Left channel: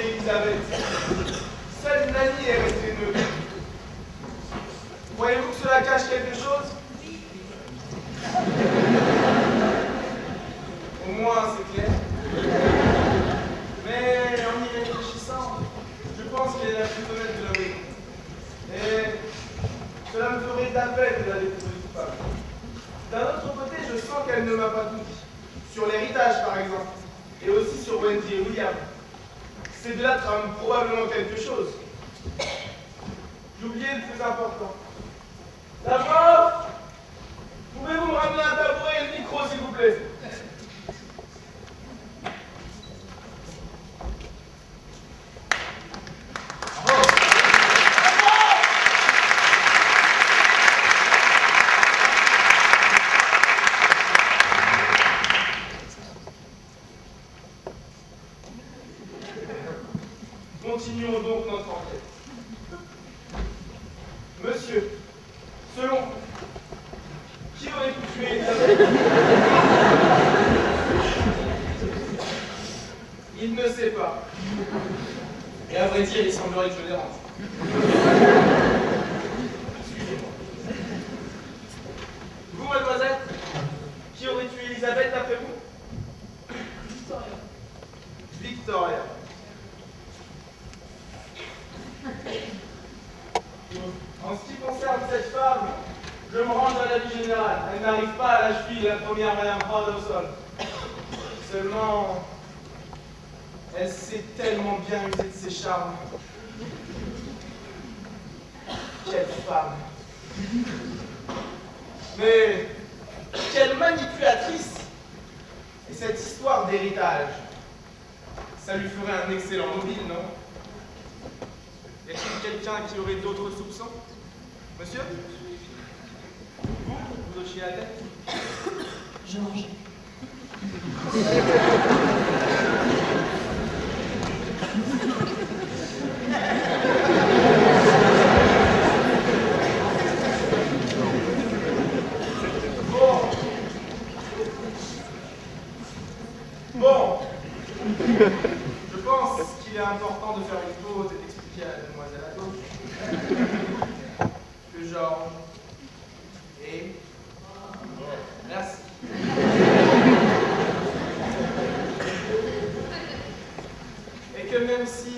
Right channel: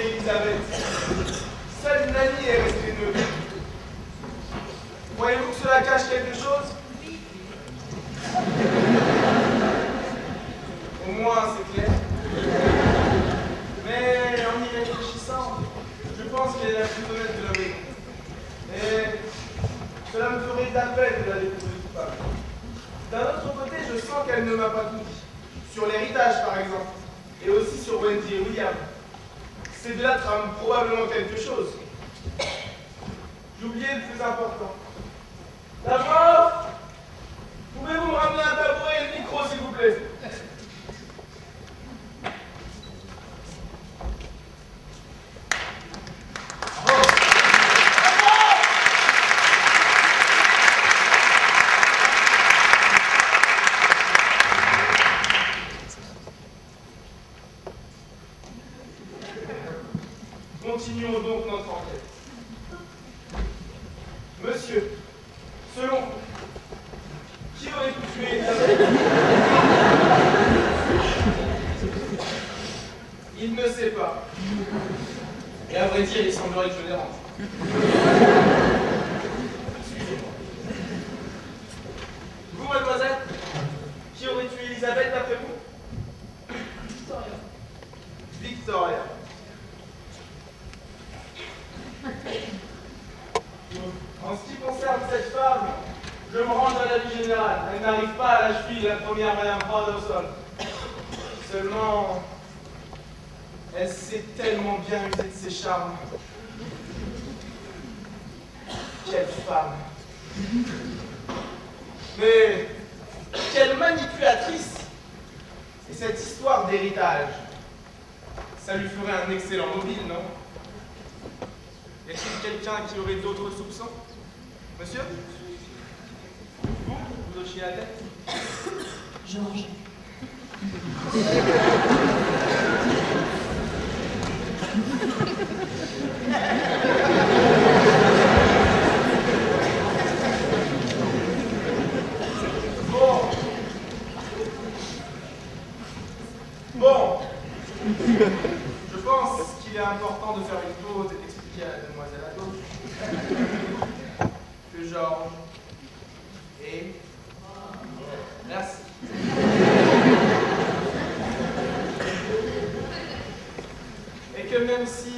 tué Elisabeth. Seule Nanny est restée neutre. Croyez-vous que cela cache quelque chose? Au moins, c'est clair. Mais en y réfléchissant, je pense qu'elle est la plus honnête de la maison. Et cela me ferait de la peine de la découvrir coupable. D'un autre côté, je sens qu'elle ne m'a pas tout dit. Sur l'héritage, par exemple. Et aussi sur Wendy et William. Ces deux-là trament probablement quelque chose. J'oubliais le plus important. D'abord, pouvez-vous me ramener un tabouret et le micro, s'il vous plaît? Continuons donc notre enquête. Monsieur, selon vous, qui aurait pu tuer Elisabeth? Il ne sait pas. Et à vrai dire, il semblerait que je dérange. Suivez-moi. Vous, mademoiselle, qui aurait tué Elisabeth d'après vous? Victoria. Victoria. En ce qui concerne cette femme, je me range à l'avis général. Elle n'arrive pas à la cheville de la première Madame Brown. Seulement, elle sait tellement bien user de ses charmes. Quelle femme! Mais quelle manipulatrice! Et cette histoire d'héritage, ça lui ferait un excellent mobile, non? Y a-t-il quelqu'un qui aurait d'autres soupçons? Monsieur? Vous hochiez la tête? Georges. Bon. Je pense qu'il est important de faire une pause et d'expliquer à la demoiselle à gauche que Georges est... Merci. Et que même si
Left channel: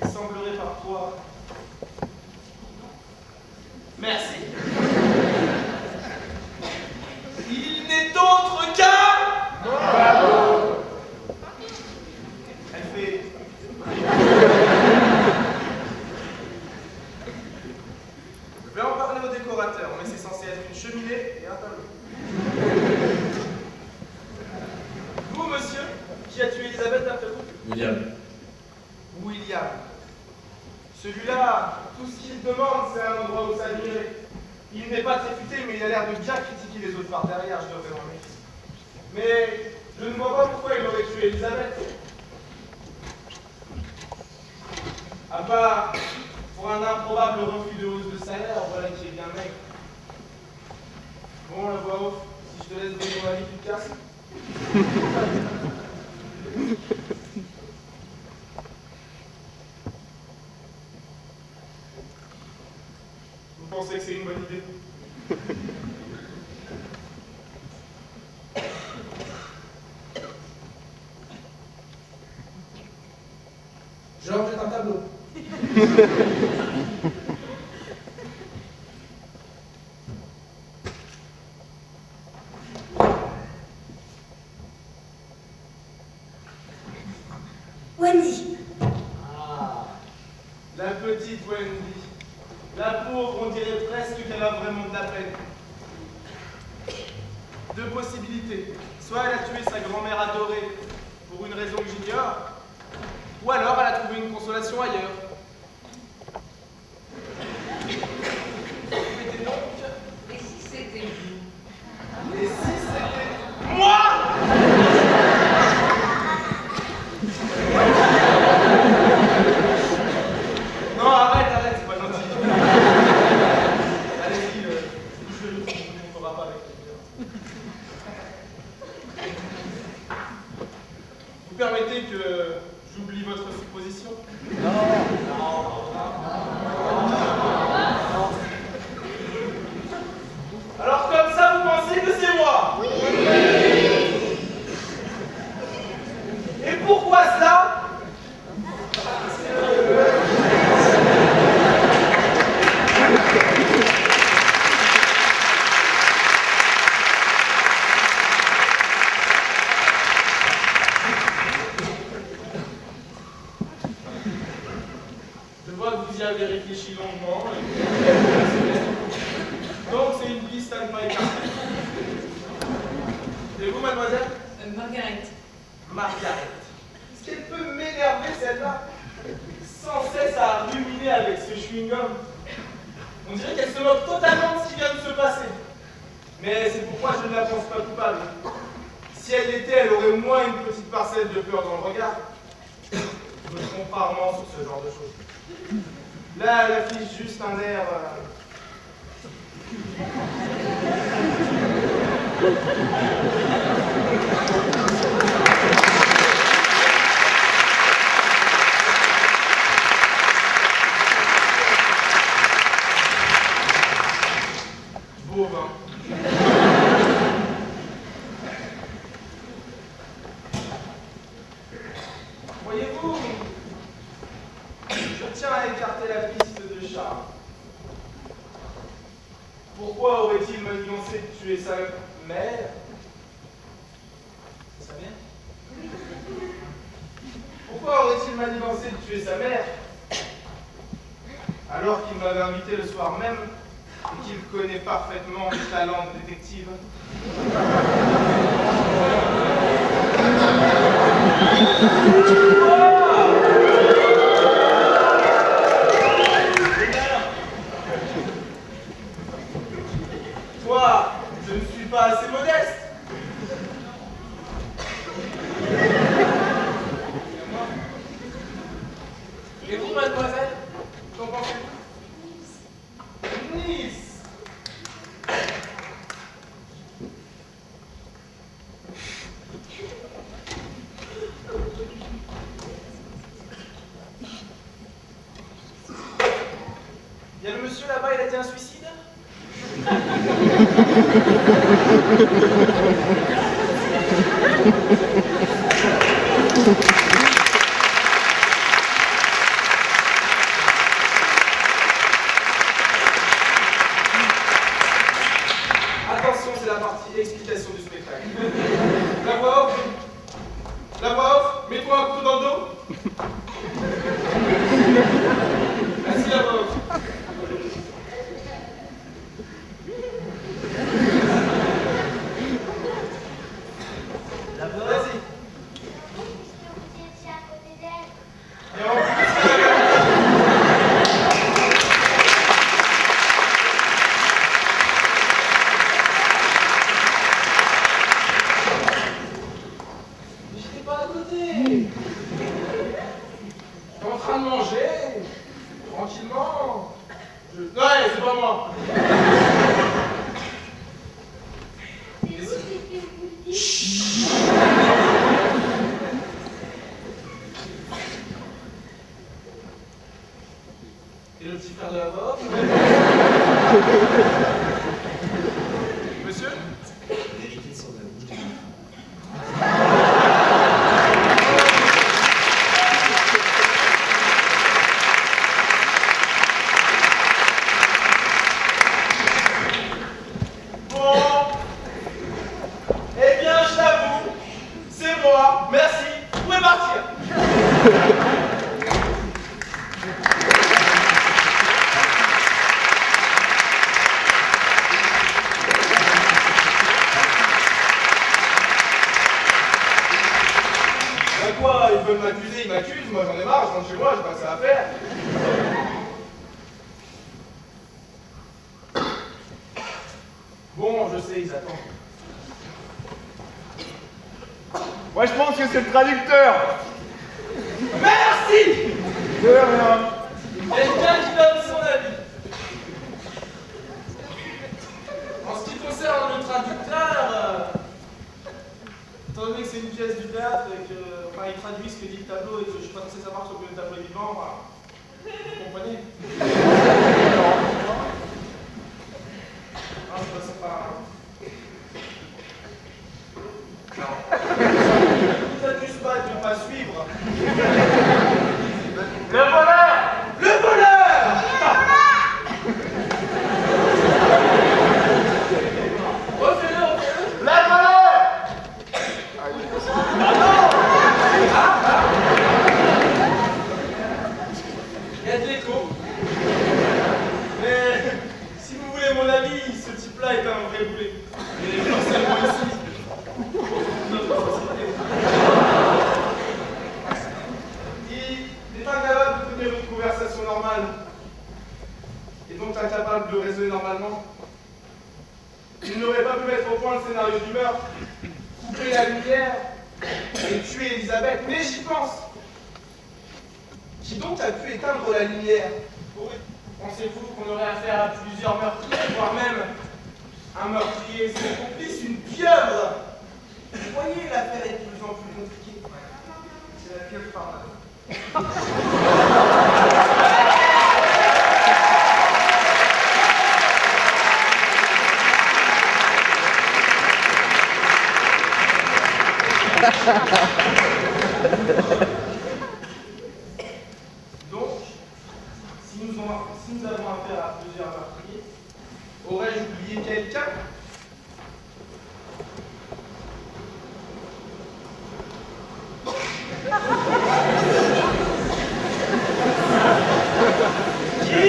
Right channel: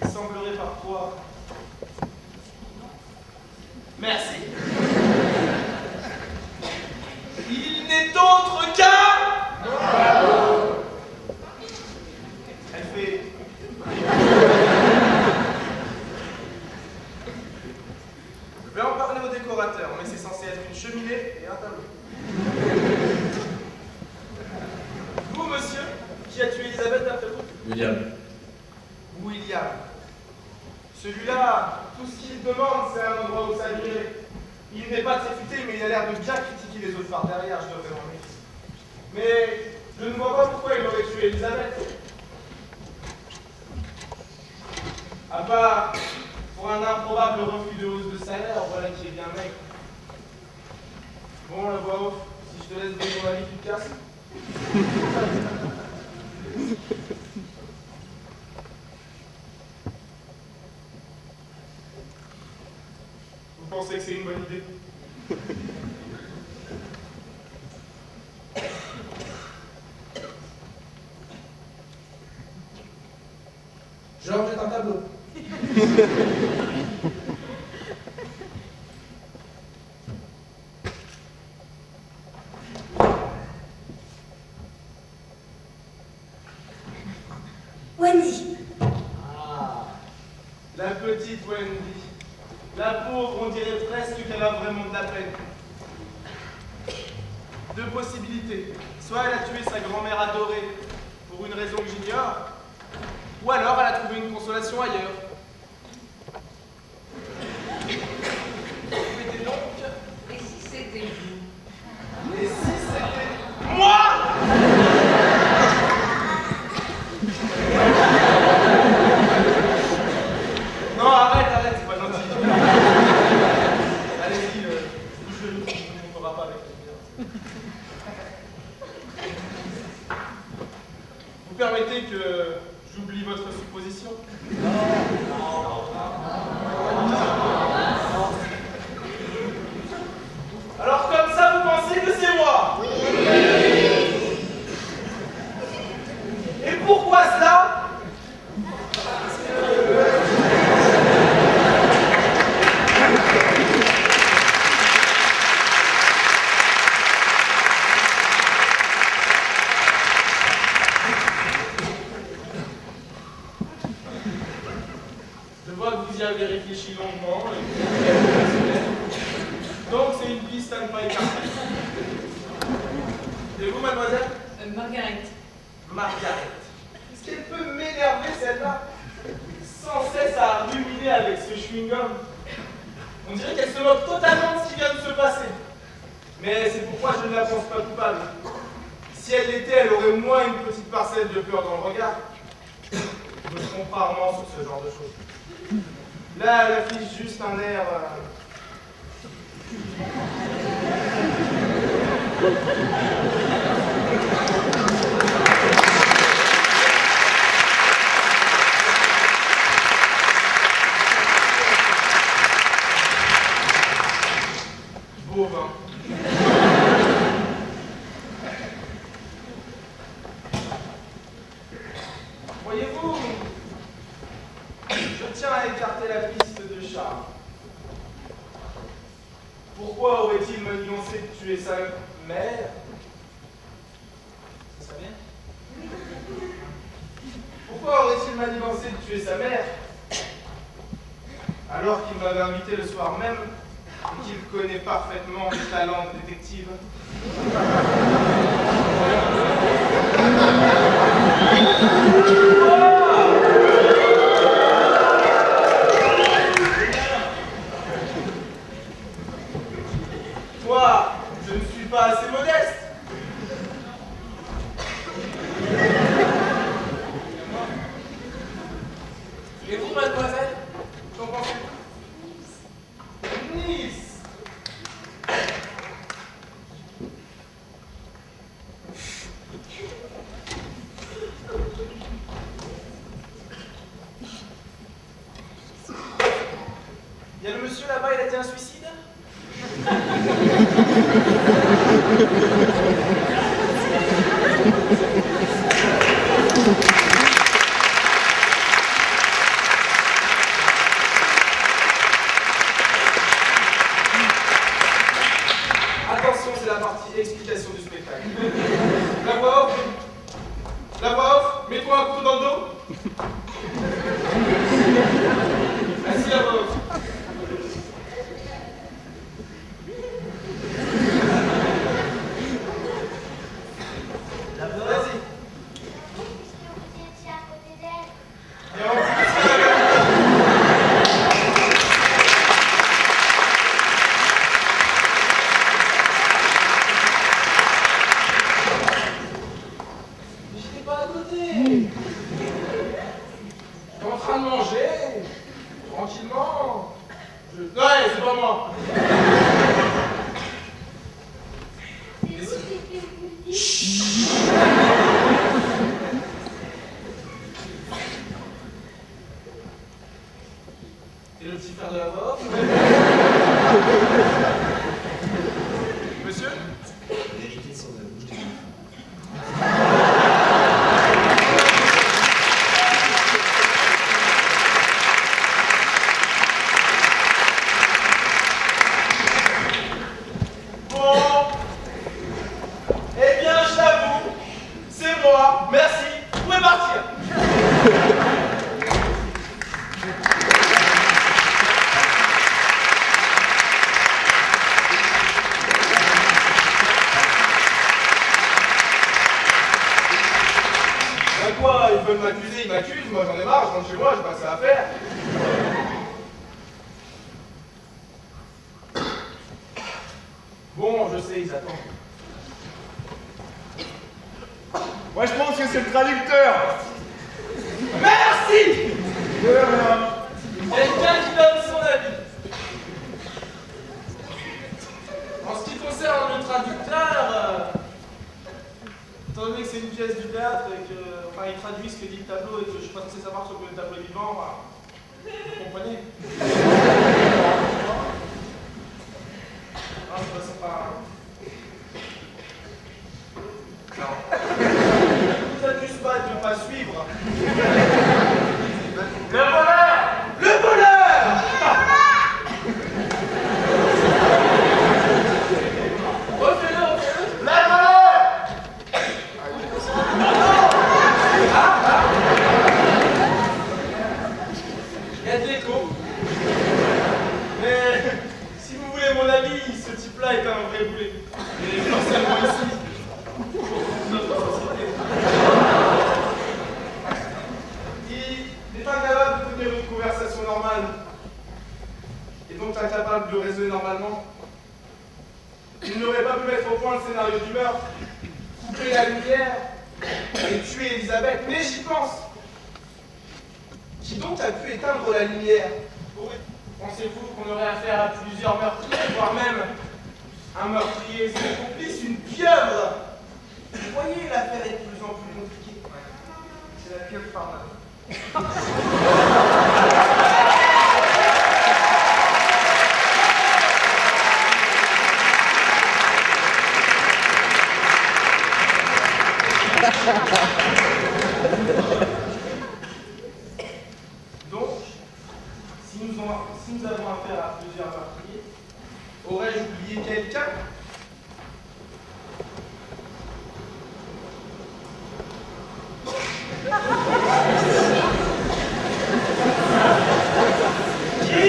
il semblerait parfois... Merci. Il n'est autre qu'un... Elle fait... Je vais en parler au décorateur, mais c'est censé être une cheminée et un tableau. Vous, monsieur, qui a tué Elisabeth d'après vous? William. William. Celui-là, tout ce qu'il demande, c'est un endroit où s'admirer. Il n'est pas très futé, mais il a l'air de bien critiquer les autres par derrière, je devrais m'en méfier. Mais je ne vois pas pourquoi il aurait tué Elisabeth. À part pour un improbable refus de hausse de salaire, voilà qui est bien maigre. Bon, la voix off, si je te laisse donner ton avis, tu te casses. Vous pensez que c'est une bonne idée? Georges est un tableau. Wendy. Ah, la petite Wendy. La pauvre, on dirait presque qu'elle a vraiment de la peine. Deux possibilités. Soit elle a tué sa grand-mère adorée pour une raison que j'ignore, ou alors elle a trouvé une consolation ailleurs. Mettez donc. Et si c'était vous? Et si c'était moi? Non, arrête, c'est pas gentil. Allez-y, je ne vous montrera pas avec la lumière. Vous permettez que j'oublie votre supposition? Alors comme ça, vous pensez que c'est moi? Et pourquoi cela? Je vois que vous y avez réfléchi longuement. Donc c'est une piste à ne pas écarter. Et vous, mademoiselle? Margaret. Margaret. Est-ce qu'elle peut m'énerver, celle-là? Sans cesse à ruminer avec ce chewing-gum. On dirait qu'elle se moque totalement de ce qui vient de se passer. Mais c'est pourquoi je ne la pense pas coupable. Si elle l'était, elle aurait au moins une petite parcelle de peur dans le regard. Je me trompe rarement sur ce genre de choses. Là, elle affiche juste un air... bovin. Voyez-vous, je tiens à écarter la piste de Charles. Pourquoi aurait-il manigancé de tuer sa mère? C'est sa mère? Pourquoi aurait-il manigancé de tuer sa mère alors qu'il m'avait invité le soir même et qu'il connaît parfaitement mes talents de détective? Moi, je ne suis pas assez modeste. Et vous, mademoiselle, qu'en pensez-vous? Nice. Il y a le monsieur là-bas, il a été un suicide? Attention, c'est la partie explication du spectacle. La voix off. La voix off, mets-toi un couteau dans le dos. Vas-y, la voix off. Vas-y. Vous étiez à côté d'elle. Et en plus, mais j'étais pas à côté. J'étais en train de manger, tranquillement. Ouais, c'est pas moi. C'est vous qui fait vous le dire. Et le petit frère de la voix. Monsieur? Vérité sur la bouche des enfants. Bon. Eh bien, je l'avoue, c'est moi. Merci. Vous pouvez partir. Ben quoi, ils veulent m'accuser, ils m'accusent, moi j'en ai marre, je rentre chez moi, j'ai pas que ça à faire. Bon, je sais, ils attendent. Moi, je pense que c'est le traducteur. Merci! De rien. Quelqu'un qui donne son avis. En ce qui concerne le traducteur, étant donné que c'est une pièce du théâtre et qu'on enfin, il traduit ce que dit le tableau et que je suis pas censé savoir sur le tableau est vivant. Enfin, vous comprenez? Non, c'est pas... Non. Vous êtes juste pas de ne pas suivre. Le voleur! Le voleur! Refais-le, refais-le! Le voleur! Il y a de l'écho. Mais si vous voulez mon avis, ce type-là est un vrai boulet. Mais non seulement ici, notre société. Il est incapable de tenir une conversation normale. Et donc incapable de raisonner normalement. Il n'aurait pas pu mettre au point le scénario du meurtre, couper la lumière et tuer Elisabeth, mais j'y pense. Qui donc a pu éteindre la lumière? Pensez-vous qu'on aurait affaire à plusieurs meurtriers, voire même un meurtrier et son complice, une pieuvre? Vous voyez, l'affaire est de plus en plus compliquée. C'est la pieuvre par là. Donc, si nous avons affaire à plusieurs meurtriers, aurais-je oublié quelqu'un? Qui?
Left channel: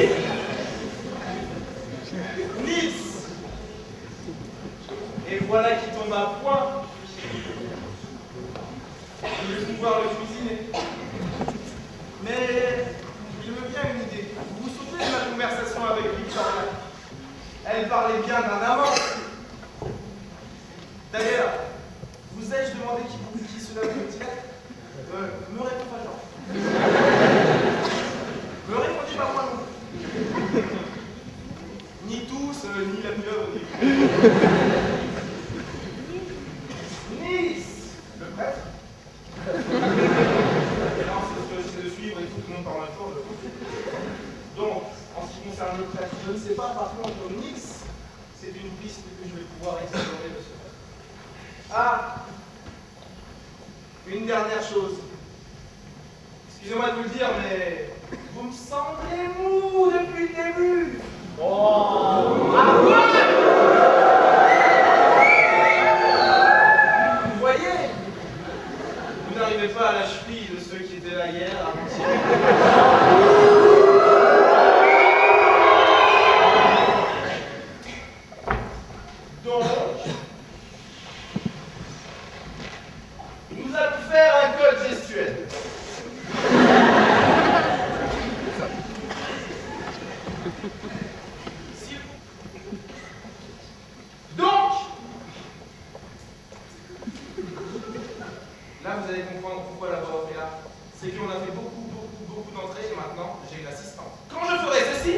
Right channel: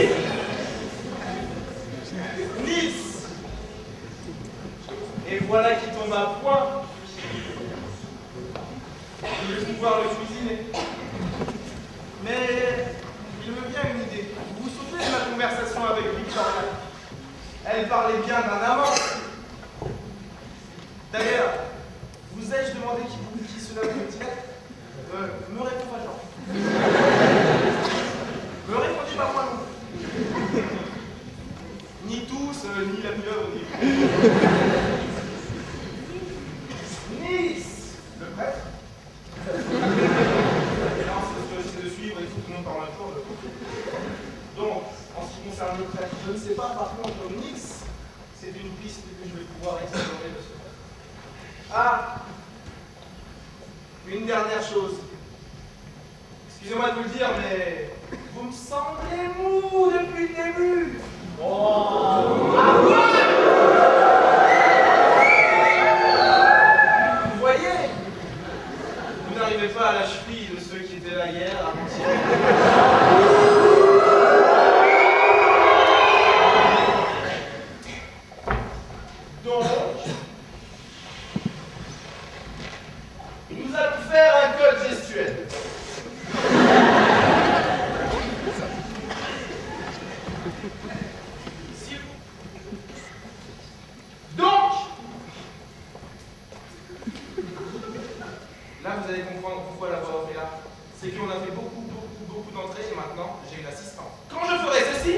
Nice. Et voilà qui tombe à point. Je vais pouvoir le cuisiner. Mais il me vient une idée. Vous vous souvenez de ma conversation avec Victoria? Elle parlait bien d'un amant. D'ailleurs, vous ai-je demandé qui cela peut-il être? Me réponds pas, Jean. Me répondez pas moi non plus. Ni tous, ni la pieuvre, ni... Nice, le prêtre. Non, c'est de suivre et tout le monde parle un tour. Donc, en ce qui concerne le prêtre, je ne sais pas, par contre, Nice, c'est une piste que je vais pouvoir explorer de ce fait. Ah, une dernière chose. Excusez-moi de vous le dire, mais vous me semblez mou depuis le début. Oh. Ah ouais. Vous voyez, vous n'arrivez pas à la cheville de ceux qui étaient là hier, avant-hier. Donc, nous allons faire un code gestuel. Donc, là vous allez comprendre pourquoi la voix off est là. C'est qu'on a fait beaucoup d'entrées et maintenant j'ai une assistante. Quand je ferai ceci,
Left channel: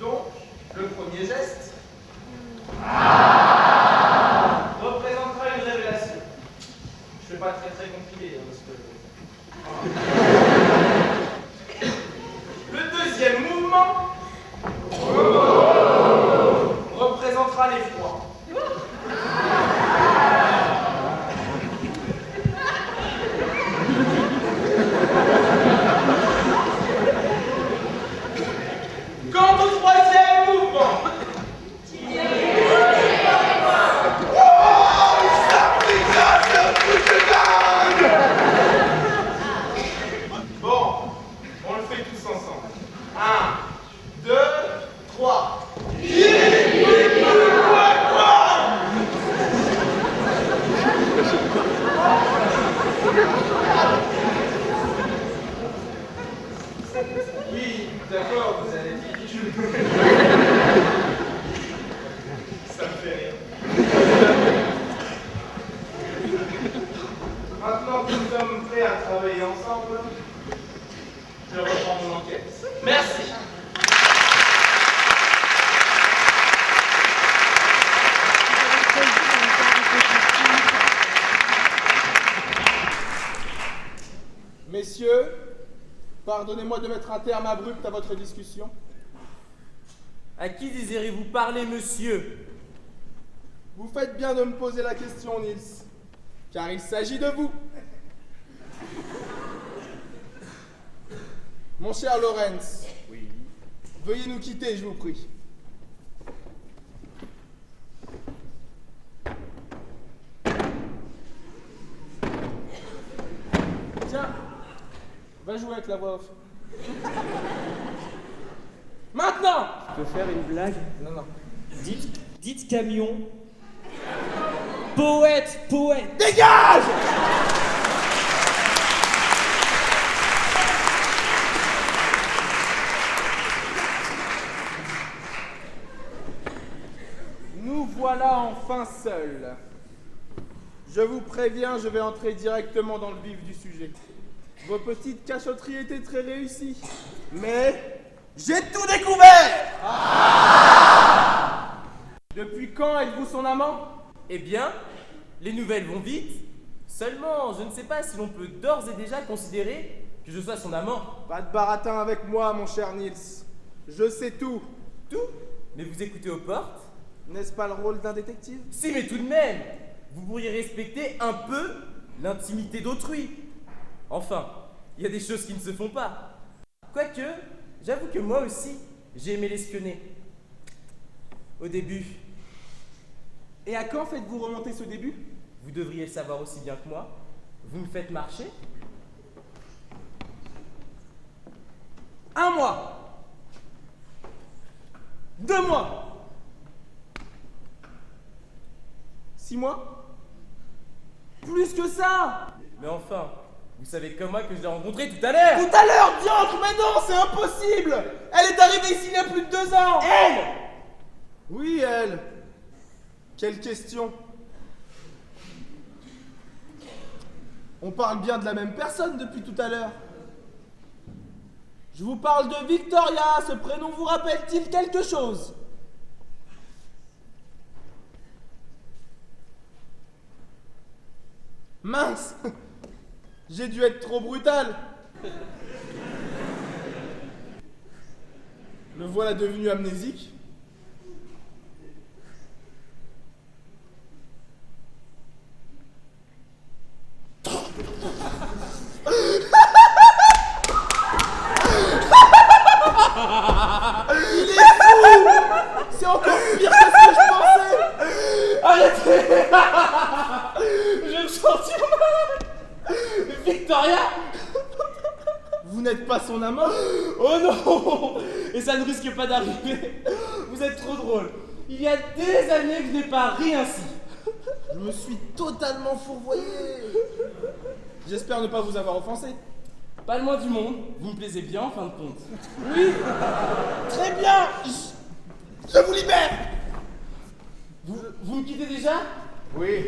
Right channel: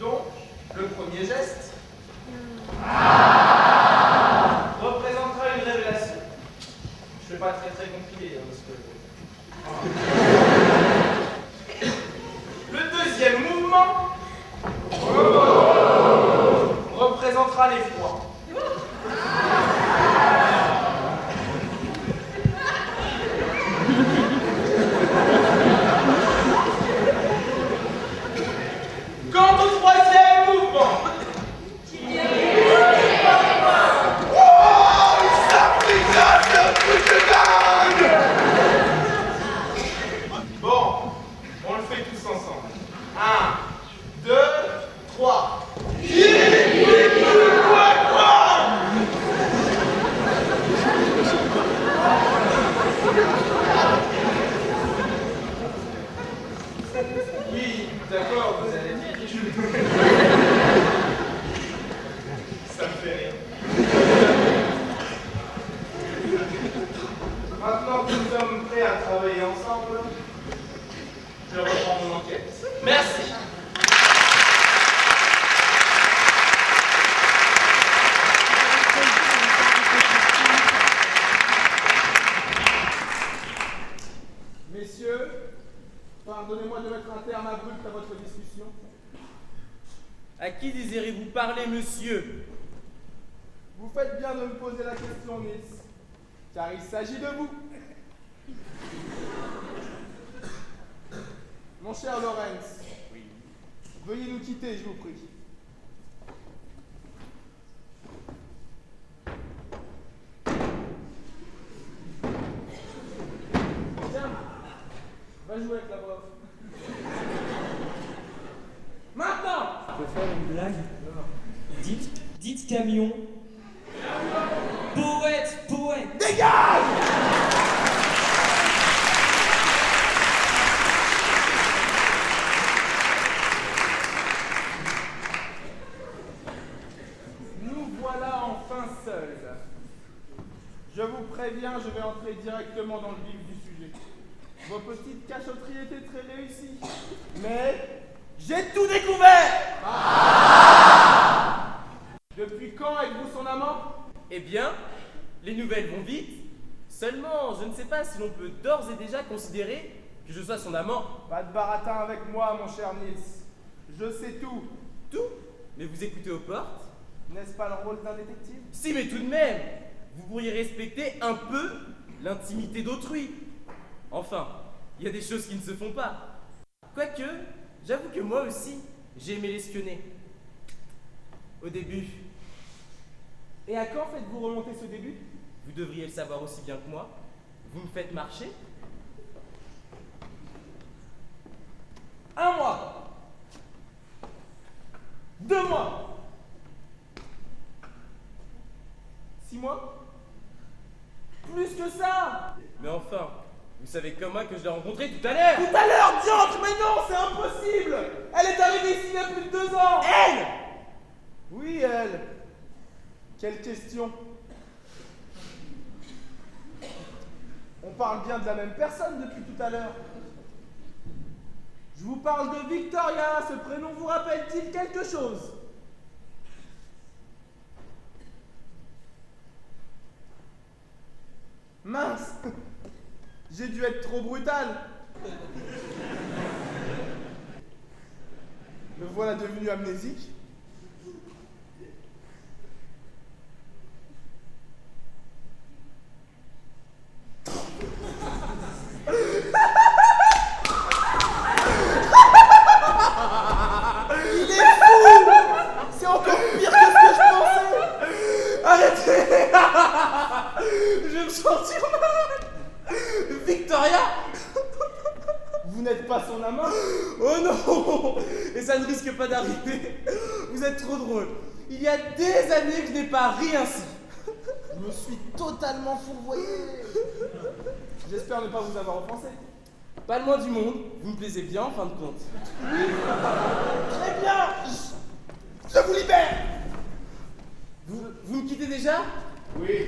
donc, le premier geste représentera une révélation. Je ne fais pas très compliqué, hein, parce que... Le deuxième mouvement représentera l'effroi. Quant au troisième mouvement, bon, on le fait tous ensemble. 1, 2, 3. Oui, d'accord, vous allez dire que je... Ça me fait rire. Maintenant que nous sommes prêts à travailler ensemble, Je reprends mon enquête. Merci. Messieurs, pardonnez-moi de mettre un terme abrupt à votre discussion. À qui désirez-vous parler, monsieur? Vous faites bien de me poser la question, Nils, car il s'agit de vous. Mon cher Lorenz, Oui. veuillez nous quitter, je vous prie. Tiens, va jouer avec la voix off. Maintenant! Je peux faire une blague? Non, non. Dites camion. Poète. Dégage! Nous voilà enfin seuls. Je vous préviens, je vais entrer directement dans le vif du sujet. Vos petites cachotteries étaient très réussies, mais j'ai tout découvert! Depuis quand êtes-vous son amant? Eh bien, les nouvelles vont vite. Seulement, je ne sais pas si l'on peut d'ores et déjà considérer que je sois son amant. Pas de baratin avec moi, mon cher Nils. Je sais tout. Tout? Mais vous écoutez aux portes? N'est-ce pas le rôle d'un détective? Si, mais tout de même, vous pourriez respecter un peu l'intimité d'autrui. Enfin, il y a des choses qui ne se font pas. Quoique, j'avoue que moi aussi, j'ai aimé l'espionner. Au début. Et à quand faites-vous remonter ce début? Vous devriez le savoir aussi bien que moi. Vous me faites marcher. 1 mois. 2 mois. 6 mois. Plus que ça. Mais enfin, vous savez comme moi que je l'ai rencontrée tout à l'heure. Tout à l'heure, diantre, mais non, c'est impossible. Elle est arrivée ici il y a plus de 2 ans. Elle! Oui, elle. Quelle question? On parle bien de la même personne depuis tout à l'heure. Je vous parle de Victoria. Ce prénom vous rappelle-t-il quelque chose? Mince. J'ai dû être trop brutal. Me voilà devenu amnésique. Il est fou! C'est encore pire que ce que je pensais! Arrêtez! Je vais me sentir mal! Victoria! Vous n'êtes pas son amant? Oh non! Et ça ne risque pas d'arriver! Vous êtes trop drôle! Il y a des années que je n'ai pas ri ainsi! Je me suis totalement fourvoyé. J'espère ne pas vous avoir offensé. Pas le moins du monde, vous me plaisez bien en fin de compte. Oui. Très bien. Je vous libère. Vous me quittez déjà? Oui.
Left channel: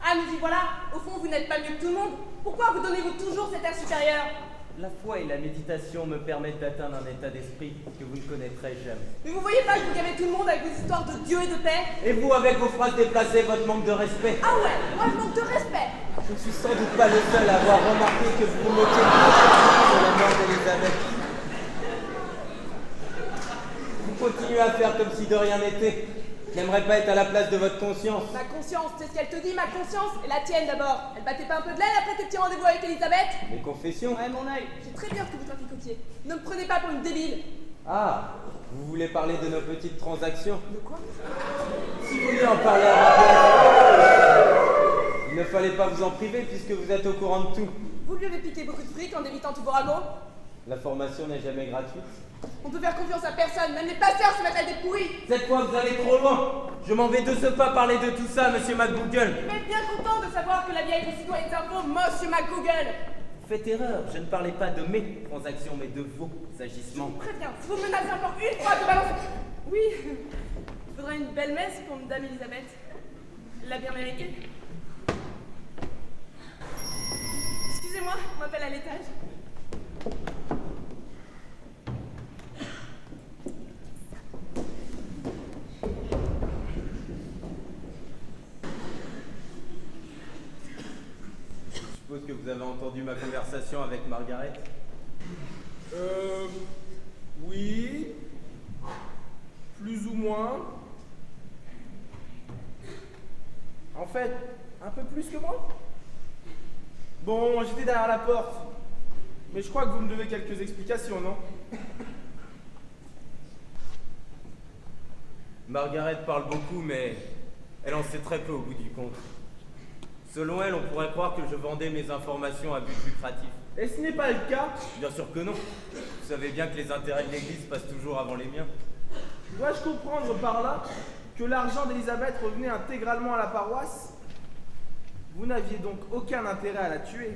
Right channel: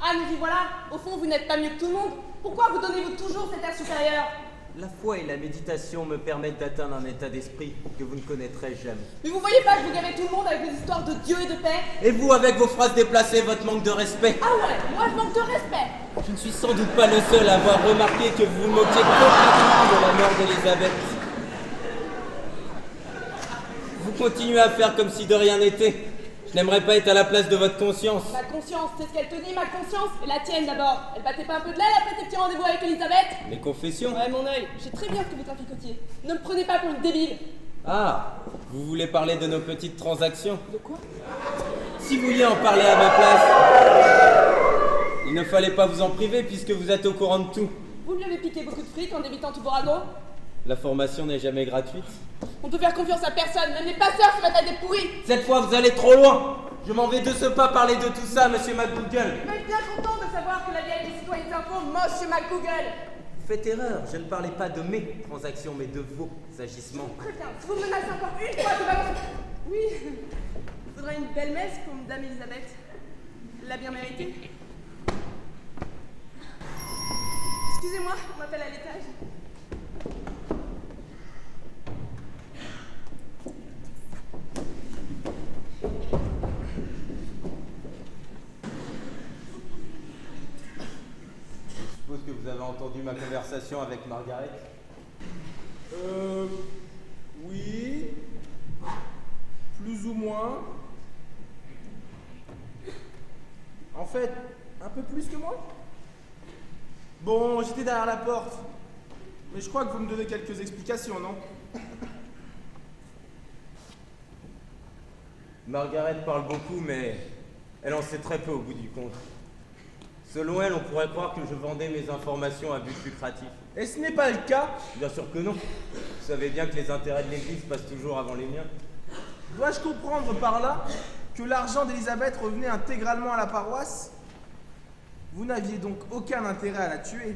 Ah, mais puis voilà, au fond, vous n'êtes pas mieux que tout le monde. Pourquoi vous donnez-vous toujours cet air supérieur? La foi et la méditation me permettent d'atteindre un état d'esprit que vous ne connaîtrez jamais. Mais vous voyez pas que vous gavez tout le monde avec des histoires de Dieu et de paix? Et vous, avec vos phrases déplacées, votre manque de respect? Ah ouais, moi je manque de respect. Je ne suis sans doute pas le seul à avoir remarqué que vous vous moquez complètement de la mort d'Elisabeth. Vous continuez à faire comme si de rien n'était. Je n'aimerais pas être à la place de votre conscience. Ma conscience, c'est ce qu'elle te dit, ma conscience? Et la tienne d'abord. Elle battait pas un peu de l'aile après tes petits rendez-vous avec Elisabeth? Mes confessions? Ouais, mon œil, je sais très bien ce que vous traficotiez. Ne me prenez pas pour une débile. Ah, vous voulez parler de nos petites transactions? De quoi? Si vous vouliez en parler à ma place, il ne fallait pas vous en priver puisque vous êtes au courant de tout. Vous lui avez piqué beaucoup de fric en débitant tous vos ragots? La formation n'est jamais gratuite. On peut faire confiance à personne, même les pasteurs se mettent à des pourris. Cette fois, vous allez trop loin. Je m'en vais de ce pas parler de tout ça, monsieur McGoogle. Vous êtes bien content de savoir que la vieille des citoyens s'info, monsieur McGoogle. Vous faites erreur. Je ne parlais pas de mes transactions, mais de vos agissements. Très bien, vous me menacez encore une fois de balancer. Oui, il faudra une belle messe pour Dame Elisabeth. Elle l'a bien mérité. Excusez-moi, on m'appelle à l'étage. Je suppose que vous avez entendu ma conversation avec Margaret. Oui. Plus ou moins. En fait, un peu plus que moi. Bon, j'étais derrière la porte. Mais je crois que vous me devez quelques explications, non? Margaret parle beaucoup, mais elle en sait très peu au bout du compte. Selon elle, on pourrait croire que je vendais mes informations à but lucratif. Et ce n'est pas le cas. Bien sûr que non. Vous savez bien que les intérêts de l'Église passent toujours avant les miens. Dois-je comprendre par là que l'argent d'Elisabeth revenait intégralement à la paroisse? Vous n'aviez donc aucun intérêt à la tuer.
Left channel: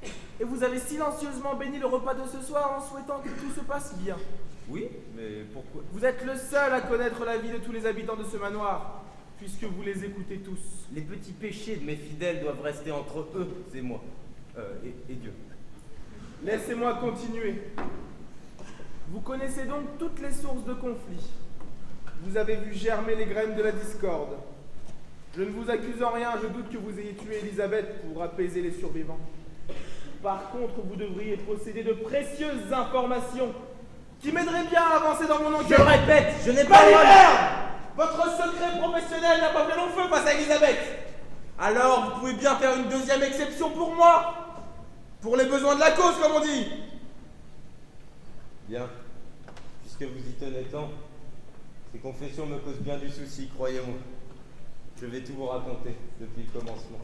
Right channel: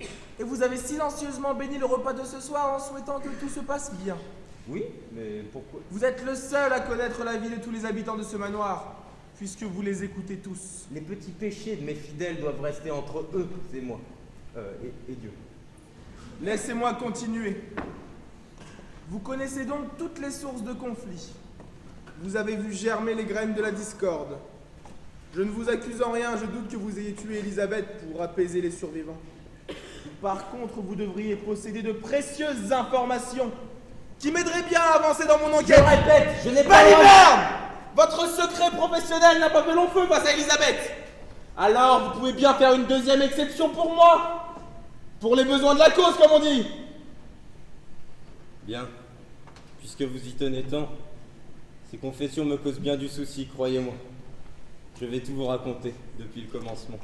Et vous avez silencieusement béni le repas de ce soir en souhaitant que tout se passe bien. Oui, mais pourquoi? Vous êtes le seul à connaître la vie de tous les habitants de ce manoir, puisque vous les écoutez tous. Les petits péchés de mes fidèles doivent rester entre eux et moi. Et Dieu. Laissez-moi continuer. Vous connaissez donc toutes les sources de conflit. Vous avez vu germer les graines de la discorde. Je ne vous accuse en rien, je doute que vous ayez tué Elisabeth pour apaiser les survivants. Par contre, vous devriez posséder de précieuses informations qui m'aideraient bien à avancer dans mon enquête. Je répète, je n'ai pas... Balivert! Votre secret professionnel n'a pas fait long feu face à Elisabeth. Alors, vous pouvez bien faire une deuxième exception pour moi. Pour les besoins de la cause, comme on dit. Bien. Puisque vous y tenez tant, ces confessions me causent bien du souci, croyez-moi. Je vais tout vous raconter depuis le commencement.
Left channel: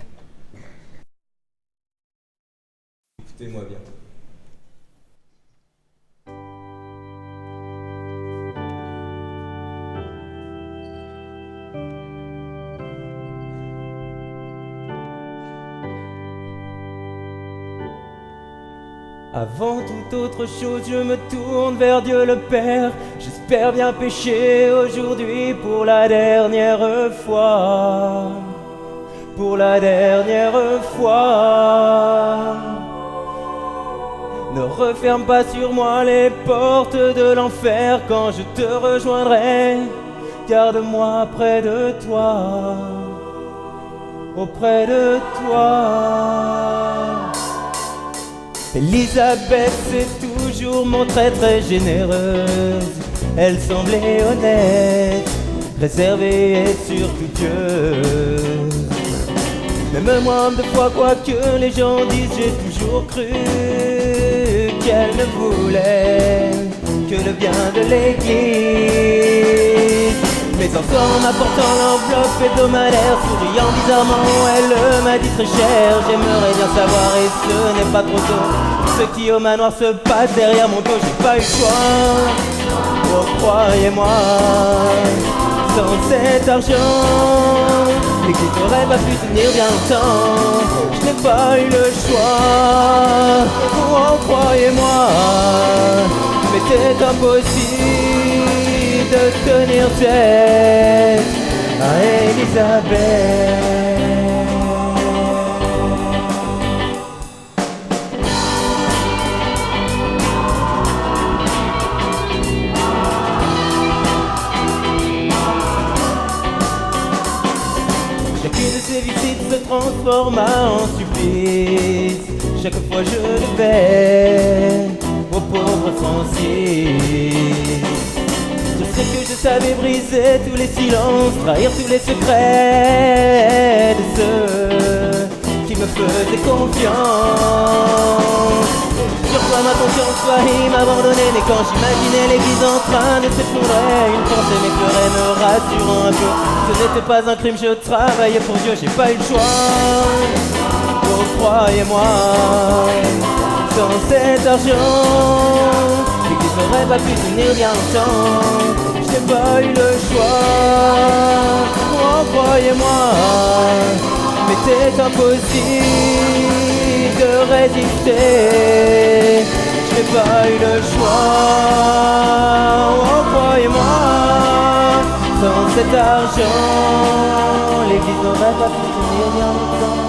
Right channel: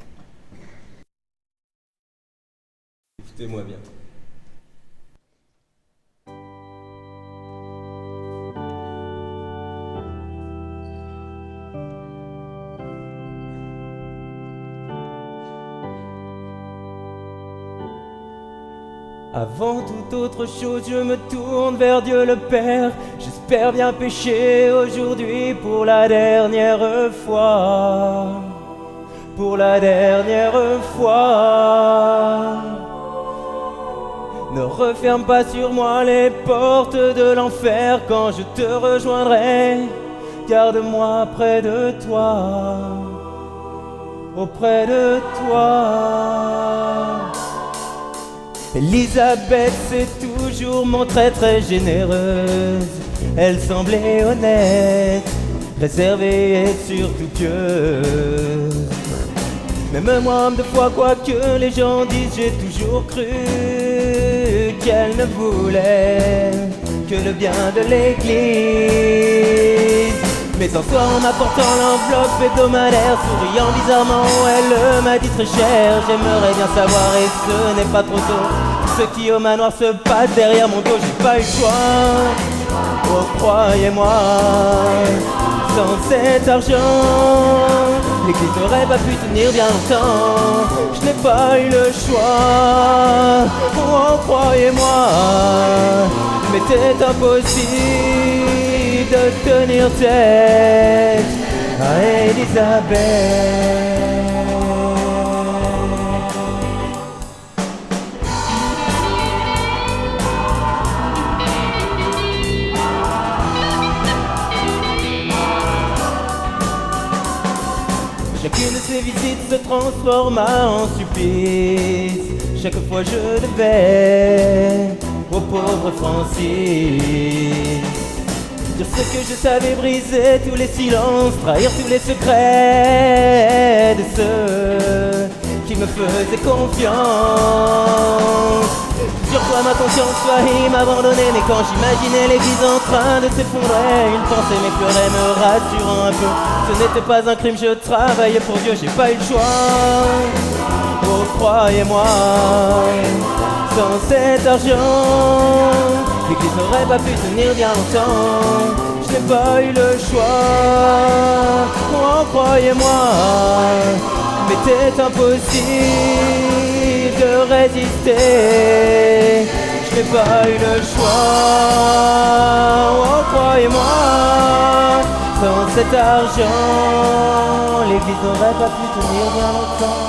Écoutez-moi bien. Avant toute autre chose, je me tourne vers Dieu le Père. J'espère bien pécher aujourd'hui pour la dernière fois. Pour la dernière fois. Ne referme pas sur moi les portes de l'enfer quand je te rejoindrai. Garde-moi près de toi, auprès de toi. Elisabeth s'est toujours montrée très généreuse. Elle semblait honnête, réservée et surtout pieuse. Même moi, homme de foi, quoi que les gens disent, j'ai toujours cru qu'elle ne voulait que le bien de l'Église. Mais un soir, en m'apportant l'enveloppe hebdomadaire, souriant bizarrement, elle m'a dit très cher: j'aimerais bien savoir, et ce n'est pas trop tôt, tout ce qui au manoir se passe derrière mon dos. J'ai pas eu le choix, oh croyez-moi, sans cet argent, l'Église n'aurait pas pu tenir bien longtemps. Je n'ai pas eu le choix, oh croyez-moi, mais c'est impossible de tenir tête à Elisabeth. Chacune de ces visites se transforma en supplice. Chaque fois je devais au pauvre Francis dire ce que je savais, briser tous les silences, trahir tous les secrets de ceux qui me faisaient confiance. Sur toi ma conscience faillit m'abandonner, mais quand j'imaginais l'église en train de s'effondrer, une pensée m'effleurait me rassurant un peu. Ce n'était pas un crime, je travaillais pour Dieu, j'ai pas eu le choix. Oh croyez-moi, Sans cet argent, l'église n'aurait pas pu tenir bien longtemps. Je n'ai pas eu le choix, oh croyez-moi, mais c'est impossible de résister. Je n'ai pas eu le choix, oh croyez-moi, sans cet argent, l'église n'aurait pas pu tenir bien longtemps.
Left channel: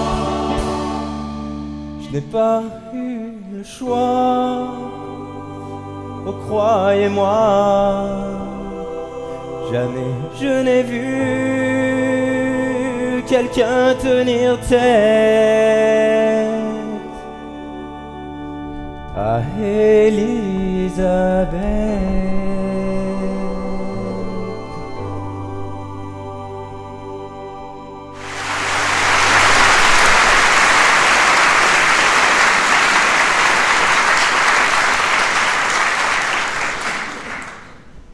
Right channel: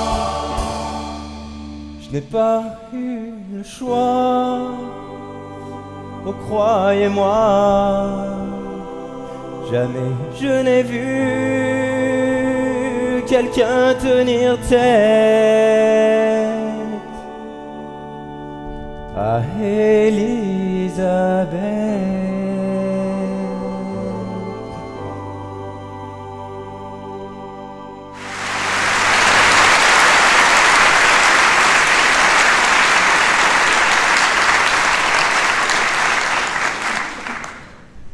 Je n'ai pas eu le choix, oh croyez-moi, jamais je n'ai vu quelqu'un tenir tête à Élisabeth.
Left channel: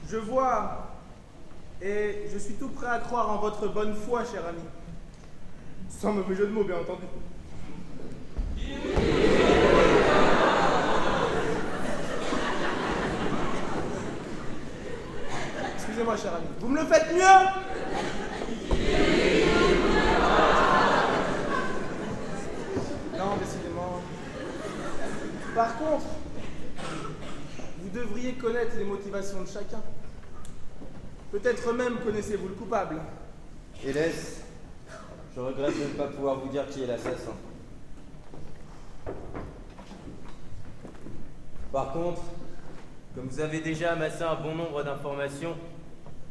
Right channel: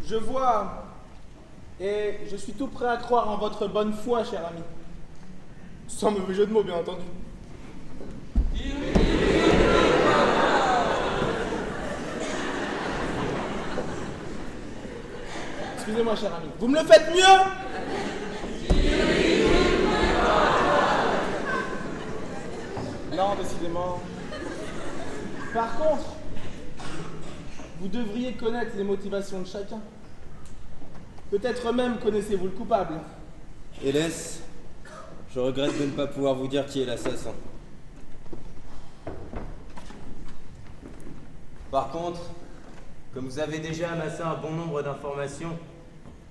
Je vois, et je suis tout prêt à croire en votre bonne foi, cher ami. Sans mauvais jeu de mots, bien entendu. Excusez-moi, cher ami. Vous me le faites mieux? Non, décidément. Par contre, vous devriez connaître les motivations de chacun. Peut-être même connaissez-vous le coupable. Hélas, je regrette de ne pas pouvoir vous dire qui est l'assassin. Par contre, comme vous avez déjà amassé un bon nombre d'informations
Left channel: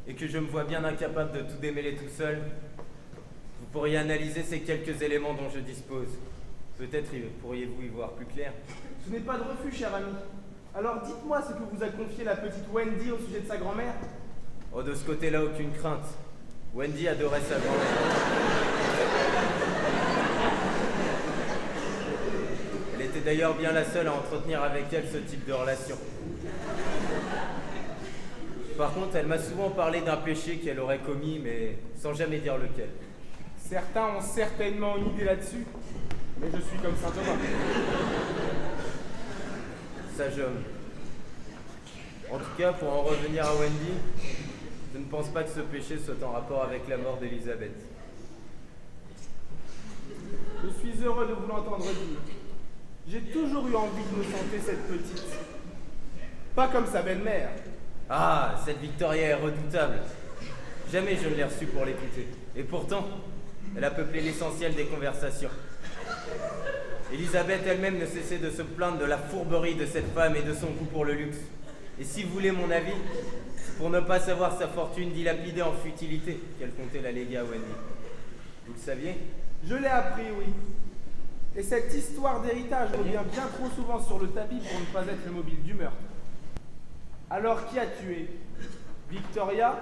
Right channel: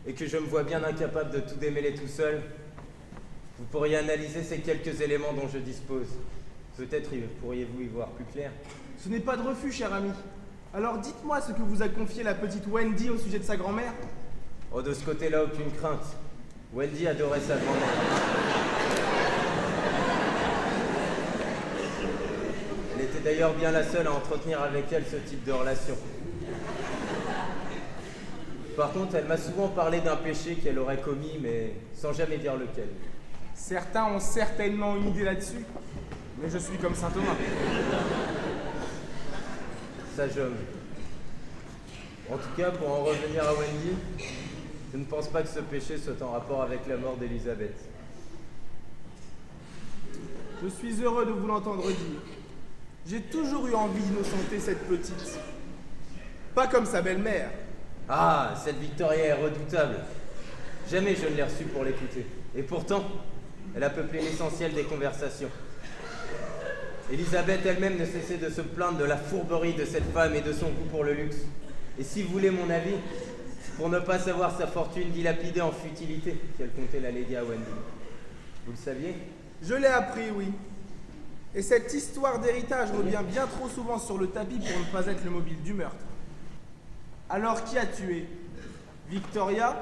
et que je me vois bien incapable de tout démêler tout seul, vous pourriez analyser ces quelques éléments dont je dispose. Peut-être pourriez-vous y voir plus clair. Ce n'est pas de refus, cher ami. Alors dites-moi ce que vous a confié la petite Wendy au sujet de sa grand-mère. Oh, de ce côté-là, aucune crainte. Wendy adorait sa grand-mère. Elle était d'ailleurs bien la seule à entretenir avec elle ce type de relation. Par contre, elle m'a souvent parlé d'un péché qu'elle aurait commis, mais sans jamais dire lequel. Certains ont certainement une idée là-dessus, mais je suis comme saint Thomas. Sage homme. En tout cas, pour en revenir à Wendy, je ne pense pas que ce péché soit en rapport avec la mort d'Elisabeth. Je suis heureux de vous l'entendre dire. J'ai toujours eu envie d'innocenter cette petite. Pas comme sa belle-mère. Ah, cette Victoria est redoutable. Jamais je ne l'ai reçue pour l'écouter. Et pourtant, elle a peuplé l'essentiel des conversations. Elisabeth elle-même ne cessait de se plaindre de la fourberie de cette femme et de son goût pour le luxe. Et si vous voulez mon avis, c'est pour ne pas savoir sa fortune dilapidée en futilité qu'elle comptait la léguer à Wendy. Vous le saviez? Je l'ai appris, oui. Et cette histoire d'héritage revient bien trop souvent sur le tapis pour ne pas être le mobile du meurtre. Alors qui a tué? Victoria?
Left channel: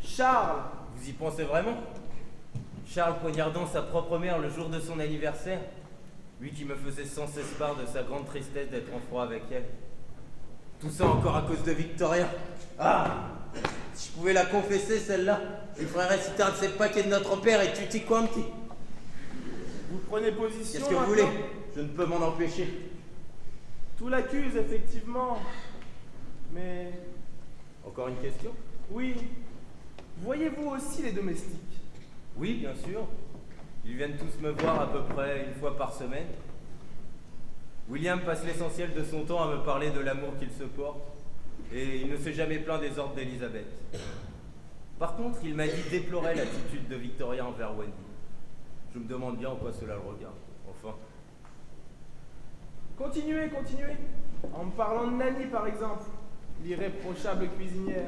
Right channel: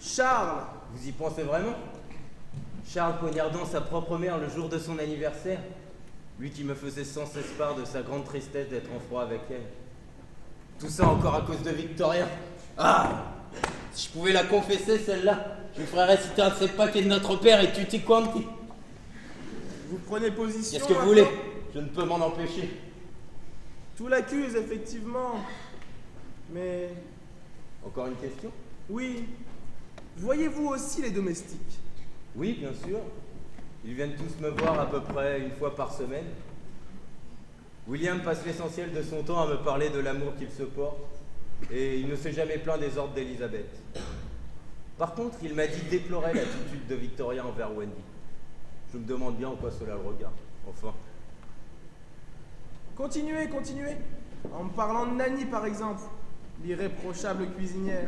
Charles? Vous y pensez vraiment? Charles poignardant sa propre mère le jour de son anniversaire? Lui qui me faisait sans cesse part de sa grande tristesse d'être en froid avec elle. Tout ça encore à cause de Victoria. Ah! Si je pouvais la confesser, celle-là, je lui ferais réciter un de ces paquets de notre père et tutti quanti. Vous prenez position? Qu'est-ce que vous voulez? Je ne peux m'en empêcher. Tout l'accuse, effectivement. Mais... Encore une question? Oui. Voyez-vous aussi les domestiques? Oui, bien sûr. Ils viennent tous me voir à peu près une fois par semaine. William passe l'essentiel de son temps à me parler de l'amour qu'il se porte, et il ne s'est jamais plaint des ordres d'Elisabeth. Par contre, il m'a dit déplorer l'attitude de Victoria envers Wendy. Je me demande bien en quoi cela le regarde. Enfin. Continuez, continuez. En me parlant de Nanny, par exemple, l'irréprochable cuisinière.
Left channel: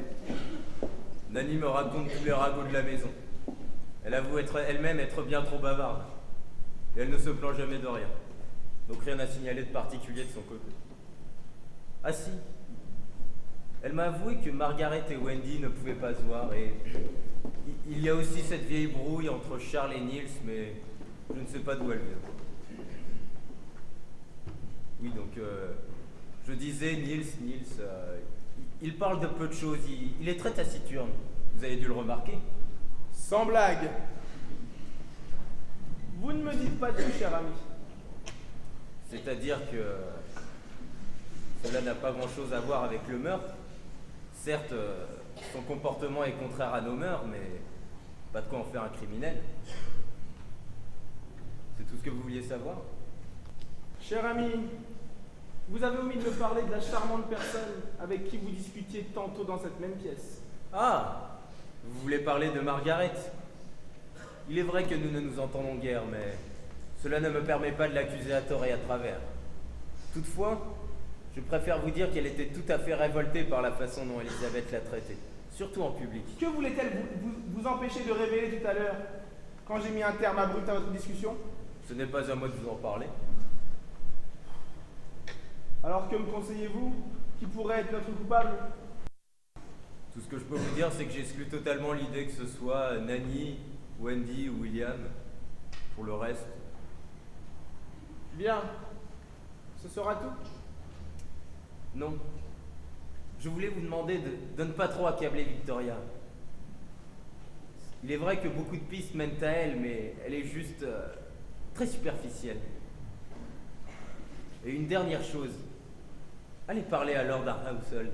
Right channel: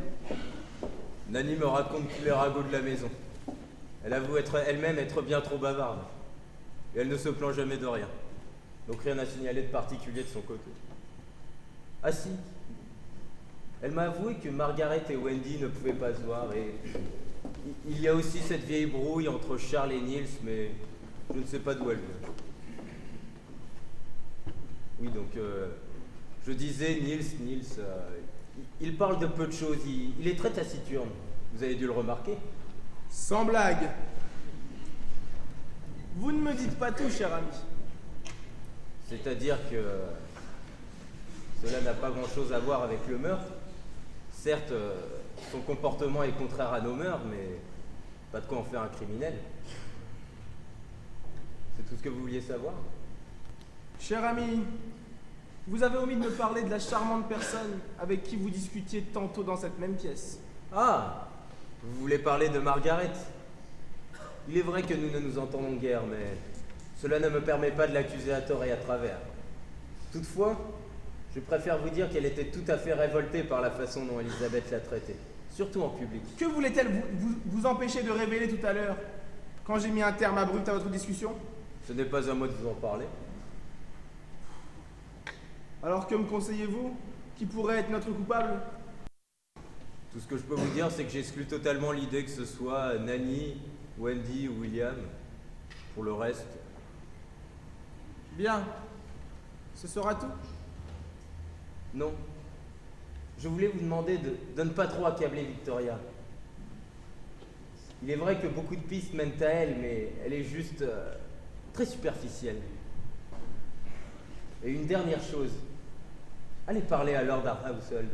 Nanny me raconte tous les ragots de la maison. Elle avoue elle-même être bien trop bavarde. Et elle ne se plaint jamais de rien. Donc rien à signaler de particulier de son côté. Ah si. Elle m'a avoué que Margaret et Wendy ne pouvaient pas se voir et il y a aussi cette vieille brouille entre Charles et Niels, mais je ne sais pas d'où elle vient. Oui, donc je disais Niels, il parle de peu de choses, il est très taciturne. Vous avez dû le remarquer. Sans blague. Vous ne me dites pas tout, cher ami. C'est-à-dire que cela n'a pas grand-chose à voir avec le meurtre. Certes, son comportement est contraire à nos mœurs, mais pas de quoi en faire un criminel. C'est tout ce que vous vouliez savoir? Cher ami, vous avez omis de me parler de la charmante personne avec qui vous discutiez tantôt dans cette même pièce. Ah, vous voulez parler de Margaret? Il est vrai que nous ne nous entendons guère, mais cela ne me permet pas de l'accuser à tort et à travers. Toutefois, je préfère vous dire qu'elle était tout à fait révoltée par la façon dont Elisabeth l'a traitée, surtout en public. Que voulait-elle vous empêcher de révéler tout à l'heure, quand j'ai mis un terme abrupt à votre discussion? Ce n'est pas à moi de vous en parler. Alors que me conseillez-vous? Qui pourrait être notre coupable? Tout ce que je peux vous dire, c'est que j'exclus totalement l'idée que ce soit Nanny, Wendy ou William. Pour le reste... Bien. Ce sera tout? Non. Je voulais vous demander de ne pas trop accabler Victoria. Il est vrai que beaucoup de pistes mènent à elle, mais elle est juste très superficielle. Et une dernière chose. Allez parler à Lord Arhousel.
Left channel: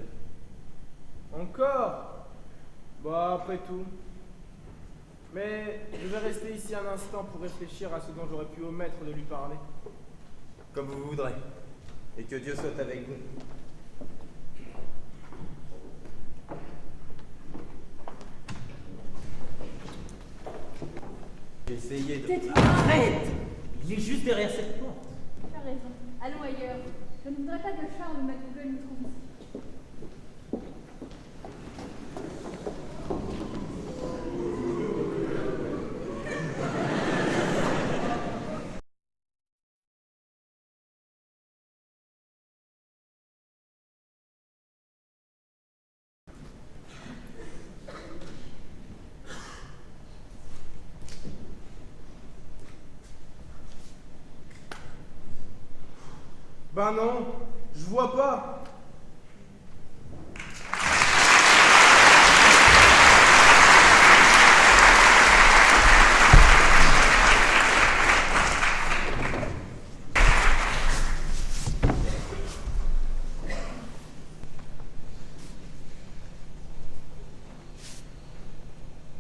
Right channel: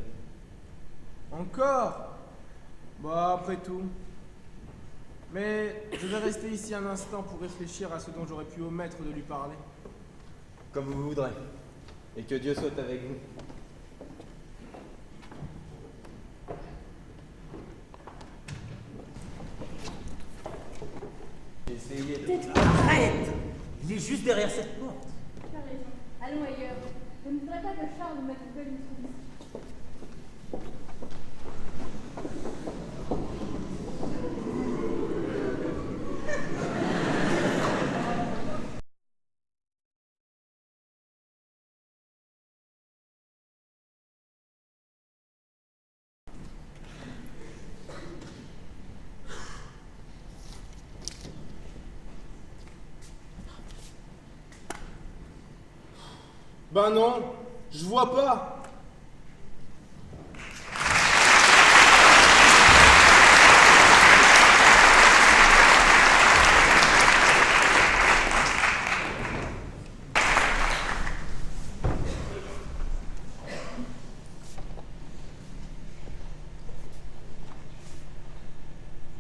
Encore? Bon, après tout. Mais je vais rester ici un instant pour réfléchir à ce dont j'aurais pu omettre de lui parler. Comme vous voudrez. Et que Dieu soit avec vous. J'ai essayé de... Arrête! Il est juste derrière cette porte. Tu as raison. Allons ailleurs. Je ne voudrais pas que Charles ou McDougal nous trouvent ici. Ben non, je vois pas.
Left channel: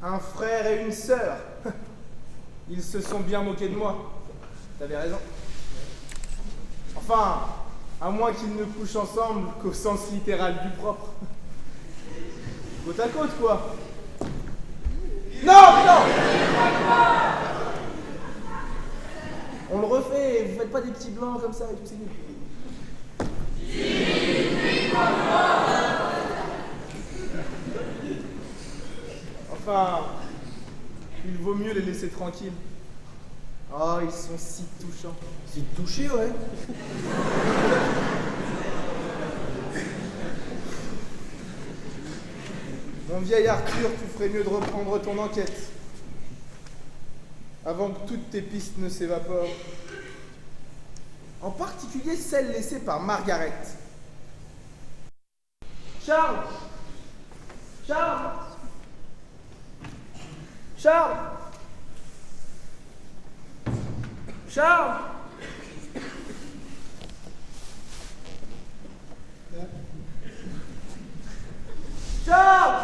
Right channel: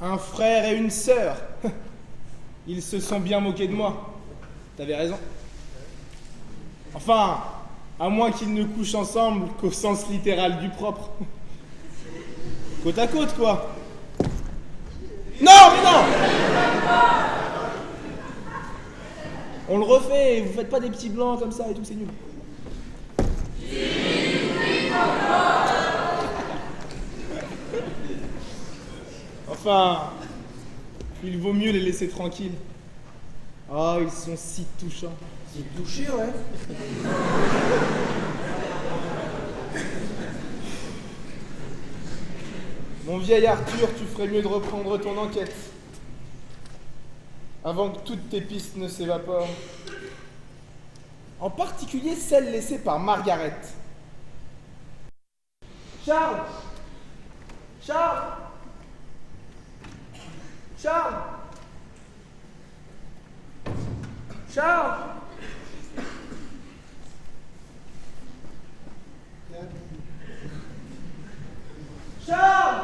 Un frère et une sœur. Ils se sont bien moqués de moi. T'avais raison. Enfin, à moins qu'ils ne couchent ensemble qu'au sens littéral du propre. Côte à côte, quoi. Non, mais non! On le refait, vous faites pas des petits blancs comme ça et tout, c'est nul. Enfin, il vaut mieux les laisser tranquilles. Oh, ils sont si touchants. Si touché, ouais. Mon vieil Arthur, tu ferais mieux de reprendre ton enquête. Avant que toutes tes pistes ne s'évaporent. En particulier celle laissée par Margaret. Charles! Charles! Charles! Charles! Charles!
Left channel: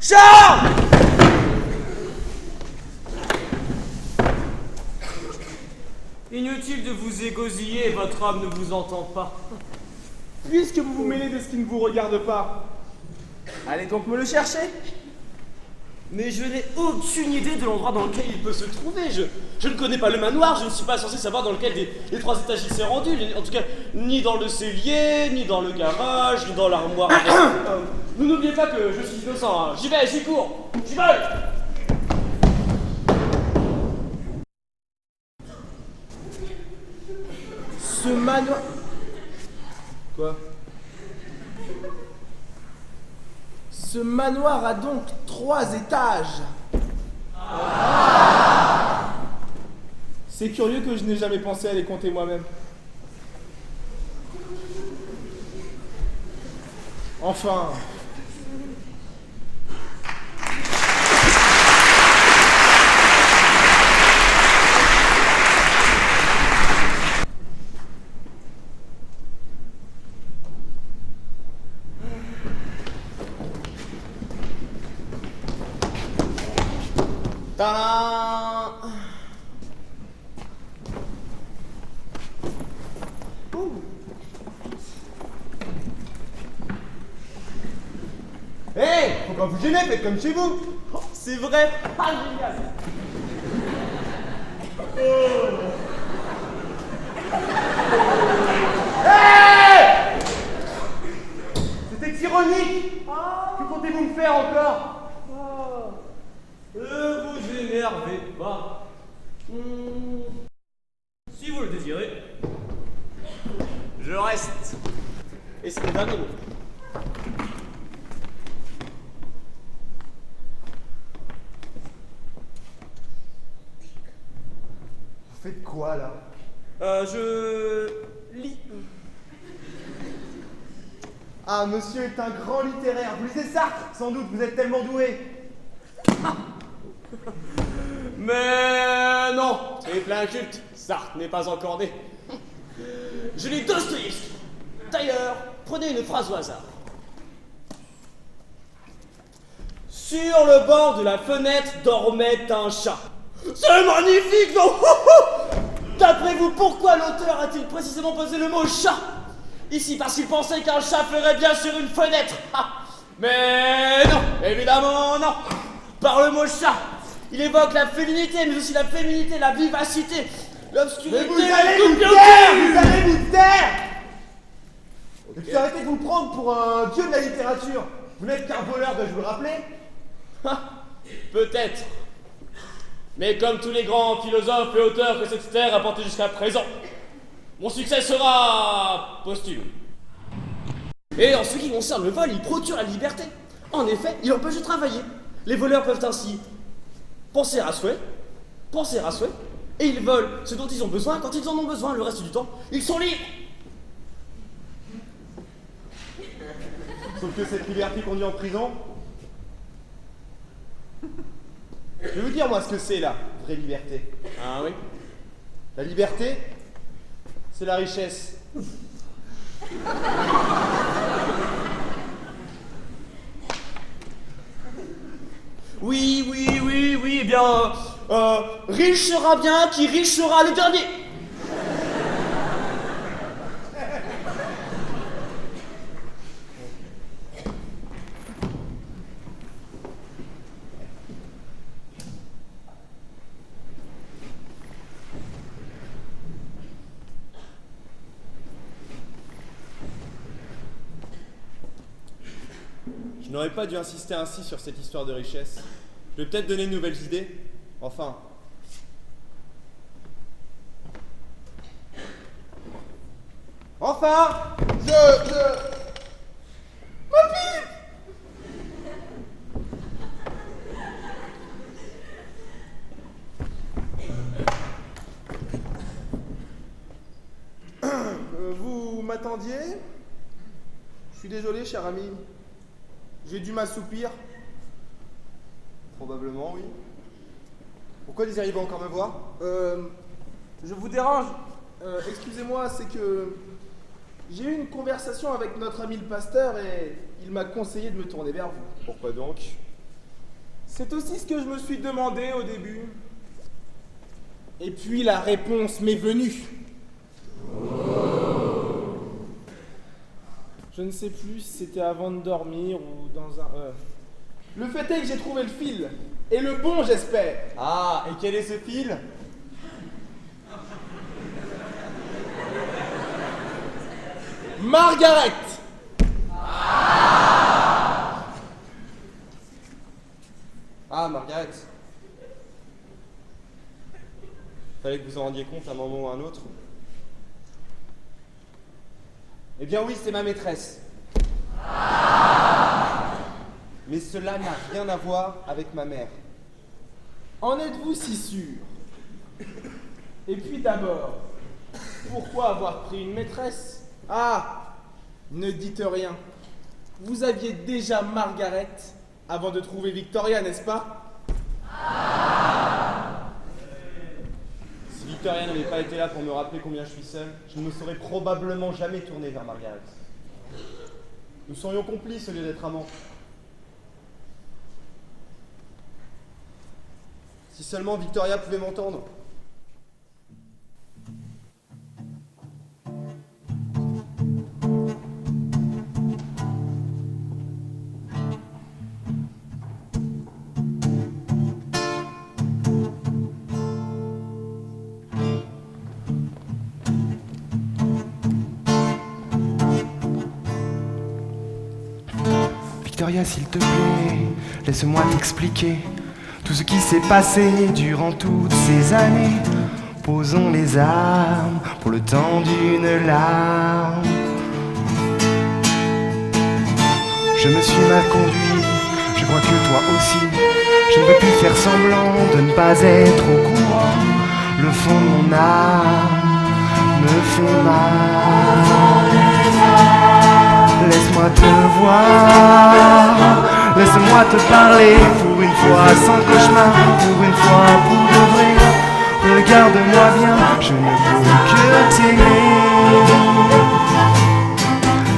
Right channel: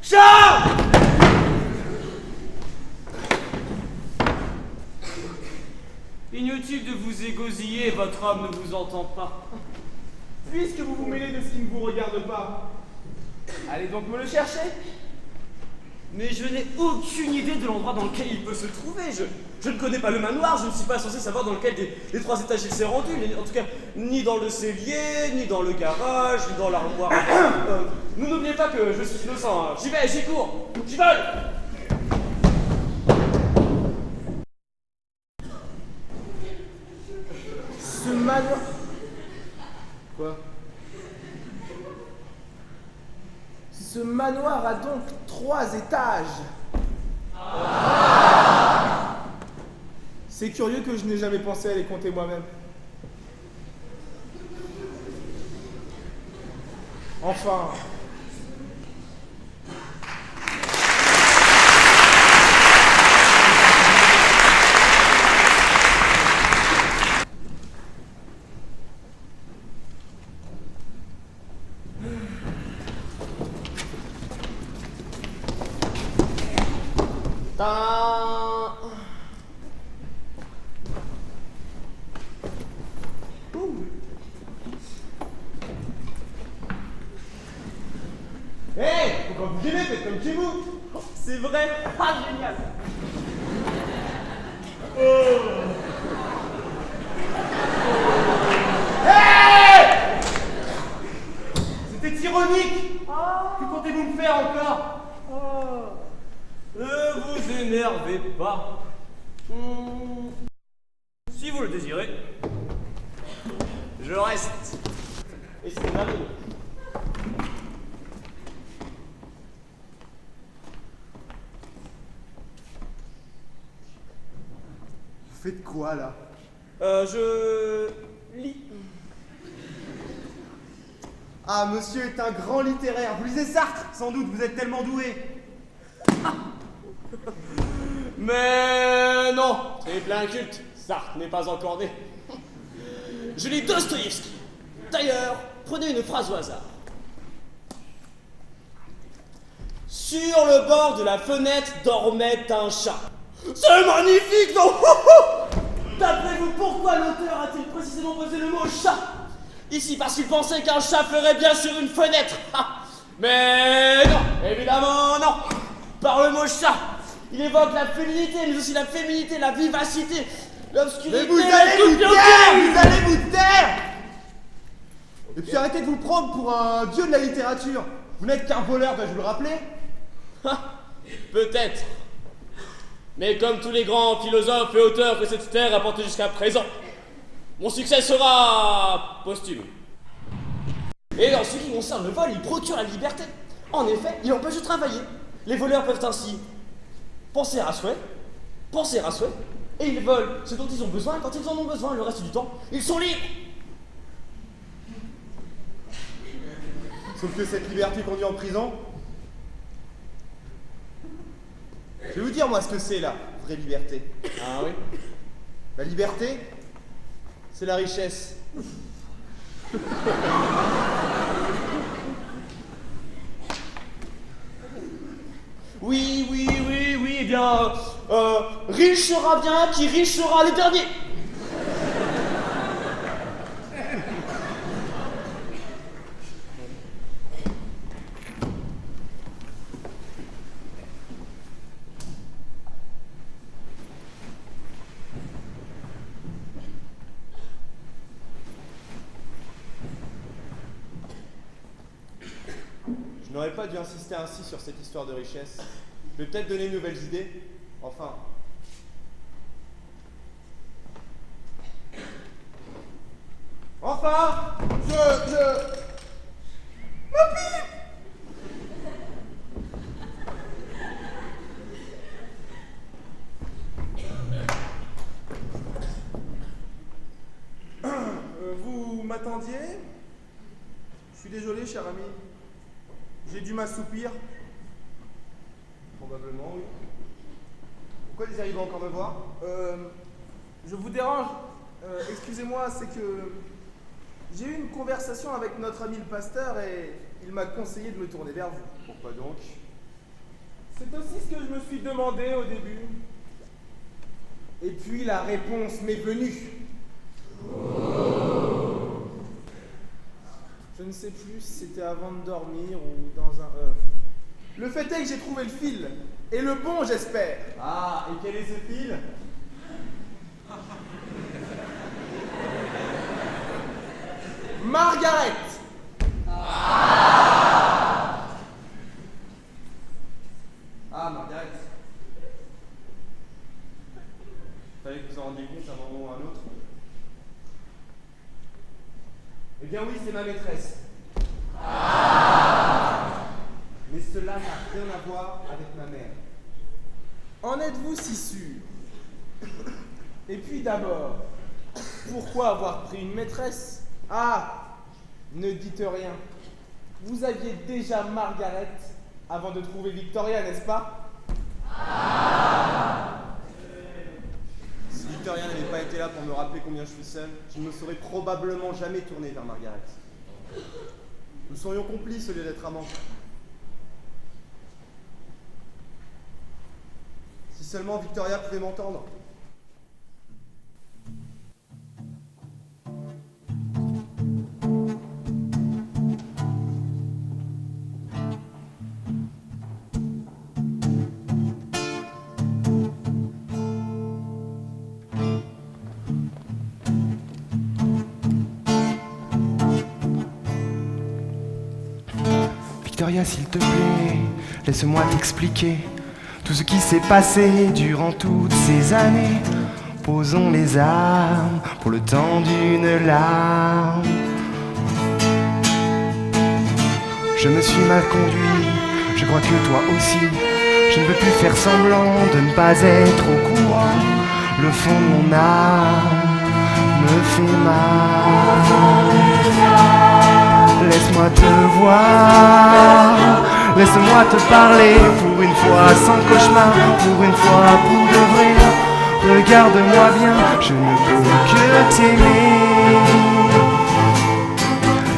Charles! Inutile de vous égosiller, votre âme ne vous entend pas. Puisque vous vous mêlez de ce qui ne vous regarde pas, allez donc me le chercher. Mais je n'ai aucune idée de l'endroit dans lequel il peut se trouver. Je ne connais pas le manoir, je ne suis pas censé savoir dans lequel des 3 étages il s'est rendu. En tout cas, ni dans le cellier, ni dans le garage, ni dans l'armoire. Vous n'oubliez pas que je suis innocent, hein. J'y vais, j'y cours, j'y vole. Ce manoir... Quoi? Ce manoir a donc 3 étages. C'est curieux que je n'ai jamais pensé à les compter moi-même. Enfin... Tadam. Hé, faut pas vous gêner, faites comme chez vous. C'est vrai. Ah, génial. Hé! C'était ironique. Que comptez-vous me faire encore? Vous énervez pas. Si vous le désirez, je reste. Et c'est le dernier mot. Vous faites quoi là? Je lis. Ah, monsieur est un grand littéraire. Vous lisez Sartre? Sans doute, vous êtes tellement doué. Mais non, c'est plein culte. Sartre n'est pas encore né. Je lis Dostoïevski. D'ailleurs, prenez une phrase au hasard. Sur le bord de la fenêtre dormait un chat. C'est magnifique, non? D'après vous, pourquoi l'auteur a-t-il précisément posé le mot chat? Ici, parce qu'il pensait qu'un chat ferait bien sur une fenêtre. Mais non, évidemment non. Par le mot chat, il évoque la féminité, mais aussi la féminité, la vivacité, l'obscurité. Mais vous allez vous taire! Vous allez vous taire! Et puis arrêtez de vous prendre pour un dieu de la littérature. Vous n'êtes qu'un voleur, dois-je vous le rappeler? Peut-être. Mais comme tous les grands philosophes et auteurs que cette terre a porté jusqu'à présent, mon succès sera posthume. Et en ce qui concerne le vol, il procure la liberté. En effet, il empêche de travailler. Les voleurs peuvent ainsi penser à souhait, et ils volent ce dont ils ont besoin quand ils en ont besoin. Le reste du temps, ils sont libres. Sauf que cette liberté conduit en prison. Je vais vous dire moi ce que c'est la vraie liberté. Ah oui? La liberté, c'est la richesse. Oui, eh bien, riche sera bien qui riche sera le dernier. Je n'aurais pas dû insister ainsi sur cette histoire de richesse. Je vais peut-être donner de nouvelles idées. Enfin. Enfin! Ma pipe! Vous m'attendiez? Je suis désolé, cher ami. J'ai dû m'assoupir. Probablement, oui. Pourquoi désiriez-vous encore me voir? Je vous dérange. Excusez-moi, c'est que j'ai eu une conversation avec notre ami le pasteur et il m'a conseillé de me tourner vers vous. Pourquoi donc? C'est aussi ce que je me suis demandé au début. Et puis la réponse m'est venue. Je ne sais plus si c'était avant de dormir ou dans un œuf. Le fait est que j'ai trouvé le fil. Et le bon, j'espère. Ah, et quel est ce fil? Margaret. Ah, Margaret. Fallait que vous en rendiez compte à un moment ou à un autre. Eh bien oui, c'est ma maîtresse. Mais cela n'a rien à voir avec ma mère. En êtes-vous si sûr? Et puis d'abord, pourquoi avoir pris une maîtresse? Ah, ne dites rien. Vous aviez déjà Margaret avant de trouver Victoria, n'est-ce pas? Si Victoria n'avait pas été là pour me rappeler combien je suis seul, je ne me serais probablement jamais tourné vers Margaret. Nous serions complices au lieu d'être amants. Si seulement Victoria pouvait m'entendre. Victoria, s'il te plaît, laisse-moi t'expliquer tout ce qui s'est passé durant toutes ces années. Posons les armes pour le temps d'une larme. Je me suis mal conduit, je crois que toi aussi. Je ne peux plus faire semblant de ne pas être au courant. Le fond de mon âme me fait mal. Laisse-moi te voir, laisse-moi te parler pour une fois sans cauchemar, pour une fois pour de vrai. Regarde-moi bien, je ne peux que t'aimer.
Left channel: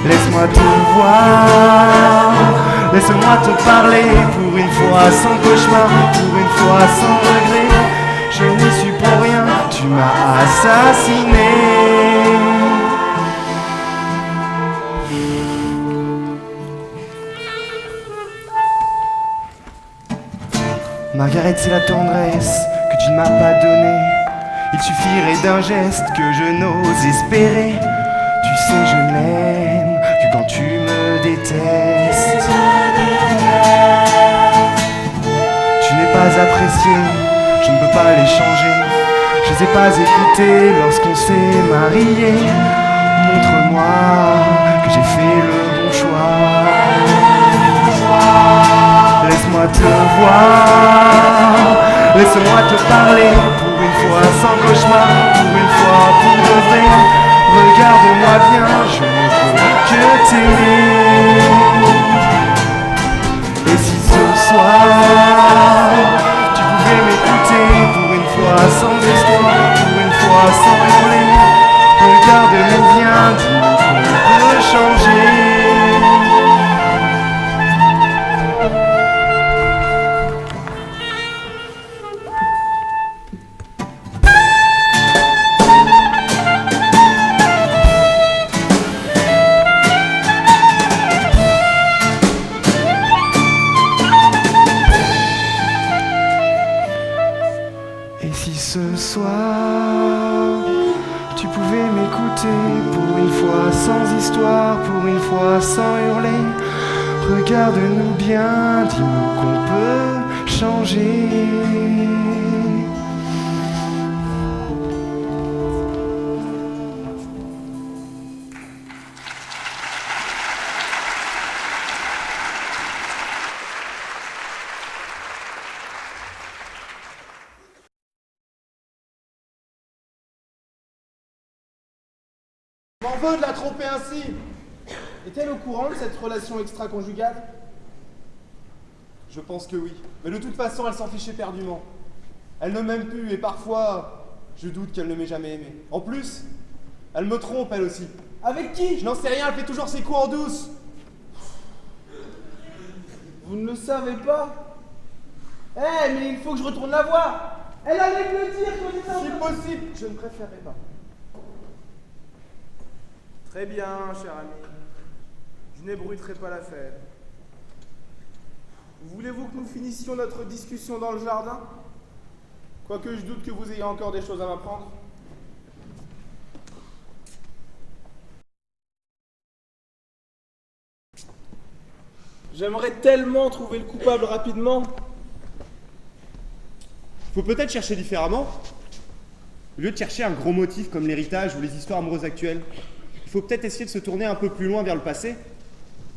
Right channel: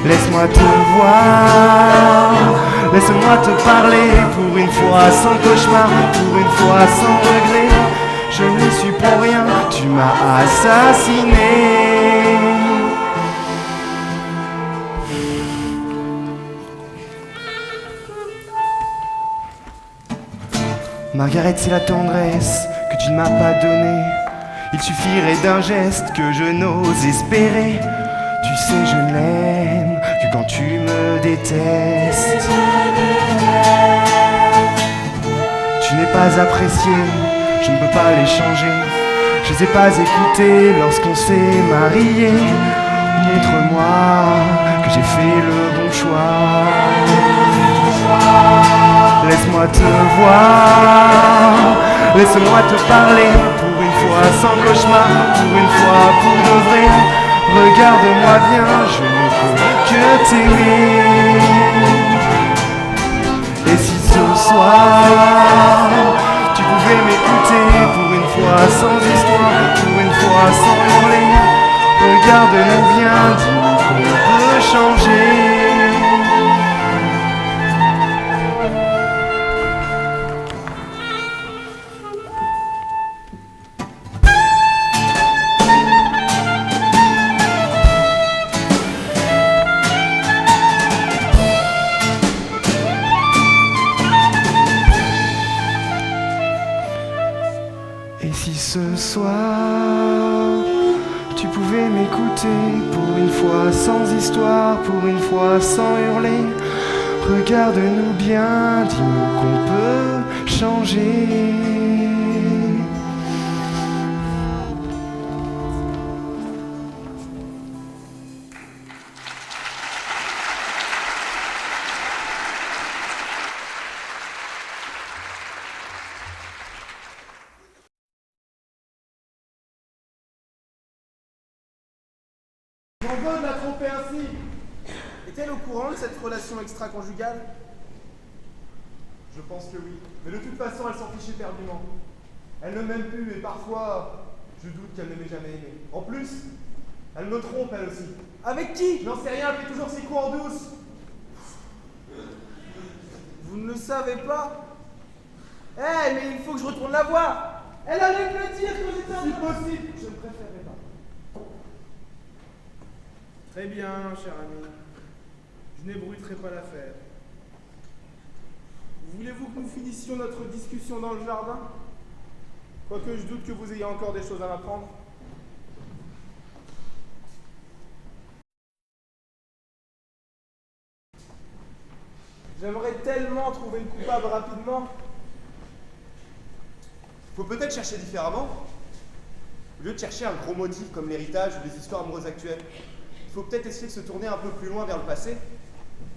Laisse-moi te voir, laisse-moi te parler pour une fois sans cauchemar, pour une fois sans regret. Je n'y suis pour rien, tu m'as assassiné. Margaret, c'est la tendresse que tu ne m'as pas donnée. Il suffirait d'un geste que je n'ose espérer. Tu sais, je n'aime que quand tu me détestes. Tu n'es pas apprécié, je ne peux pas les changer. Je les ai pas écoutés lorsqu'on s'est mariés. Montre-moi que j'ai fait le bon choix. Laisse-moi te voir, laisse-moi te parler pour une fois sans cauchemar, pour une fois pour de vrai. Regarde-moi bien, je ne peux que t'aimer. Et si ce soir, tu pouvais m'écouter pour une fois sans histoire, pour une fois sans hurler. Regarde-nous bien, dis-nous qu'on peut changer. Ce soir, tu pouvais m'écouter pour une fois sans histoire, pour une fois sans hurler. Regarde-nous bien, dis-nous qu'on peut changer. M'en veux de la tromper ainsi. Est-elle au courant de cette relation extra-conjugale? Je pense que oui. Mais de toute façon, elle s'en fiche éperdument. Elle ne m'aime plus et parfois, je doute qu'elle ne m'ait jamais aimé. En plus, elle me trompe elle aussi. Avec qui? Je n'en sais rien, elle fait toujours ses coups en douce. Vous ne le savez pas? Eh, mais il faut que je retourne la voir. Elle allait me le dire quand j'étais Si possible, je ne préférerais pas. Très bien, cher ami. Je n'ébruiterai pas l'affaire. Voulez-vous que nous finissions notre discussion dans le jardin? Quoique je doute que vous ayez encore des choses à m'apprendre. J'aimerais tellement trouver le coupable rapidement. Faut peut-être chercher différemment. Au lieu de chercher un gros motif comme l'héritage ou les histoires amoureuses actuelles, il faut peut-être essayer de se tourner un peu plus loin vers le passé.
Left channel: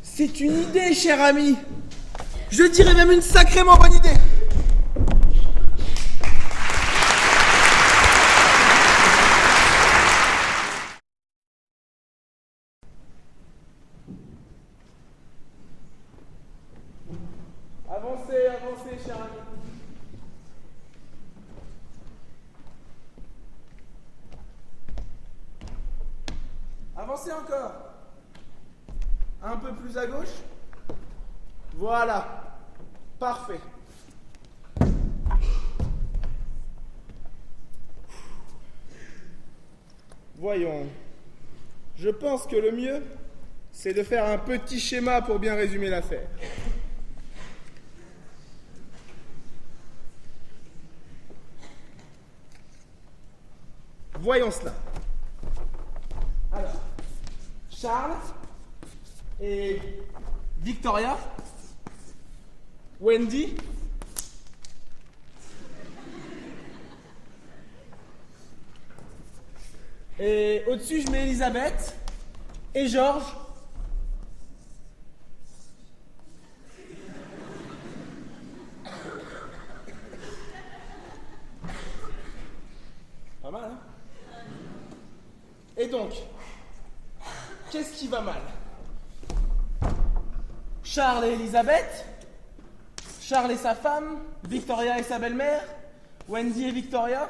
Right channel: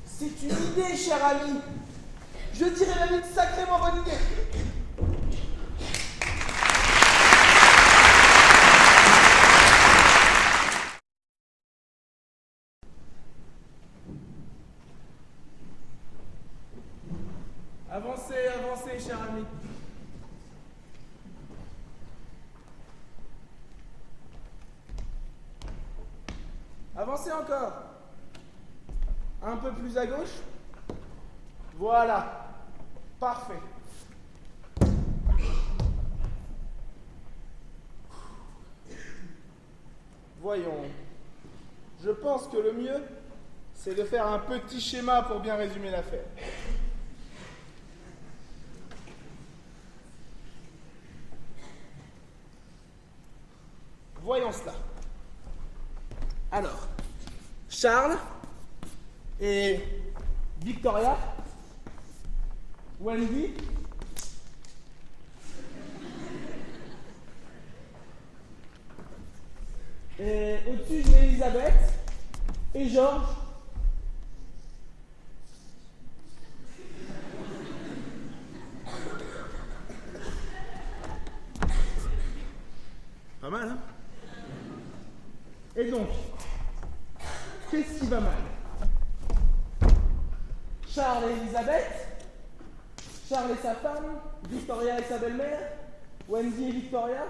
C'est une idée, cher ami. Je dirais même une sacrément bonne idée. Avancez, avancez, cher ami. Avancez encore. Un peu plus à gauche. Voilà. Parfait. Voyons. Je pense que le mieux, c'est de faire un petit schéma pour bien résumer l'affaire. Voyons cela. Alors, Charles et Victoria, Wendy, et au-dessus je mets Elisabeth et Georges. Pas mal, hein? Et donc, qu'est-ce qui va mal? Charles et Elisabeth, Charles et sa femme, Victoria et sa belle-mère, Wendy et Victoria.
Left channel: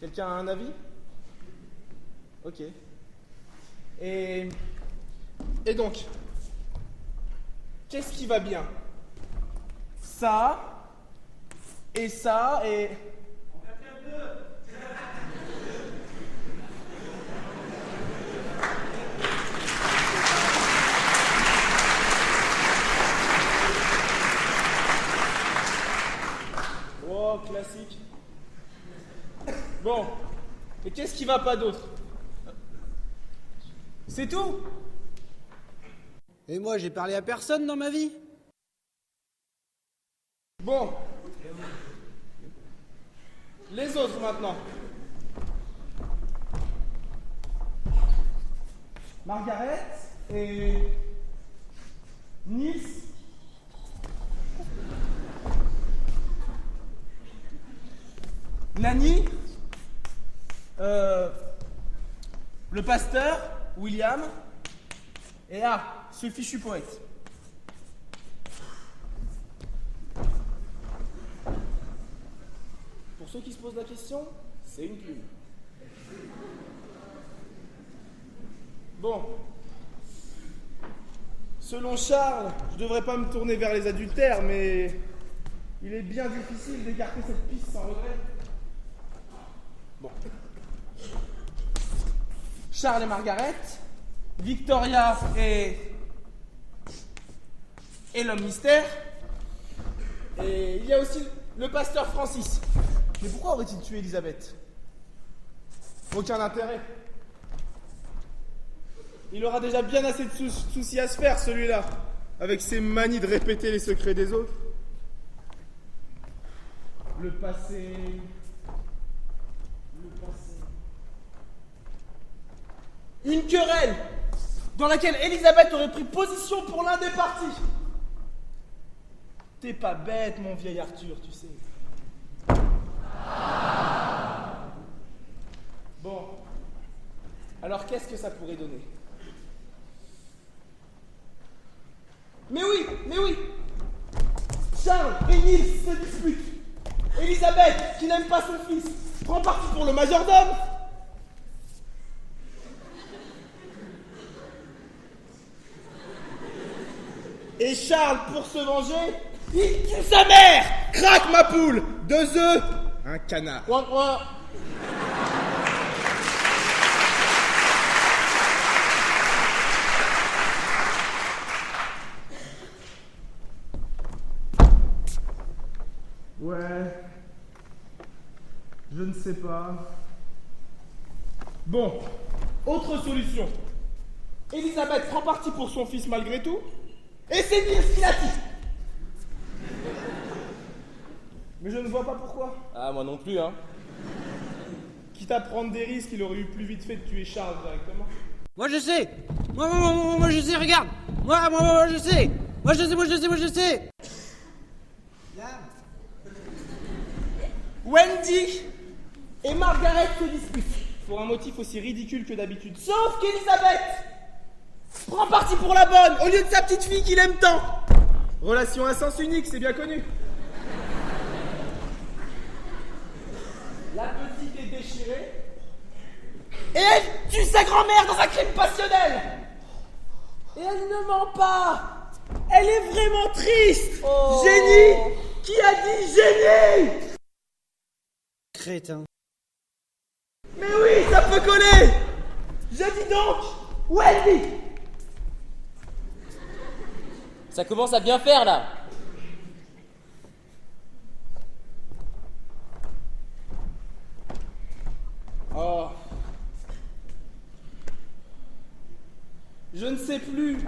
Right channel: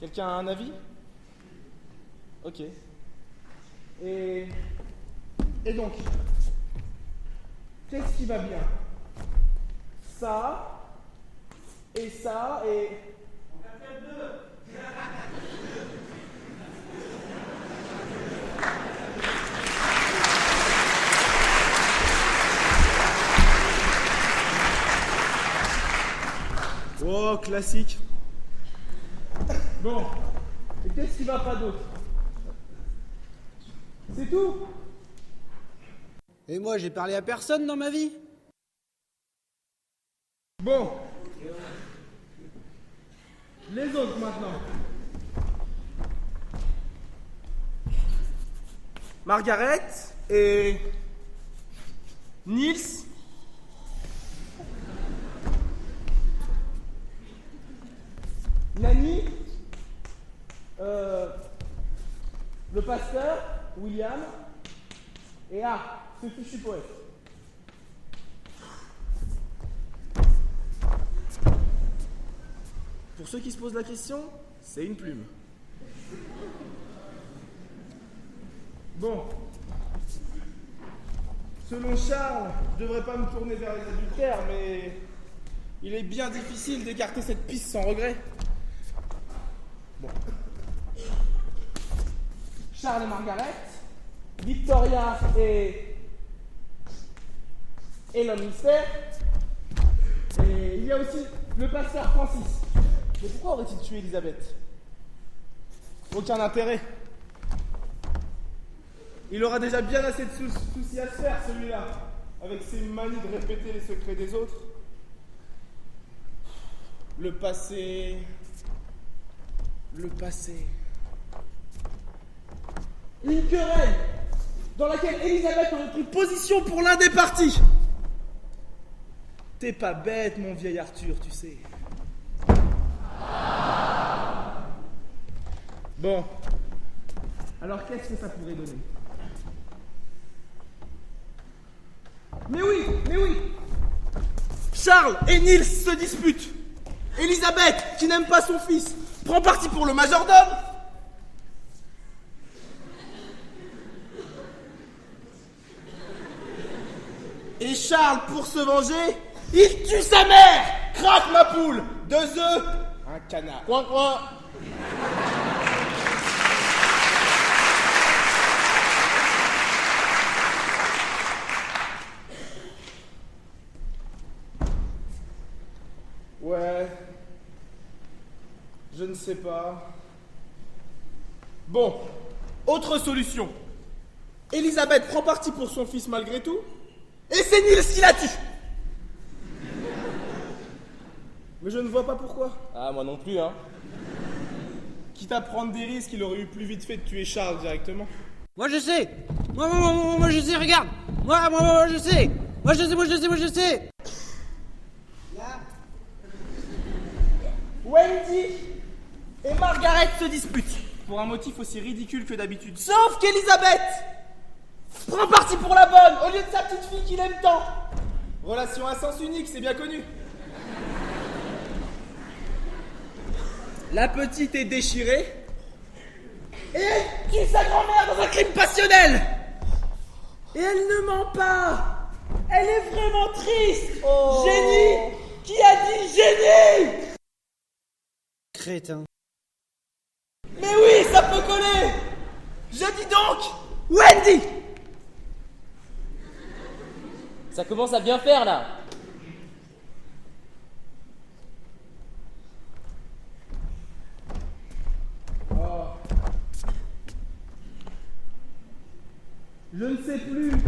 Quelqu'un a un avis? Ok. Et donc, qu'est-ce qui va bien? Ça, et ça, et... On va faire deux. Oh, classique. Bon, et qu'est-ce qui va pas d'autre? C'est tout? Et moi, j'ai parlé à personne dans ma vie. Bon. Les autres maintenant. Margaret et Nils. Nani. Le pasteur, William. Et ce fichu poète. Pour ceux qui se posent la question, c'est une plume. Bon. Selon Charles, je devrais pas me tourner vers les adultères, mais il est bien difficile d'écarter cette piste sans regret. Bon. Charles et Margaret, Victoria et l'homme mystère, et il y a aussi le pasteur Francis. Mais pourquoi aurait-il tué Elisabeth? Aucun intérêt. Il aura déjà bien assez de soucis à se faire, celui-là, avec ses manies de répéter les secrets des autres. Le passé... Une querelle dans laquelle Elisabeth aurait pris position pour l'un des partis. T'es pas bête, mon vieil Arthur, tu sais. Bon. Alors qu'est-ce que ça pourrait donner? Mais oui! Charles et Nils se disputent. Elisabeth, qui n'aime pas son fils, prend parti pour le majordome. Et Charles, pour se venger, il tue sa mère. Craque ma poule. 2 œufs, un canard. Coin. Ouais, je ne sais pas. Bon, autre solution. Elisabeth prend parti pour son fils malgré tout, et c'est Nils qui la tue. Mais je ne vois pas pourquoi. Ah, moi non plus, hein. Quitte à prendre des risques, il aurait eu plus vite fait de tuer Charles directement. Moi je sais. Moi je sais, regarde. Moi je sais. Moi je sais. Wendy et Margaret se disputent pour un motif aussi ridicule que d'habitude. Sauf qu'Elisabeth prend parti pour la bonne au lieu de sa petite fille qu'il aime tant. Relation à sens unique, c'est bien connu. La petite est déchirée et elle tue sa grand-mère dans un crime passionnel. Et elle ne ment pas. Elle est vraiment triste. Génie. Qui a dit génie? Crétin. Mais oui, ça peut coller! Je dis donc, Wendy! Ça commence à bien faire là. Oh. Je ne sais plus.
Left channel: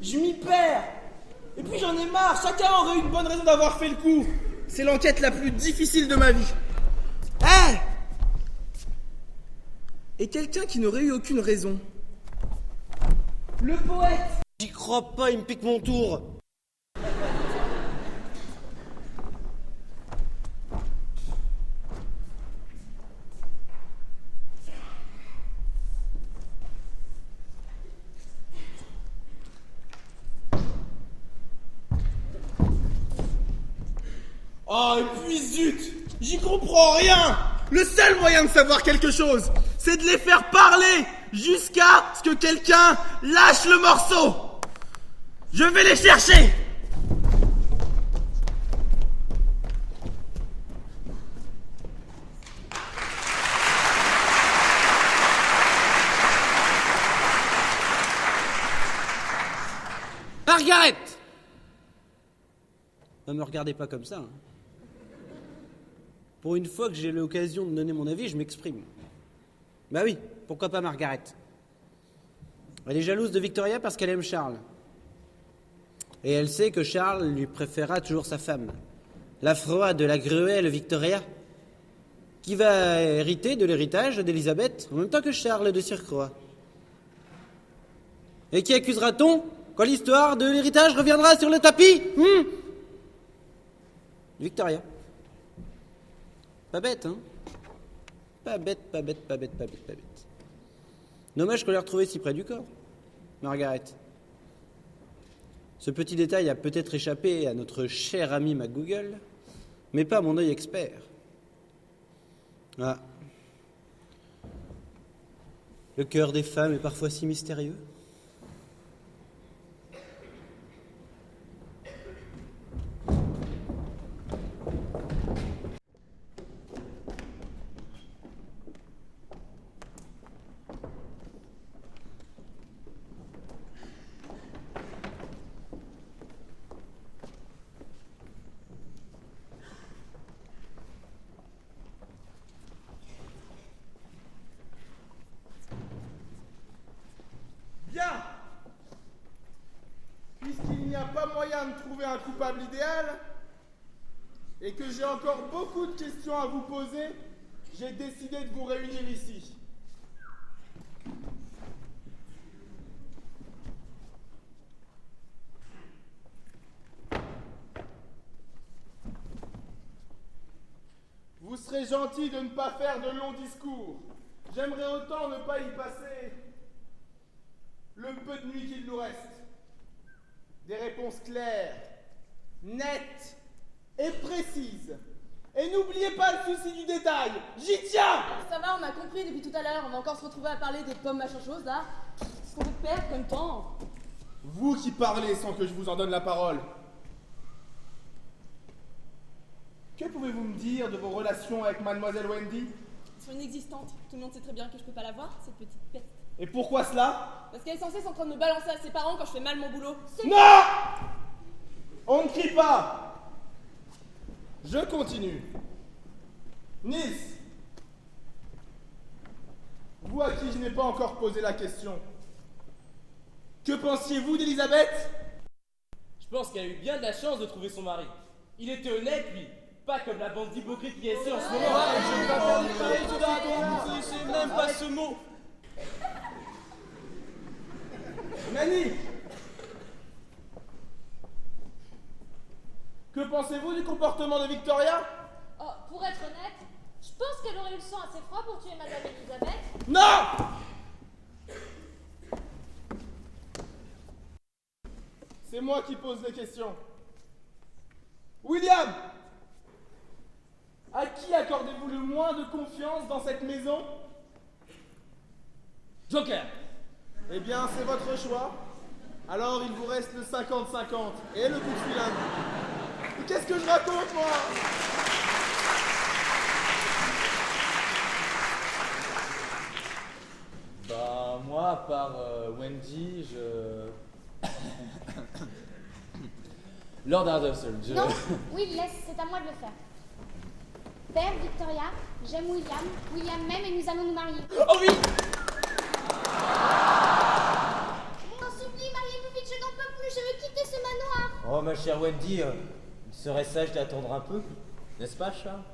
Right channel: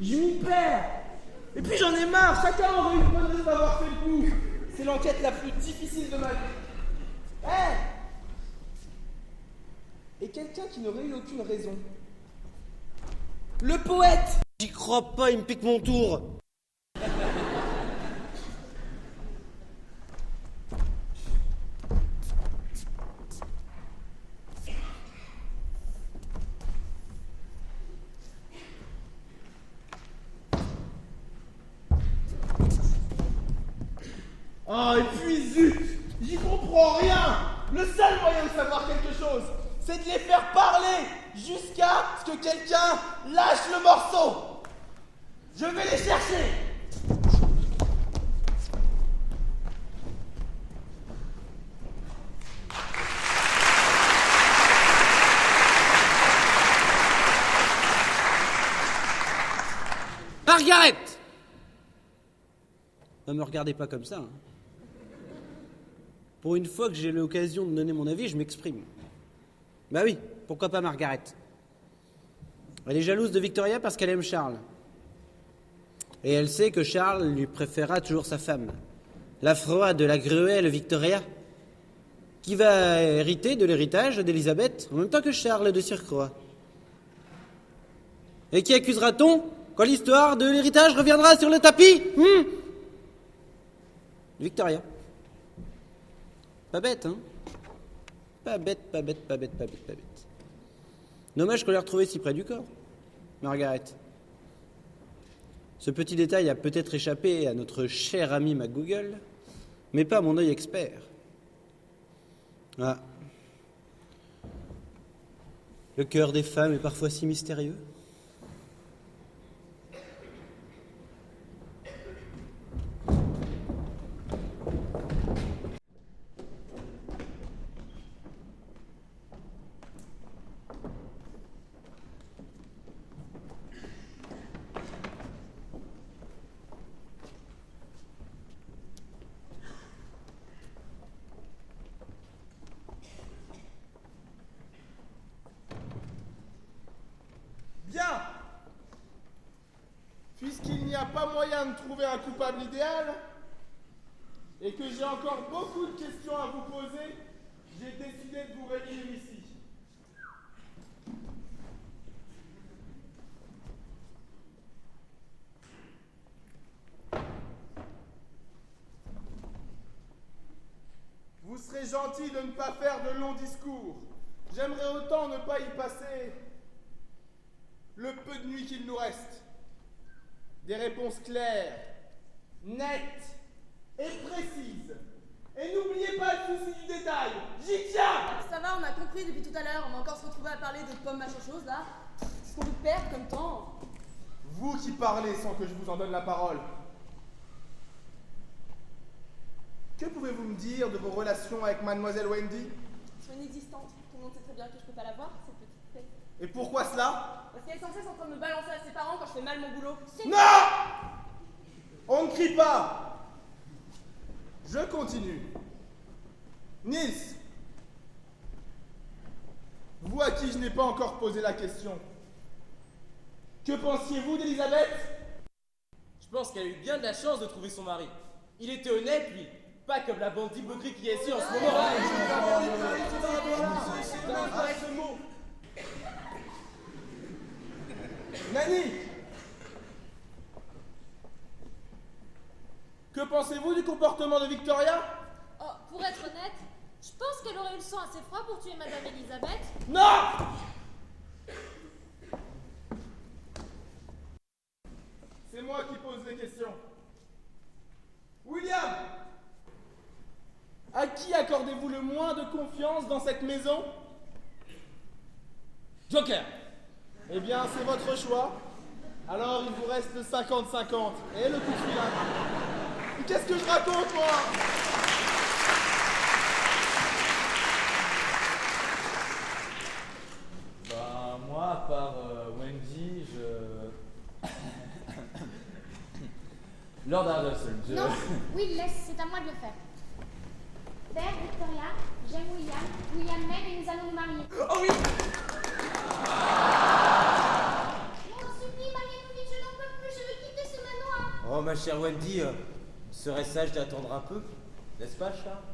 Je m'y perds. Et puis j'en ai marre. Chacun aurait eu une bonne raison d'avoir fait le coup. C'est l'enquête la plus difficile de ma vie. Et quelqu'un qui n'aurait eu aucune raison. Le poète. J'y crois pas, il me pique mon tour. Oh, et puis zut, j'y comprends rien. Le seul moyen de savoir quelque chose, c'est de les faire parler jusqu'à ce que quelqu'un lâche le morceau. Je vais les chercher. Margaret! Ne me regardez pas comme ça. Hein. Pour une fois que j'ai l'occasion de donner mon avis, je m'exprime. Bah oui, pourquoi pas Margaret? Elle est jalouse de Victoria parce qu'elle aime Charles. Et elle sait que Charles lui préférera toujours sa femme, la froide, la gruelle Victoria, qui va hériter de l'héritage d'Élisabeth en même temps que Charles de surcroît. Et qui accusera-t-on quand l'histoire de l'héritage reviendra sur le tapis? Victoria. Pas bête, hein? Pas bête, pas bête, pas bête, pas bête, pas bête. Dommage qu'on l'ait retrouvée si près du corps, Margaret. Ce petit détail a peut-être échappé à notre cher ami MacGoogle, mais pas à mon œil expert. Ah. Le cœur des femmes est parfois si mystérieux. Puisqu'il n'y a pas moyen de trouver un coupable idéal, et que j'ai encore beaucoup de questions à vous poser, j'ai décidé de vous réunir ici. Vous serez gentil de ne pas faire de longs discours. J'aimerais autant ne pas y passer le peu de nuit qu'il nous reste. Des réponses claires, nettes et précises. Et n'oubliez pas le souci du détail. J'y tiens! Ça va, on a compris depuis tout à l'heure. On va encore se retrouver à parler de pommes machin chose là. Qu'est-ce qu'on perd comme temps? Vous qui parlez sans que je vous en donne la parole. Que pouvez-vous me dire de vos relations avec Mademoiselle Wendy? C'est inexistante. Tout le monde sait très bien que je peux pas la voir, cette petite peste. Et pourquoi cela? Parce qu'elle est censée être en train de me balancer à ses parents quand je fais mal mon boulot. Non! On ne crie pas. Je continue. Nils, vous à qui je n'ai pas encore posé la question, que pensiez-vous d'Élisabeth? Je pense qu'elle a eu bien de la chance de trouver son mari. Il était honnête, lui. Pas comme la bande d'hypocrites qui est ici en ce moment. C'est même pas ce mot. Nani, que pensez-vous du comportement de Victoria? Oh, pour être honnête, je pense qu'elle aurait eu le sang assez froid pour tuer Madame Elisabeth. Non! C'est moi qui pose les questions. William! À qui accordez-vous le moins de confiance dans cette maison? Joker! Eh bien, c'est votre choix. Alors, il vous reste le 50-50 et le coup de fil. Mais qu'est-ce que je raconte, moi? Lord Ardusson, je... Non, oui, laisse, c'est à moi de le faire. Père, Victoria, j'aime William, William m'aime et nous allons nous marier. Oh oui! On t'en supplie, mariez-vous vite, je n'en peux plus, je veux quitter ce manoir. Oh, ma chère Wendy, serait sage d'attendre un peu, n'est-ce pas, Charles?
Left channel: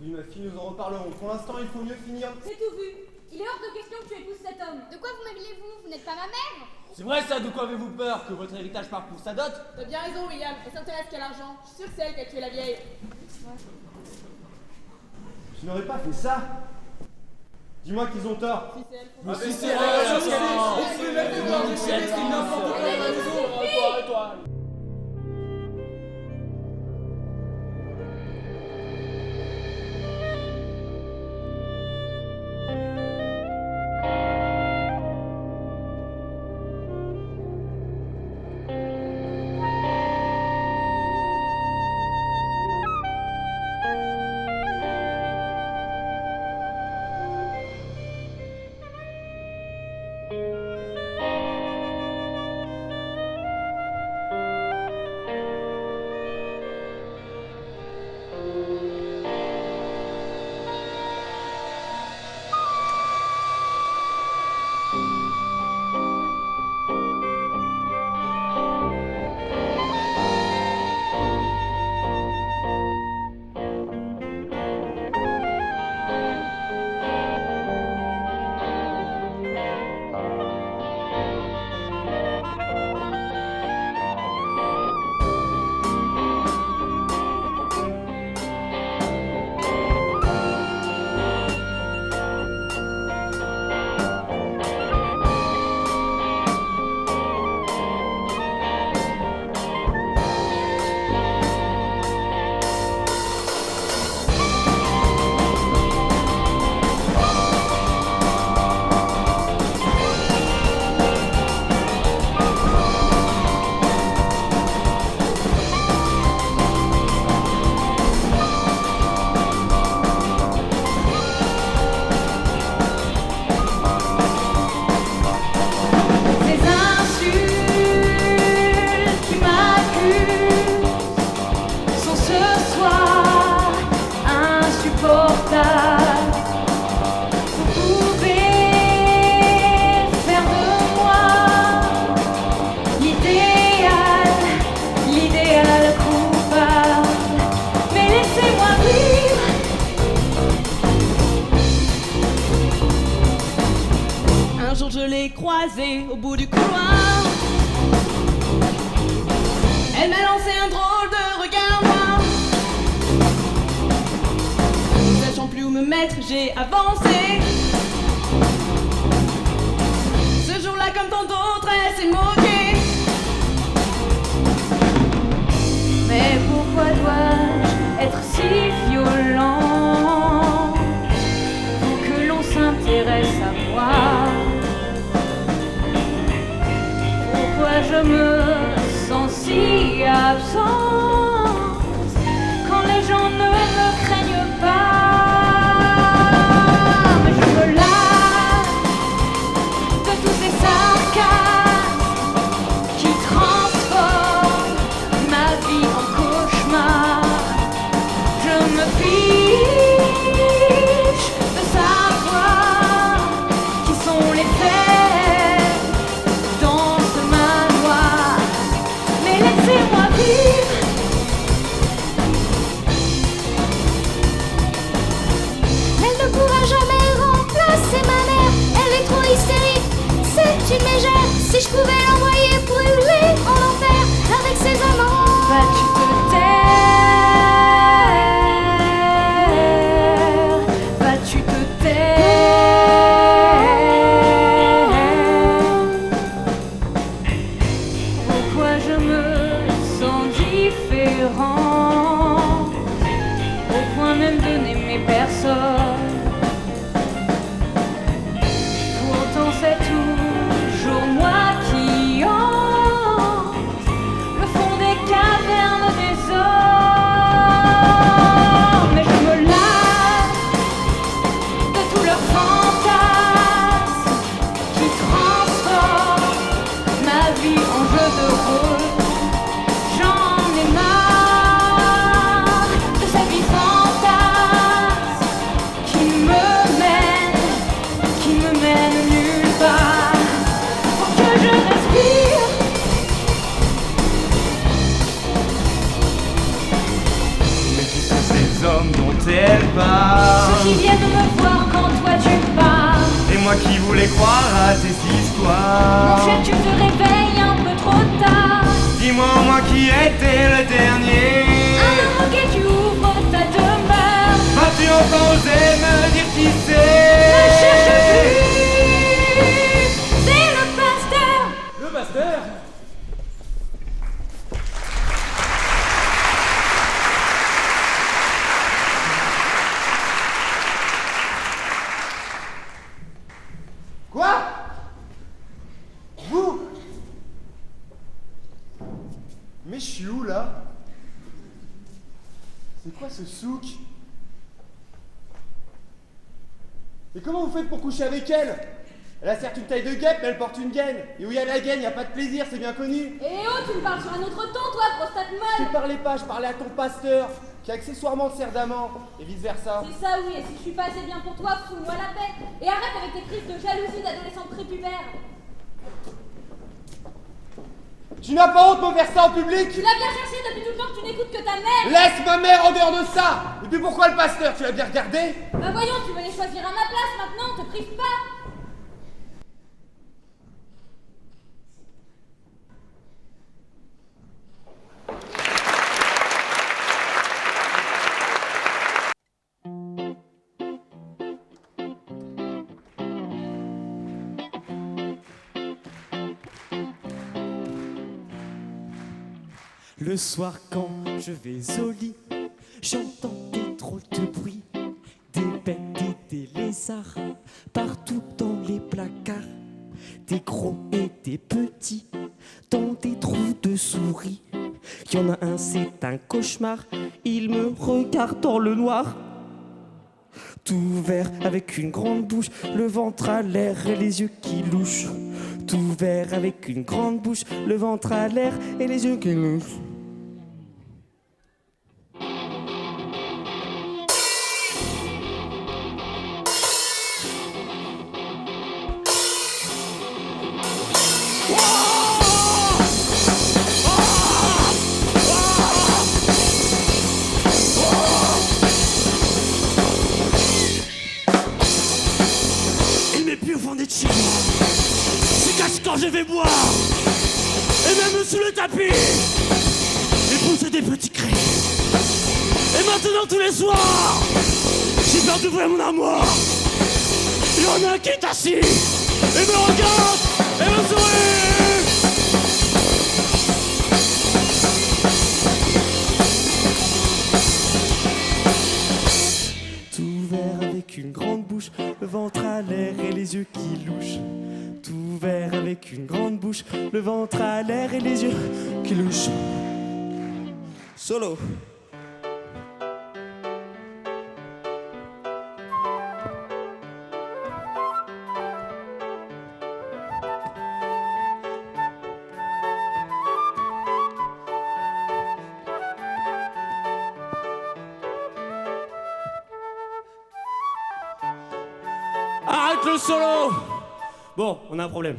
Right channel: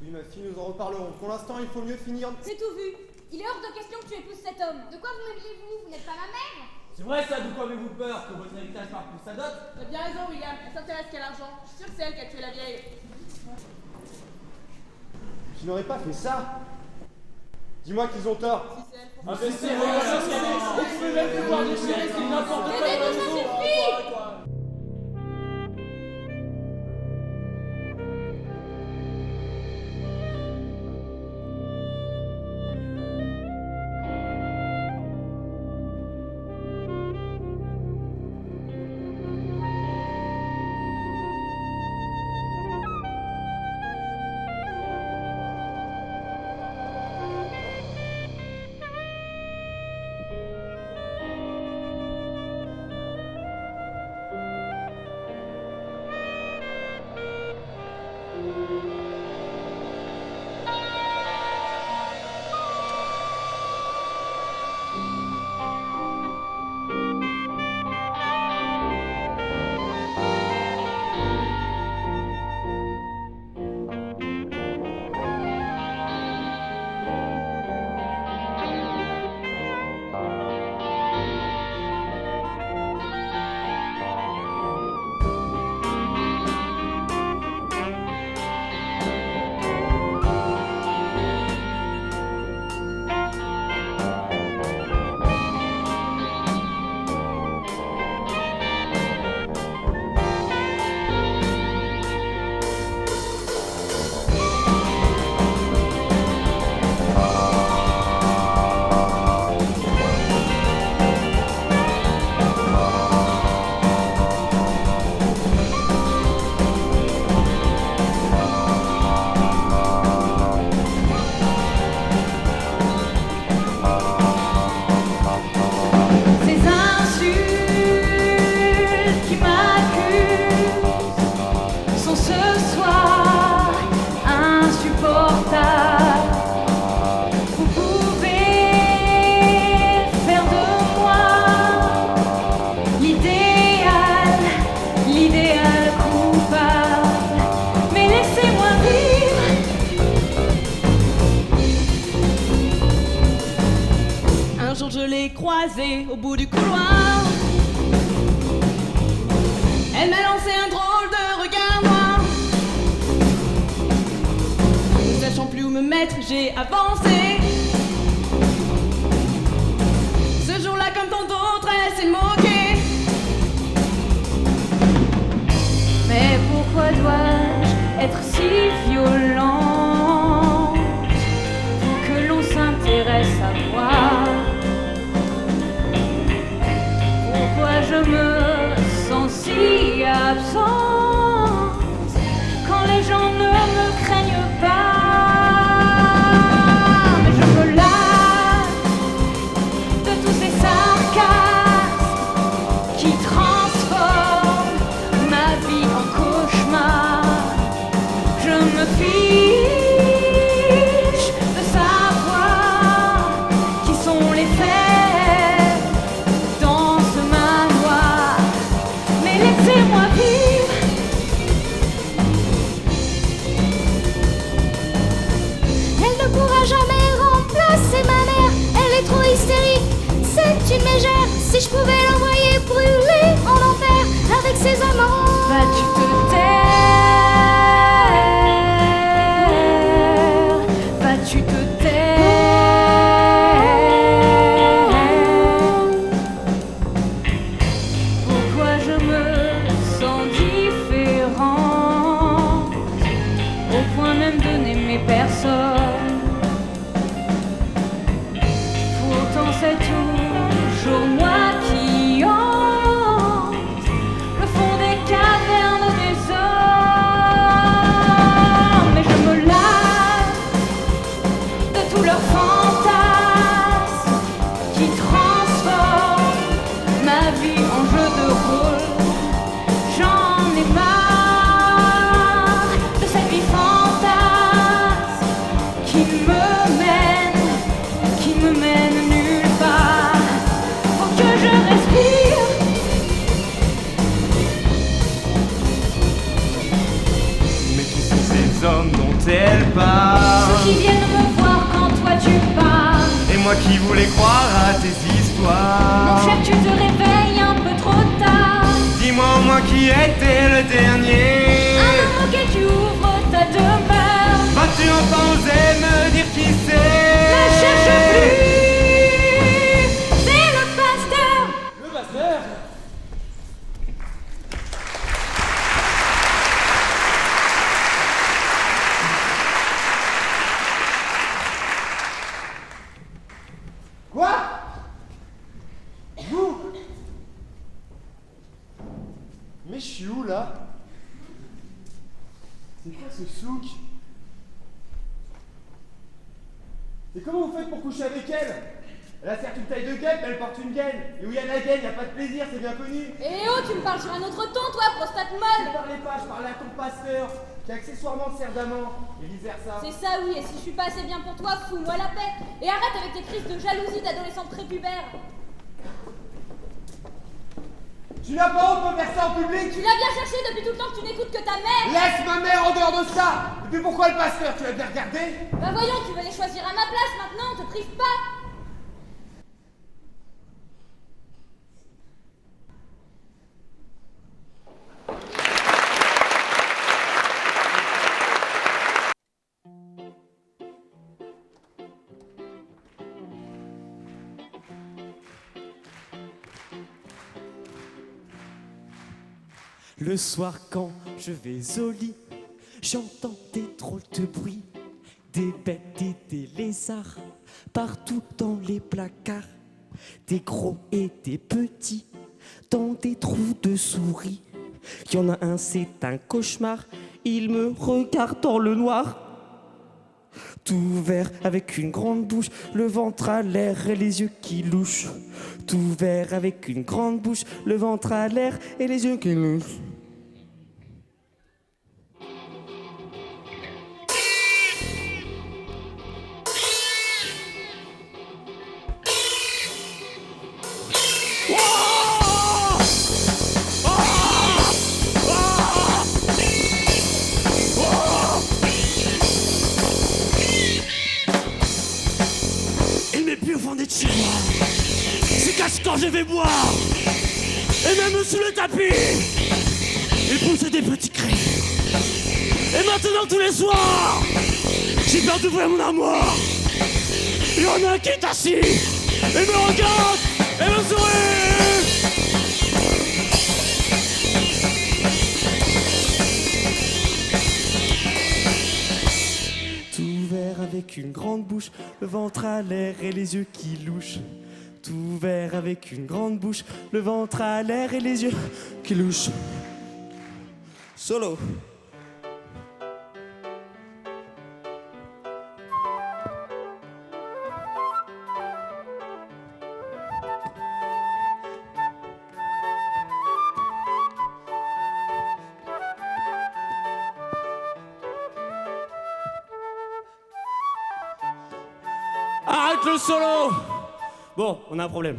Oui, ma fille, nous en reparlerons. Pour l'instant, il faut mieux finir. C'est tout vu. Il est hors de question que tu épouses cet homme. De quoi vous m'évelez-vous? Vous n'êtes pas ma mère? C'est vrai ça, de quoi avez-vous peur? Que votre héritage parte pour sa dot? T'as bien raison, William. Elle s'intéresse qu'à l'argent. Je suis sûre que c'est elle qui a tué la vieille. Je n'aurais pas fait ça. Dis-moi qu'ils ont tort. Ah, mais c'est vrai, Je l'ai croisée au bout du couloir. Elle m'a lancé un drôle de regard noir. Ne sachant plus où me mettre, j'ai avancé. Ce jour-là, comme tant d'autres, elle s'est moquée. Mais pourquoi dois-je être si violent? Faut que l'on s'intéresse à moi. Pourquoi je me sens si absente quand les gens ne me craignent pas? Mais je me lasse de tous ces sarcasmes qui transforment ma vie en cauchemar. Je me fiche de savoir qui sont les faits. Laissez-moi vivre. Elle ne pourra jamais remplacer ma mère. Elle est trop hystérique, c'est une mégère. Si je pouvais l'envoyer brûler en enfer avec ses amants. Vas-tu te taire? Vas-tu te taire? Pourquoi je me au point même de n'aimer personne? Pourtant c'est toujours moi qui hante le fond des cavernes des hommes. Mais je me lasse de tous leurs fantasmes qui transforment ma vie en jeu de rôle. J'en ai marre. pars. Ceux qui viennent me voir quand toi tu pars. Et moi qui voulais croire à tes histoires. Mon cher, tu te réveilles un peu trop tard. Dis-moi au moins qui était le dernier. Un moment auquel tu ouvres ta demeure. Vas-tu enfin oser me dire qui c'est? Ne cherche plus. C'est le pasteur. Le pasteur? Quoi? Vous? Mais je suis où là? C'est quoi ce souk? Et comment vous faites pour coucher avec elle? Elle a certes une taille de guêpe, mais elle porte une gaine. Et où il y a la gaine, il n'y a pas de plaisir, c'est bien connu. Et oh, tu me parles sur un autre ton, toi, prostate Je molle. parlais pas, je parlais à ton pasteur, qui accessoirement te sert d'amant, et vice versa. C'est ça, oui, et si je suis pas assez bien pour toi, fous-moi la paix. Et arrête avec tes crises de jalousie d'adolescente prépubère. Tu n'as pas honte de me faire ça en public? Tu l'as bien cherché depuis tout le temps que tu n'écoutes que ta mère. Laisse ma mère en dehors de ça. Et puis pourquoi le pasteur? Tu l'as bien regardé? Bah voyons, tu veux les choisir à ma place maintenant, te prive pas. Le soir quand je vais au lit, j'entends des drôles de bruits, des bêtes et des lézards, partout dans les placards, des gros et des petits, dans des trous de souris. Il y en a un, c'est un cauchemar, il me regarde dans le noir. Tout vert avec une grande bouche, le ventre à l'air et les yeux qui louchent. Tout vert avec une grande bouche, le ventre à l'air et les yeux qui louchent. Il met plus au fond des tiroirs, se cache quand je vais boire, et même sous le tapis, il pousse des petits cris. Et maintenant tous les soirs, j'ai peur d'ouvrir mon armoire. Il y en a un qui est assis, et me regarde, et me sourit. Tout vert avec une grande bouche, le ventre à l'air et les yeux qui louchent. Tout vert avec une grande bouche, le ventre à l'air et les yeux qui louchent. Solo. Arrête le solo! Bon, on a un problème.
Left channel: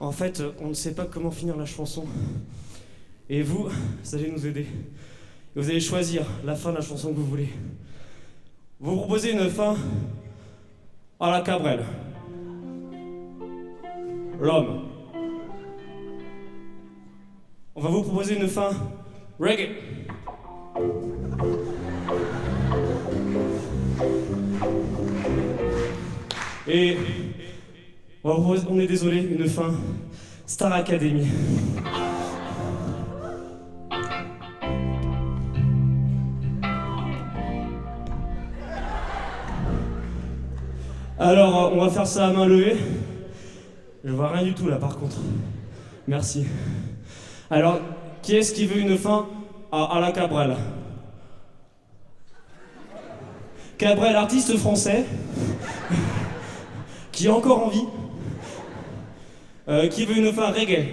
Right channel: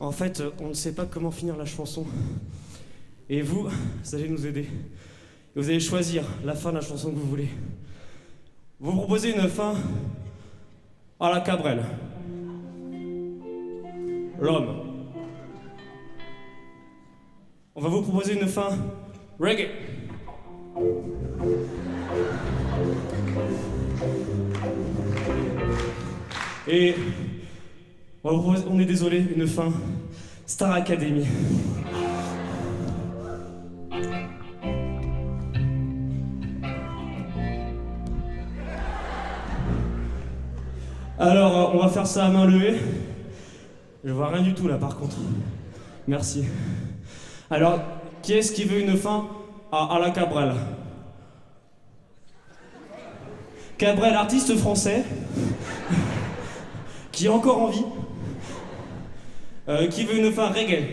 En fait, on ne sait pas comment finir la chanson. Et vous allez nous aider. Et vous allez choisir la fin de la chanson que vous voulez. Vous proposez une fin à la Cabrel. L'homme. On va vous proposer une fin reggae. Et on va vous proposer, on est désolé, une fin Star Academy. Alors, on va faire ça à main levée. Je vois rien du tout là par contre. Merci. Alors, qui est-ce qui veut une fin à la Cabrel? Cabrel, artiste français, qui est encore en vie, qui veut une fin reggae?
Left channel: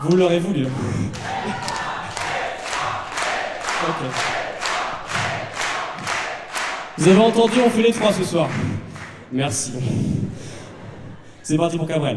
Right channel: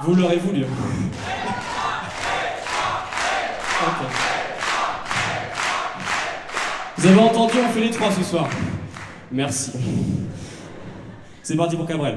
Vous l'aurez voulu. Ok. Vous avez entendu, on fait les trois ce soir. Merci. C'est parti pour Cabrel.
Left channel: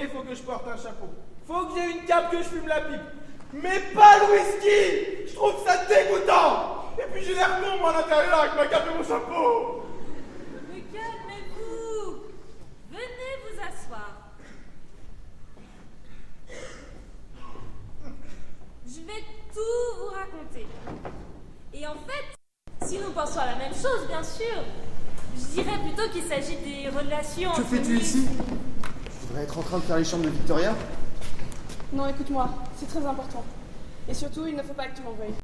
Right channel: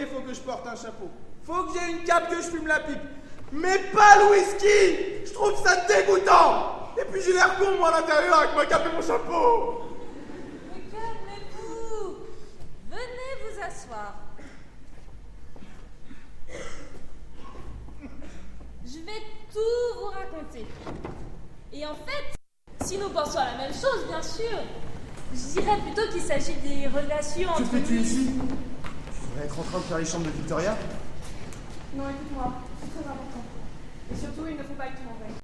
il faut que je porte un chapeau. Faut que j'ai une cape, que je fume la pipe. Mais pas le whisky! Je trouve ça dégoûtant! Et puis j'ai l'air con, moi, à l'intérieur, avec ma cape et mon chapeau! Mais calmez-vous! Venez vous asseoir. Je vais tout vous raconter. Et en fait, si nous pensons à la même chose, bien sûr, je dirais plutôt qu'il s'agit des relations... Que fais-tu ici? Tu devrais être en train de faire les chambres de Victoria? Non, écoute-moi, c'est très important. Et surtout, il ne faut pas que tu m'en veuilles.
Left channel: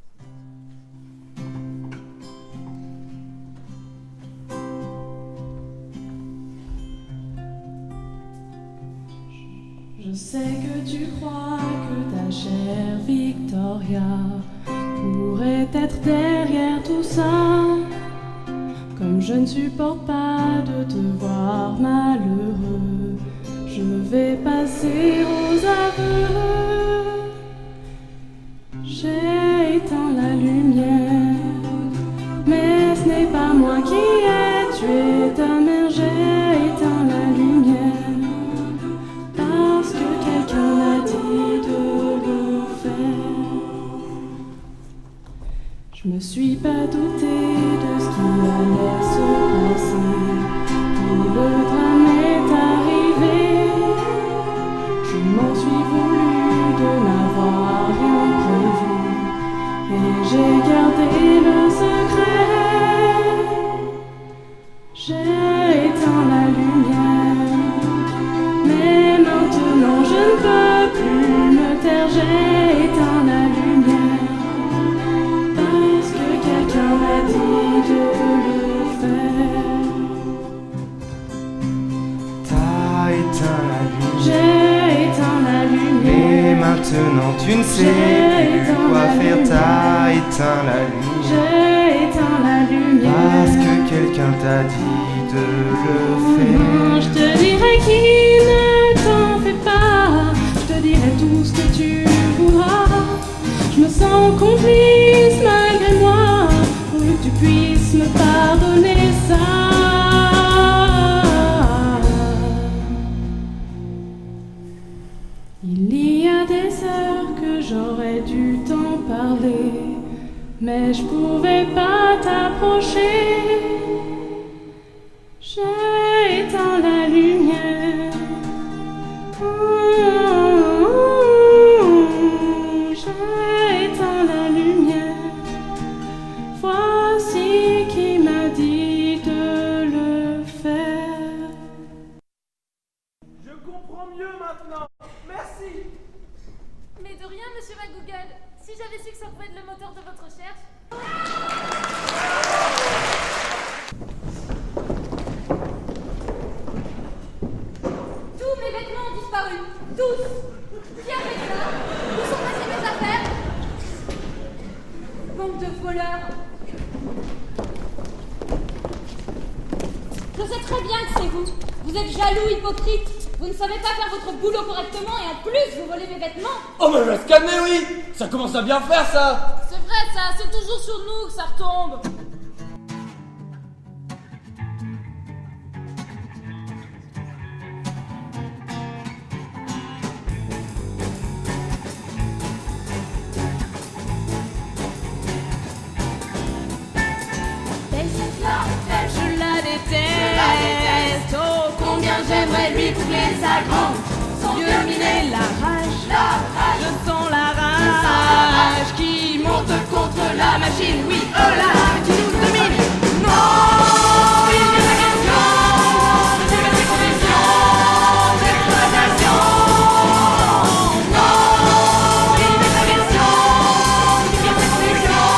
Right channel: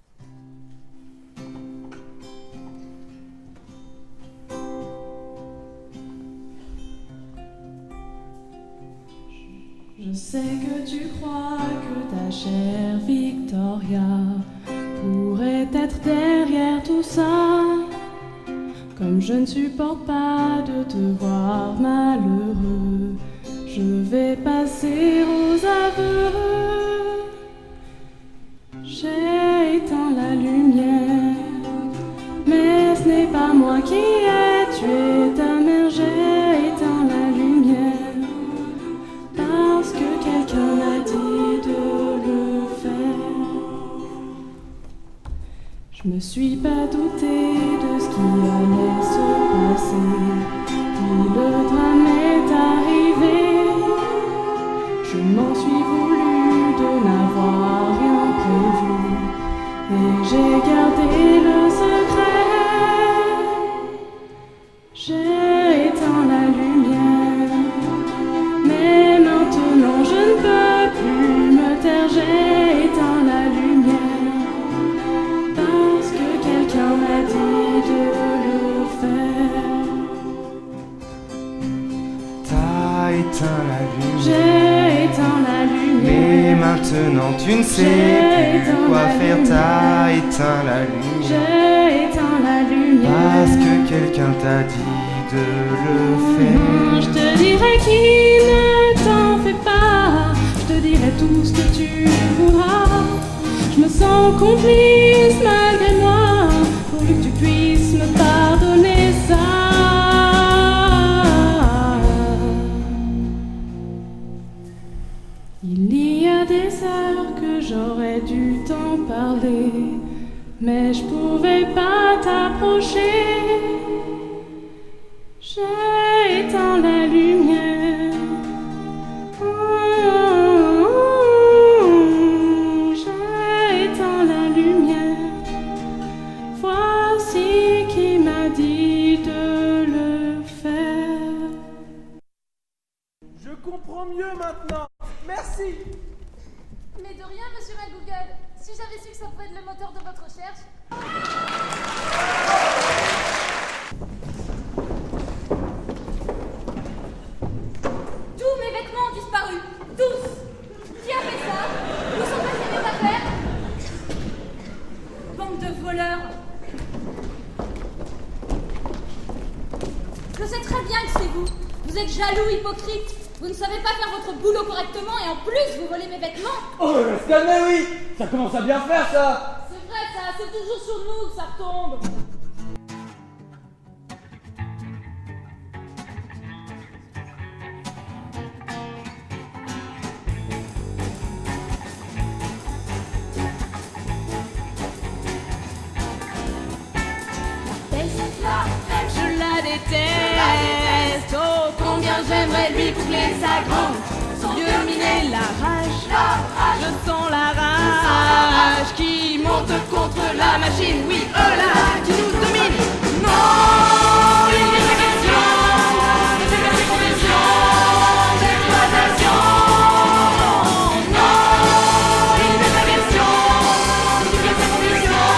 Je sais que tu crois que ta chère Victoria pourrait être derrière tout ça. Comme je ne supporte pas de te voir malheureux, je vais passer aux aveux. J'ai éteint la lumière, mais ce n'est pas moi qui ai tué ta mère. J'ai éteint la lumière parce que quelqu'un m'a dit de le faire. Je me suis pas douté de ce qui allait se passer, puis le drame est arrivé. Je m'en suis voulu de n'avoir rien prévu, et j'ai gardé le secret. J'ai éteint la lumière, mais maintenant je ne peux plus me taire. J'ai éteint la lumière parce que quelqu'un m'a dit de le faire. T'as éteint la lumière. J'ai éteint la lumière. Mais maintenant tu ne sais plus quoi faire. T'as éteint la lumière. J'ai éteint la lumière parce que quelqu'un t'a dit de le faire. Non, je te dirai qui ne t'en fais pas. Je te dirai tout ce que tu voudras. Je me sens complice malgré moi, pourvu que tu puisses me pardonner ça. Il y a des heures que j'aurais dû t'en parler, mais je pouvais pas t'approcher. J'ai éteint la lumière. J'ai éteint la lumière. Voici qui m'a dit de le faire. Je comprends mieux maintenant. Merci. Mais de rien, monsieur McGoogle. Si j'avais su que ça pouvait être le moteur de votre recherche... Tous mes vêtements ont disparu. Tous. Qui a fait ça? Où sont passées mes affaires? Bande de voleurs. Je sais très bien que c'est vous. Vous êtes jaloux, hypocrite. Vous ne savez pas faire votre boulot correctement et en plus vous volez mes vêtements. Oh mais va se calmer, oui. Ça commence à bien faire, ça. C'est vrai ça, c'est toujours sur nous que ça retombe. Je la déteste. Oh, combien j'aimerais lui boucler sa grande. Son Dieu miner la rage. Je sens la rage qui monte contre la machine. Oui, là, qui nous domine. Non, il n'est pas question de subir ces conditions d'exploitation. Non, il n'est pas question de subir ces conditions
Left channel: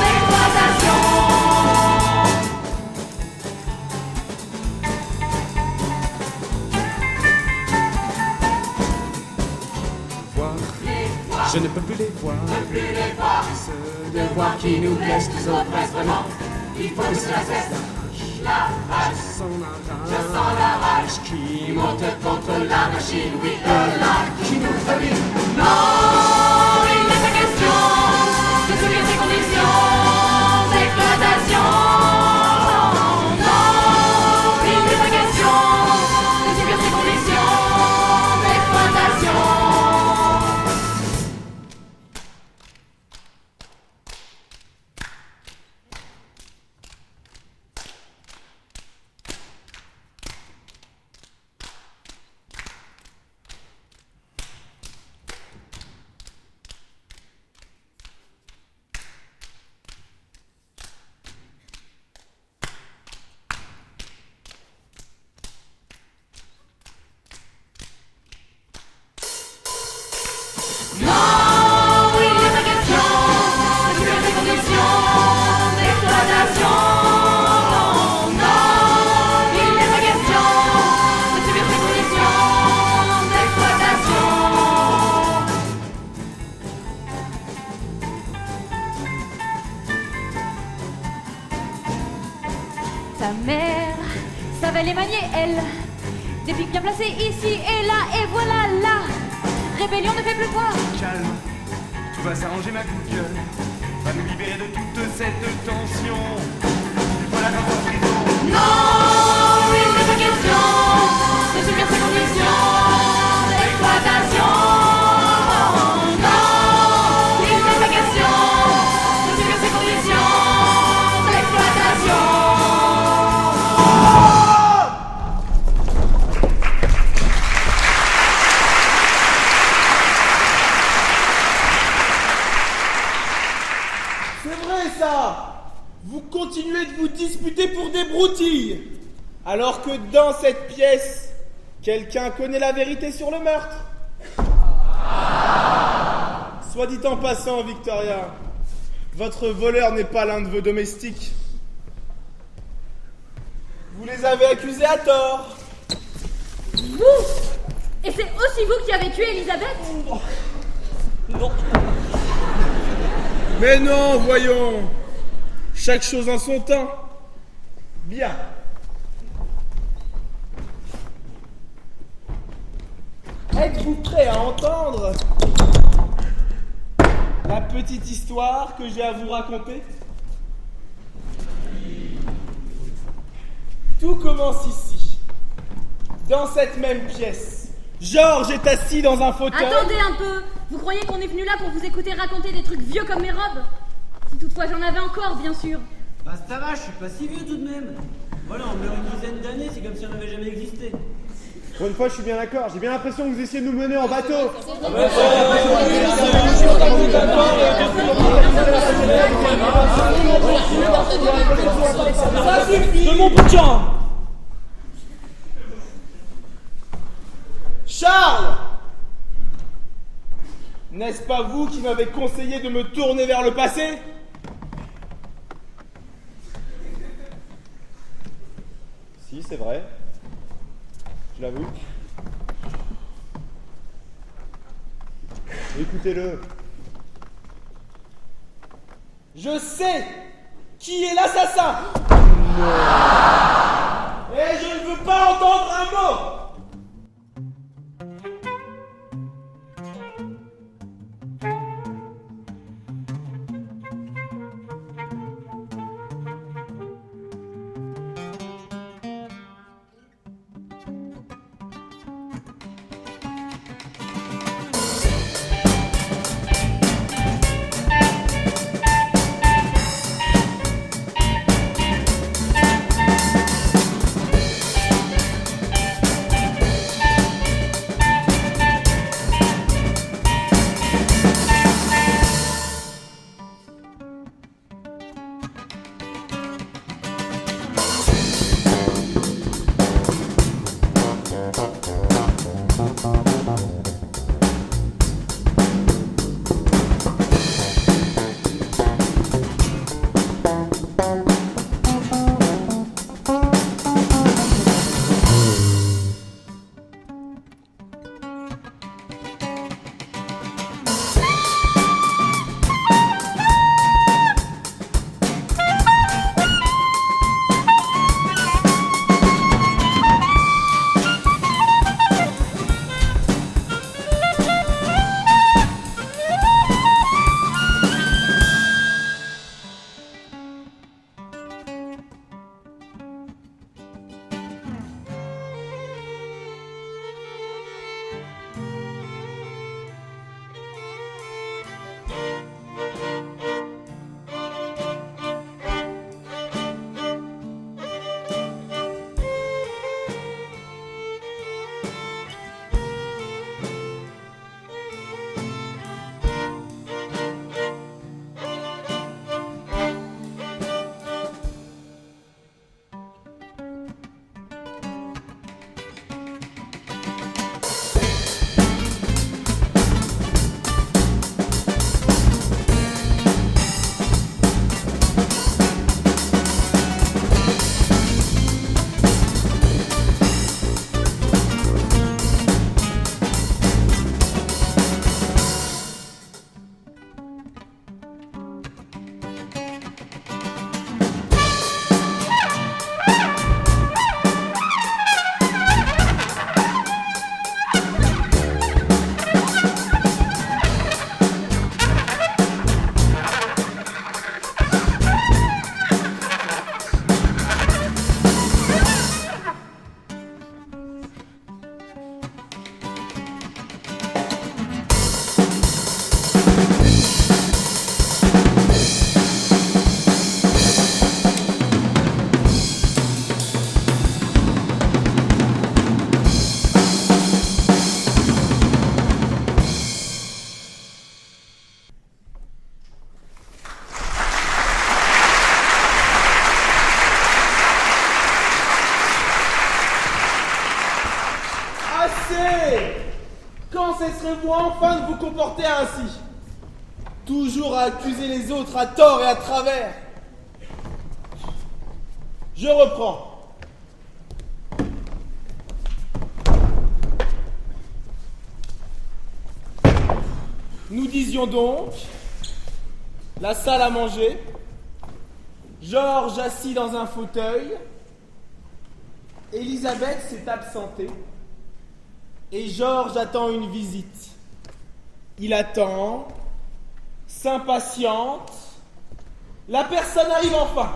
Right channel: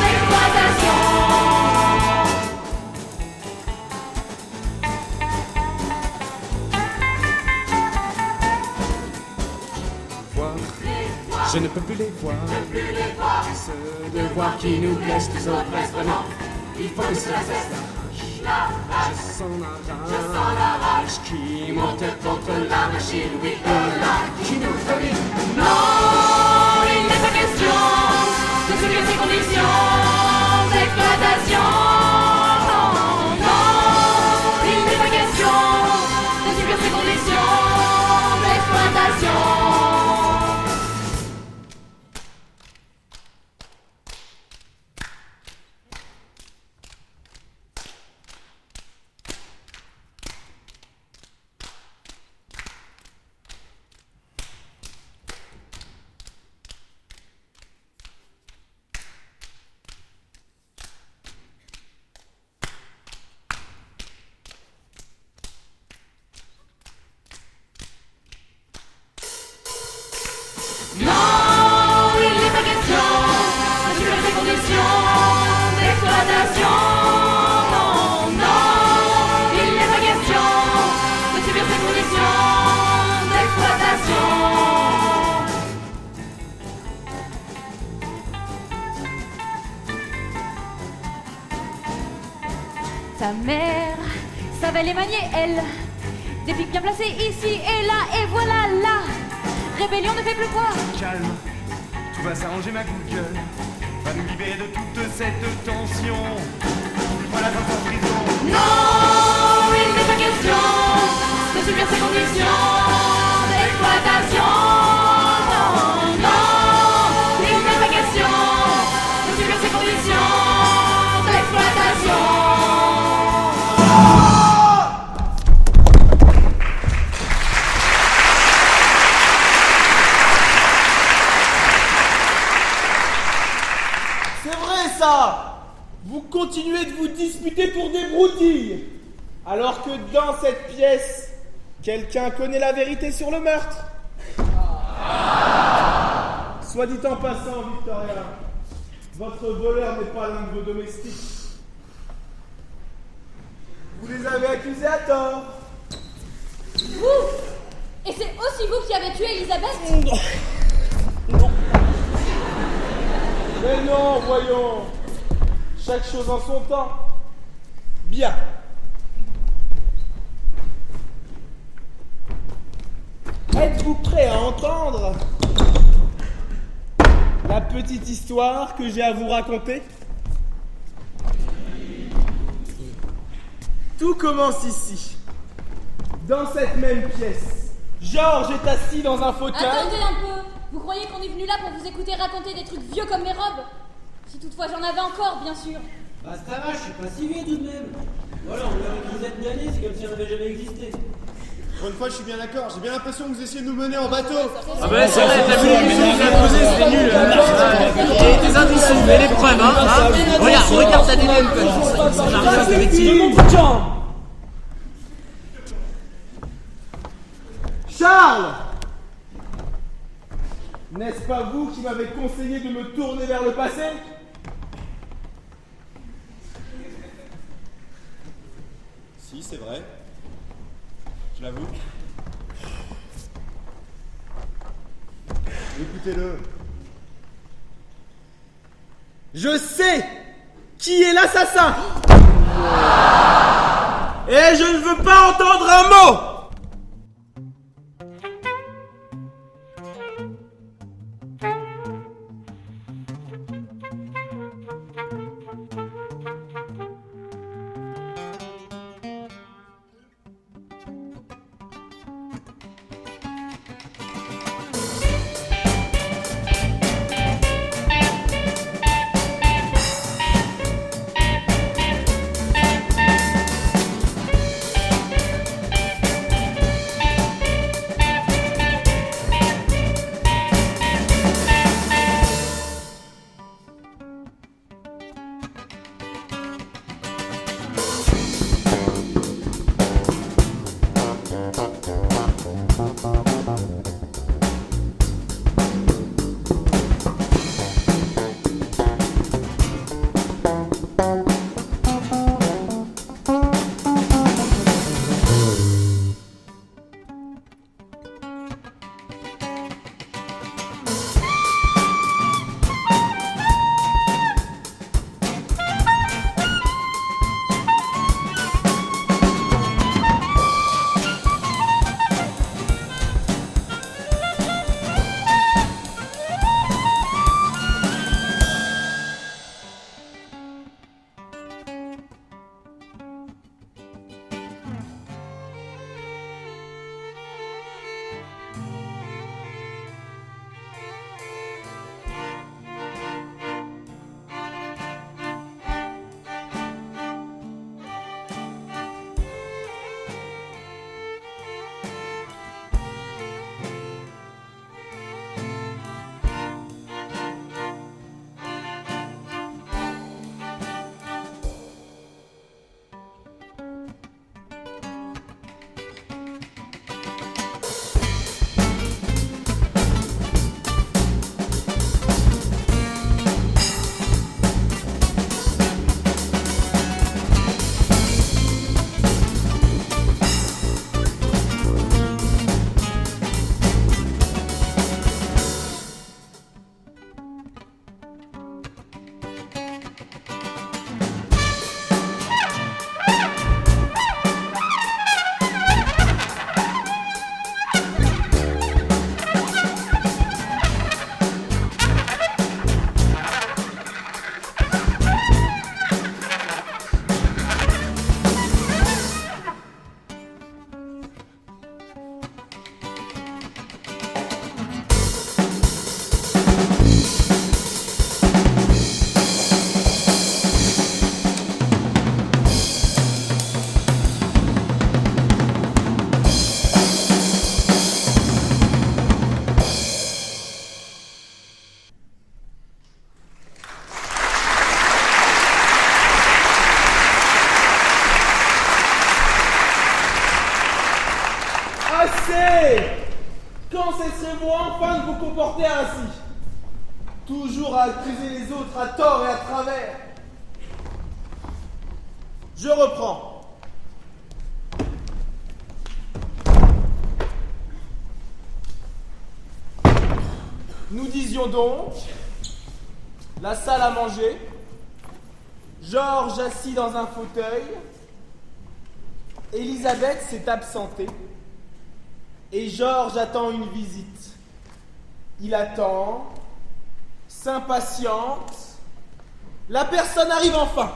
d'exploitation. Je ne peux plus les voir. Ce devoir qui nous blesse, nous oppresse vraiment. Il faut que cela cesse là. Je sens la rage qui monte contre la machine. Oui, là, qui nous domine. Non, il n'est pas question de subir ces conditions d'exploitation. Non, il n'est pas question de subir ces conditions Non, il n'est pas question de subir ces conditions d'exploitation. Non, non, il n'est pas question de subir ces conditions d'exploitation. Ta mère savait les manier, elle. Des pics bien placés ici et là, et voilà la rébellion ne fait plus quoi. Calme, tout va s'arranger ma Google. Va nous libérer de toute cette tension. Voilà qu'un en prison. Non, il n'est pas question de subir ces conditions d'exploitation. Non, non, il n'est pas question de subir ces conditions d'exploitation. C'est vrai ça! Vous continuez de vous disputer pour des broutilles, alors que dans cette pièce, quelqu'un connaît la vérité sur le meurtre. Soit dit en passant, Victoria, votre voleur n'est pas l'un de vos domestiques. Vous les avez accusés à tort. Vous! Et c'est aussi vous qui avez tué Elisabeth? Non. Mais non, voyons. Chaque chose en son temps. Bien. Êtes-vous prêt à entendre la petite histoire que j'ai à vous raconter? Tout commence ici, dans cette même pièce. Georges est assis dans un fauteuil. Attendez un peu! Vous croyez qu'on est venu là pour vous écouter raconter des trucs vieux comme mes robes? Si toutefois j'en avais encore, bien sûr. Bah ça va, je suis pas si vieux tout de même. Voilà, on meurt une dizaine d'années, c'est comme si on n'avait jamais existé. Pour une fois, je suis bien d'accord. J'ai bien l'impression que vous essayez de nous mener en bateau. Ah bah c'est vrai, t'as vu, des imbéciles, mais les preuves, hein. Regarde la télé, mon bout de champ. Charles! N'est-ce pas vous qui m'avez conseillé de me tourner vers le passé? Si, c'est vrai. Je l'avoue. Écoutez-le. Je sais qui est l'assassin! Et je ne veux pas entendre un mot! comporter ainsi? Toujours à accuser les autres à tort et à travers. Je reprends. Nous disions donc, la salle à manger, Georges assis dans un fauteuil, Elisabeth s'est absentée, et Georges attend une visite. Il attend, s'impatiente, la personne arrive enfin.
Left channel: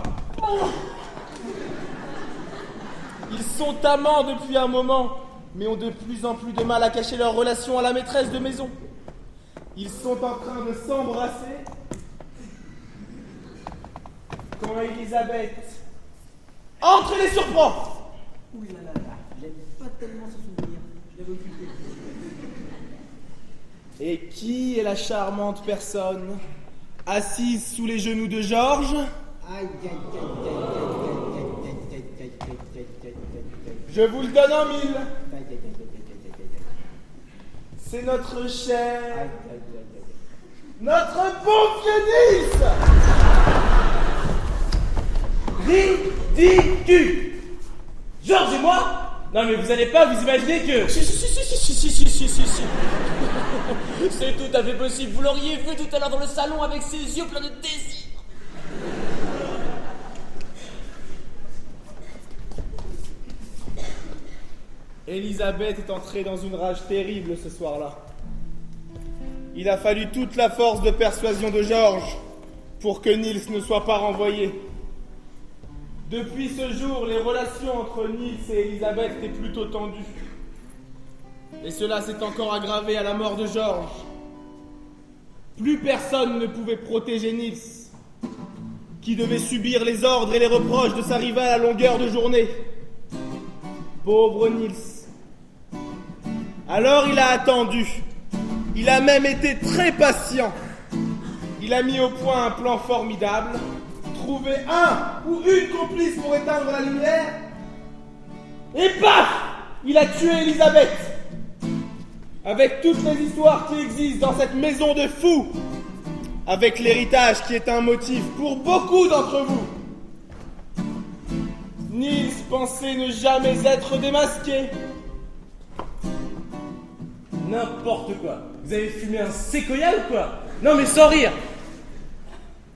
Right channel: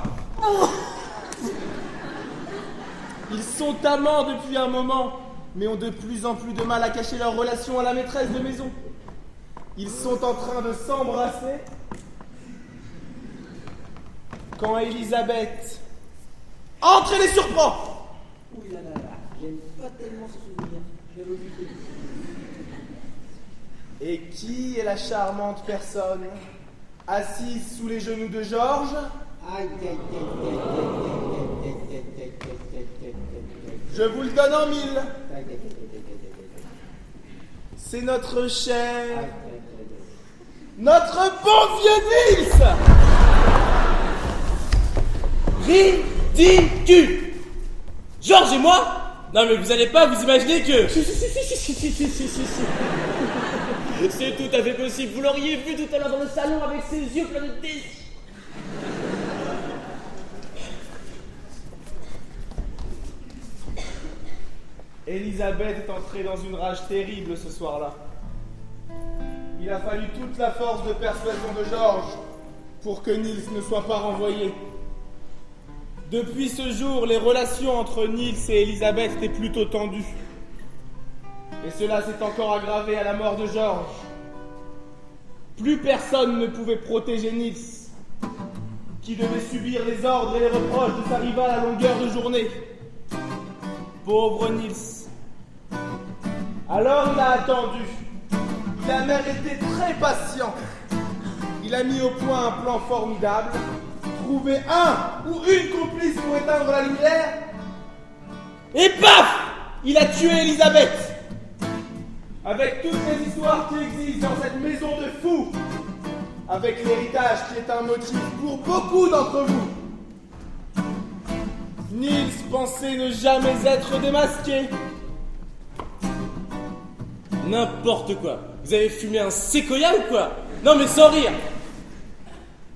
Ils sont amants depuis un moment, mais ont de plus en plus de mal à cacher leur relation à la maîtresse de maison. Ils sont en train de s'embrasser quand Elisabeth entre et les surprend. Ouh là là là, j'aime pas tellement ce souvenir. Je l'ai oublié. Et qui est la charmante personne assise sous les genoux de Georges? Je vous le donne en mille. C'est notre cher, notre bon vieux Nils. Ridicule. Georges et moi? Non mais vous allez pas vous imaginer que... Si. C'est tout à fait possible, vous l'auriez vu tout à l'heure dans le salon avec ses yeux pleins de désir. Elisabeth est entrée dans une rage terrible ce soir-là. Il a fallu toute la force de persuasion de Georges pour que Nils ne soit pas renvoyé. Depuis ce jour, les relations entre Nils et Elisabeth étaient plutôt tendues. Et cela s'est encore aggravé à la mort de Georges. Plus personne ne pouvait protéger Nils, qui devait subir les ordres et les reproches de sa rivale à longueur de journée. Pauvre Nils. Alors il a attendu. Il a même été très patient. Il a mis au point un plan formidable, trouvé un ou une complice pour éteindre la lumière, et paf! Il a tué Elisabeth. Avec toutes les histoires qui existent dans cette maison de fous, avec l'héritage qui est un motif pour beaucoup d'entre vous. Nils pensait ne jamais être démasqué. N'importe quoi. Vous avez fumé un séquoia ou quoi? Non mais sans rire.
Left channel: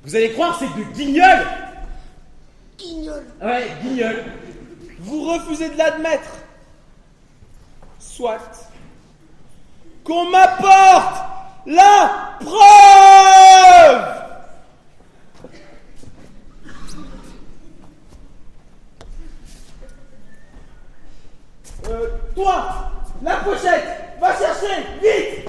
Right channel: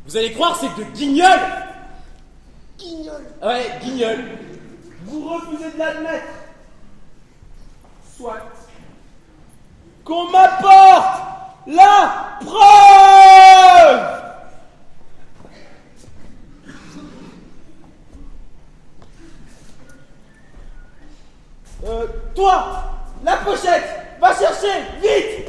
Vous allez croire que c'est de guignol. Guignol. Ouais, guignol. Vous refusez de l'admettre. Soit. Qu'on m'apporte la preuve. Toi, la pochette, va chercher, vite.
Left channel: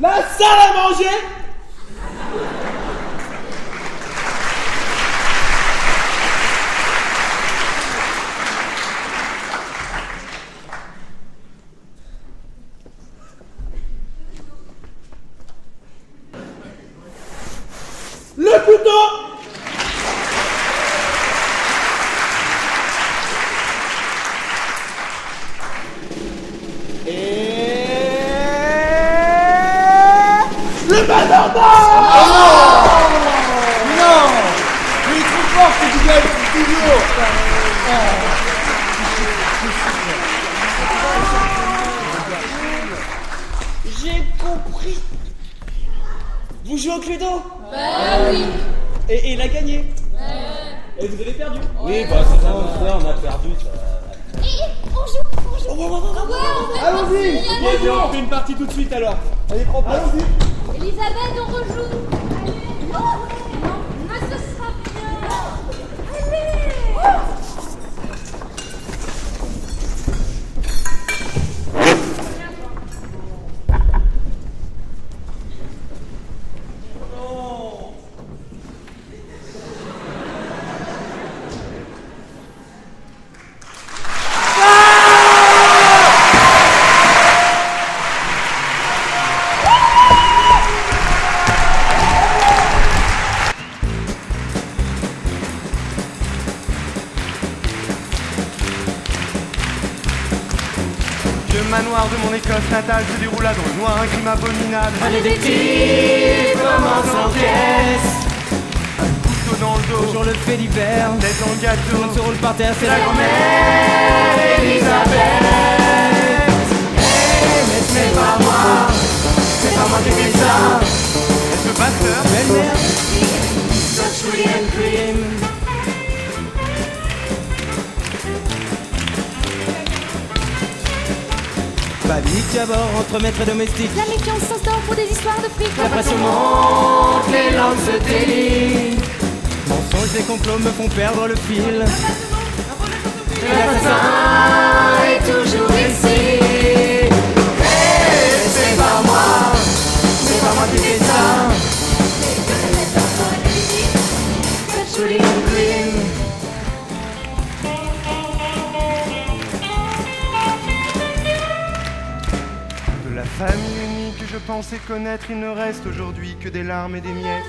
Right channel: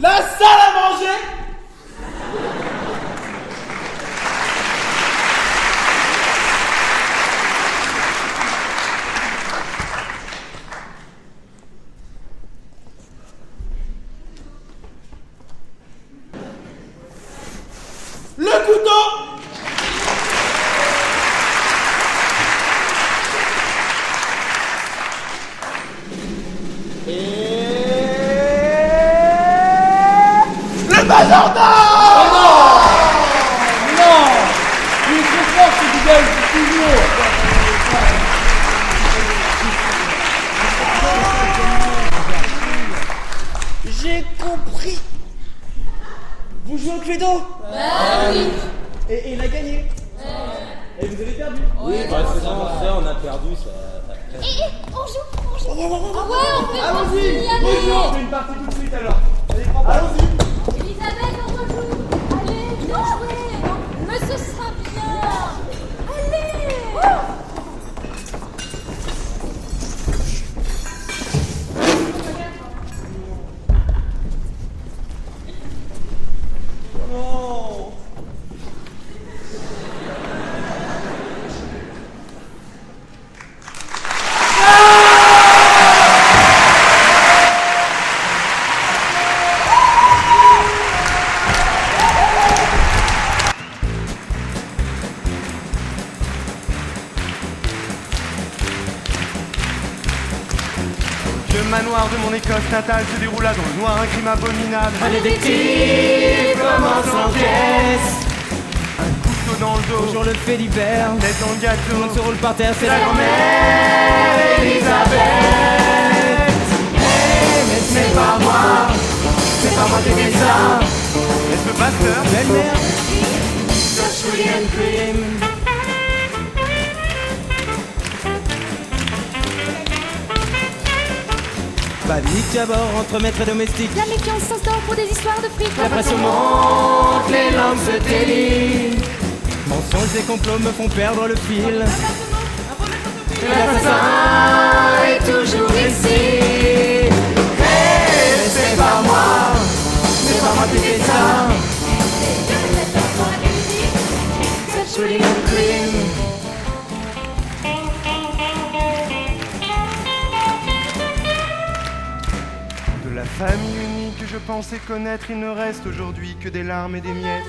La salle à manger. Le couteau. Le majordome. Non. Il est trop fort ce qui gueule, toujours. J'ai compris. Vous jouez au Cluedo? Oui. Et il a gagné. Et vous avez perdu. Oui, bah c'est ça, on a perdu. Allons-y. On fait une partie tout de suite alors. Allons-y. Elisabeth, on rejoue. Allez, viens jouer. Mais ce sera bien. Allez. noir de mon Écosse natale se déroula dans le noir un crime abominable. Un détective commence l'enquête. Un couteau dans le dos. Bonjour le fait divers. Tête dans le gâteau. Tout le monde se roule par terre, c'est la grand-mère Elisabeth. Hey, mais ce n'est pas moi. C'est pas moi qui ai fait ça. Est-ce le pasteur? Belle-mère. Such William Cream. Panique à bord entre maîtres et domestiques. La méfiance s'instaure pour des histoires de fric. La pression monte, les langues se délient. Mensonges et complots me font perdre le fil. L'assassin est toujours ici. Hey, c'est pas moi. C'est pas moi qui fais ça. Such William Cream. De la famille unie que je pensais connaître, il ne reste aujourd'hui que des larmes et des miettes.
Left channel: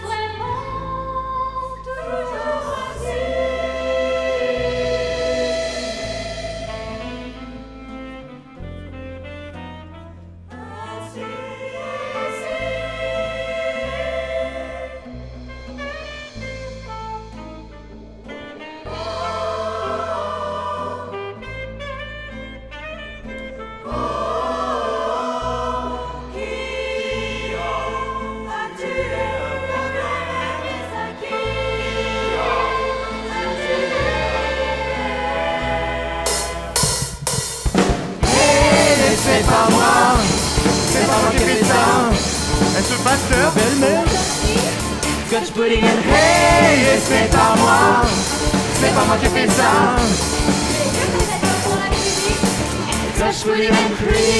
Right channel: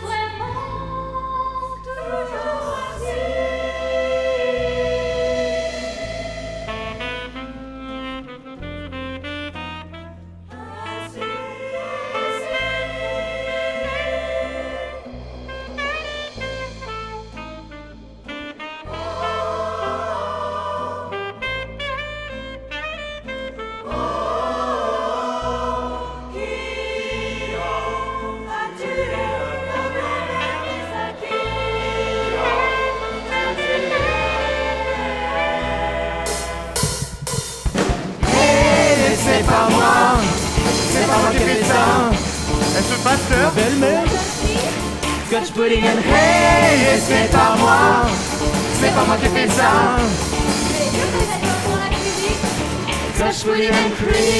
C'est pas moi, c'est pas moi qui ai fait ça. Est-ce le pasteur? Belle-mère. Scotch pudding and hey, c'est pas moi, c'est pas moi qui ai fait ça. Scotch pudding and cream.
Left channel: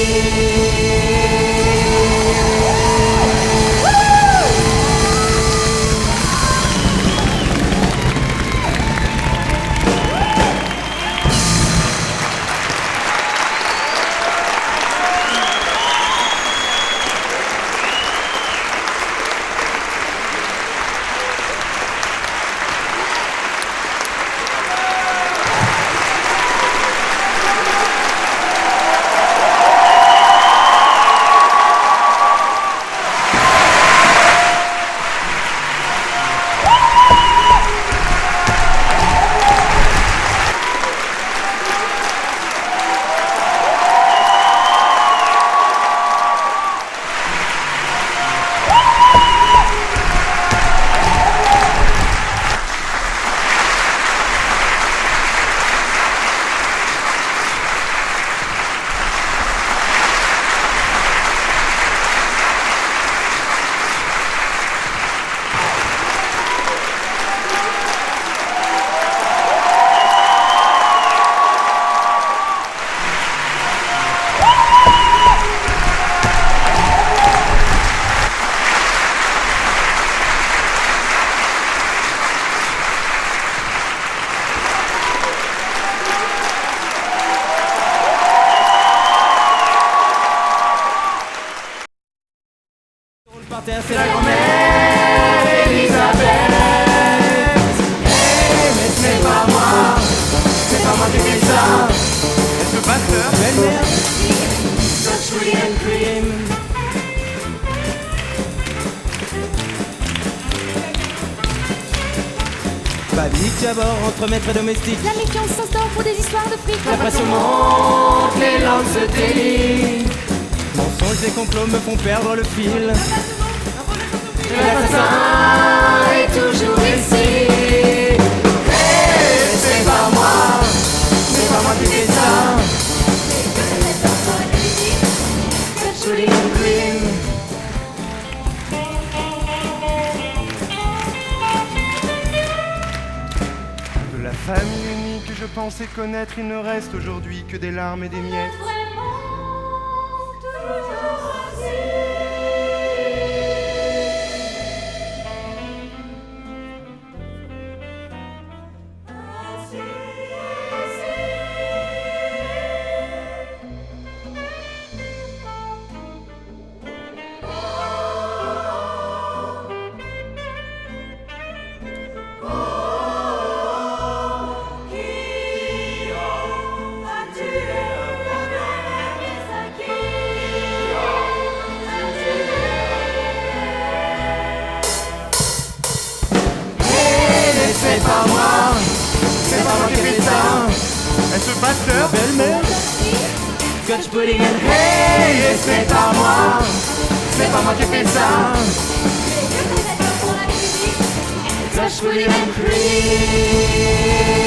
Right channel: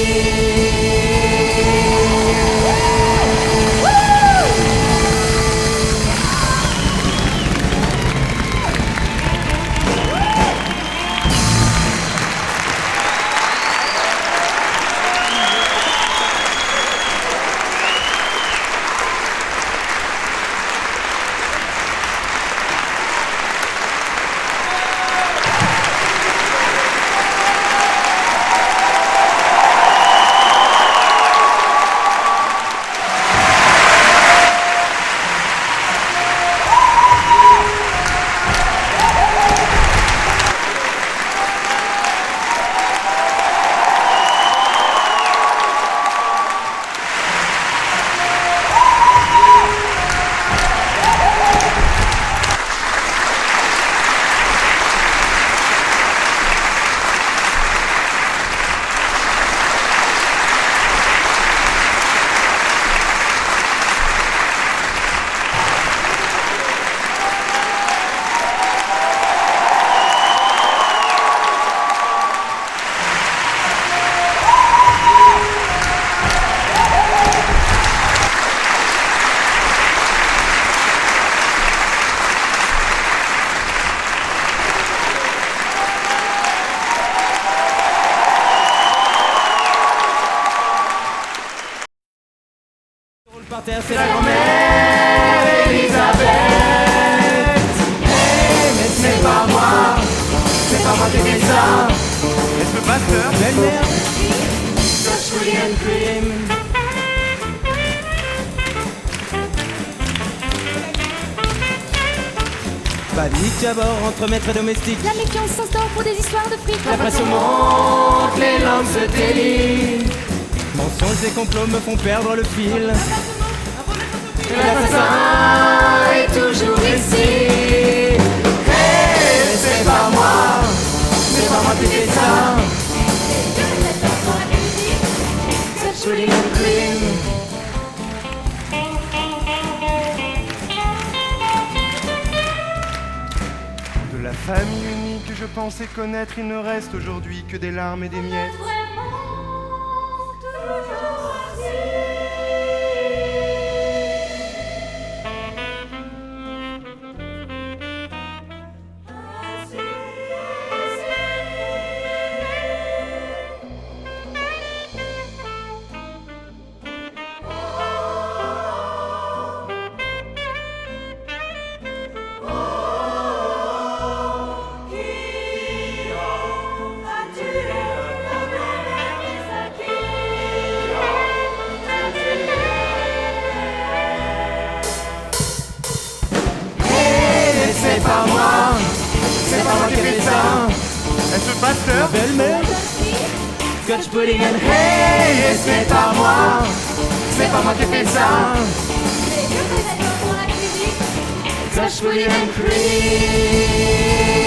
Par terre, c'est la grand-mère Elisabeth. Hey, mais ce n'est pas moi, c'est pas moi qui ai fait ça. Est-ce le pasteur? Belle-mère. Such William Cream. Panique à bord entre maîtres et domestiques. La méfiance s'instaure pour des histoires de fric. La pression monte, les langues se délient. Mensonges et complots me font perdre le fil. L'assassin est toujours ici. Hey, c'est pas moi, c'est pas moi qui fais ça. Such William Cream. De la famille unie que je pensais connaître, il ne reste aujourd'hui que des larmes et des miettes. Est-ce pasteur? Ma belle-mère. Scotch pudding and hey, et c'est pas moi. C'est pas moi qui ai fait ça. Mais que faisait-on pour la cuisine? Scotch pudding and cream.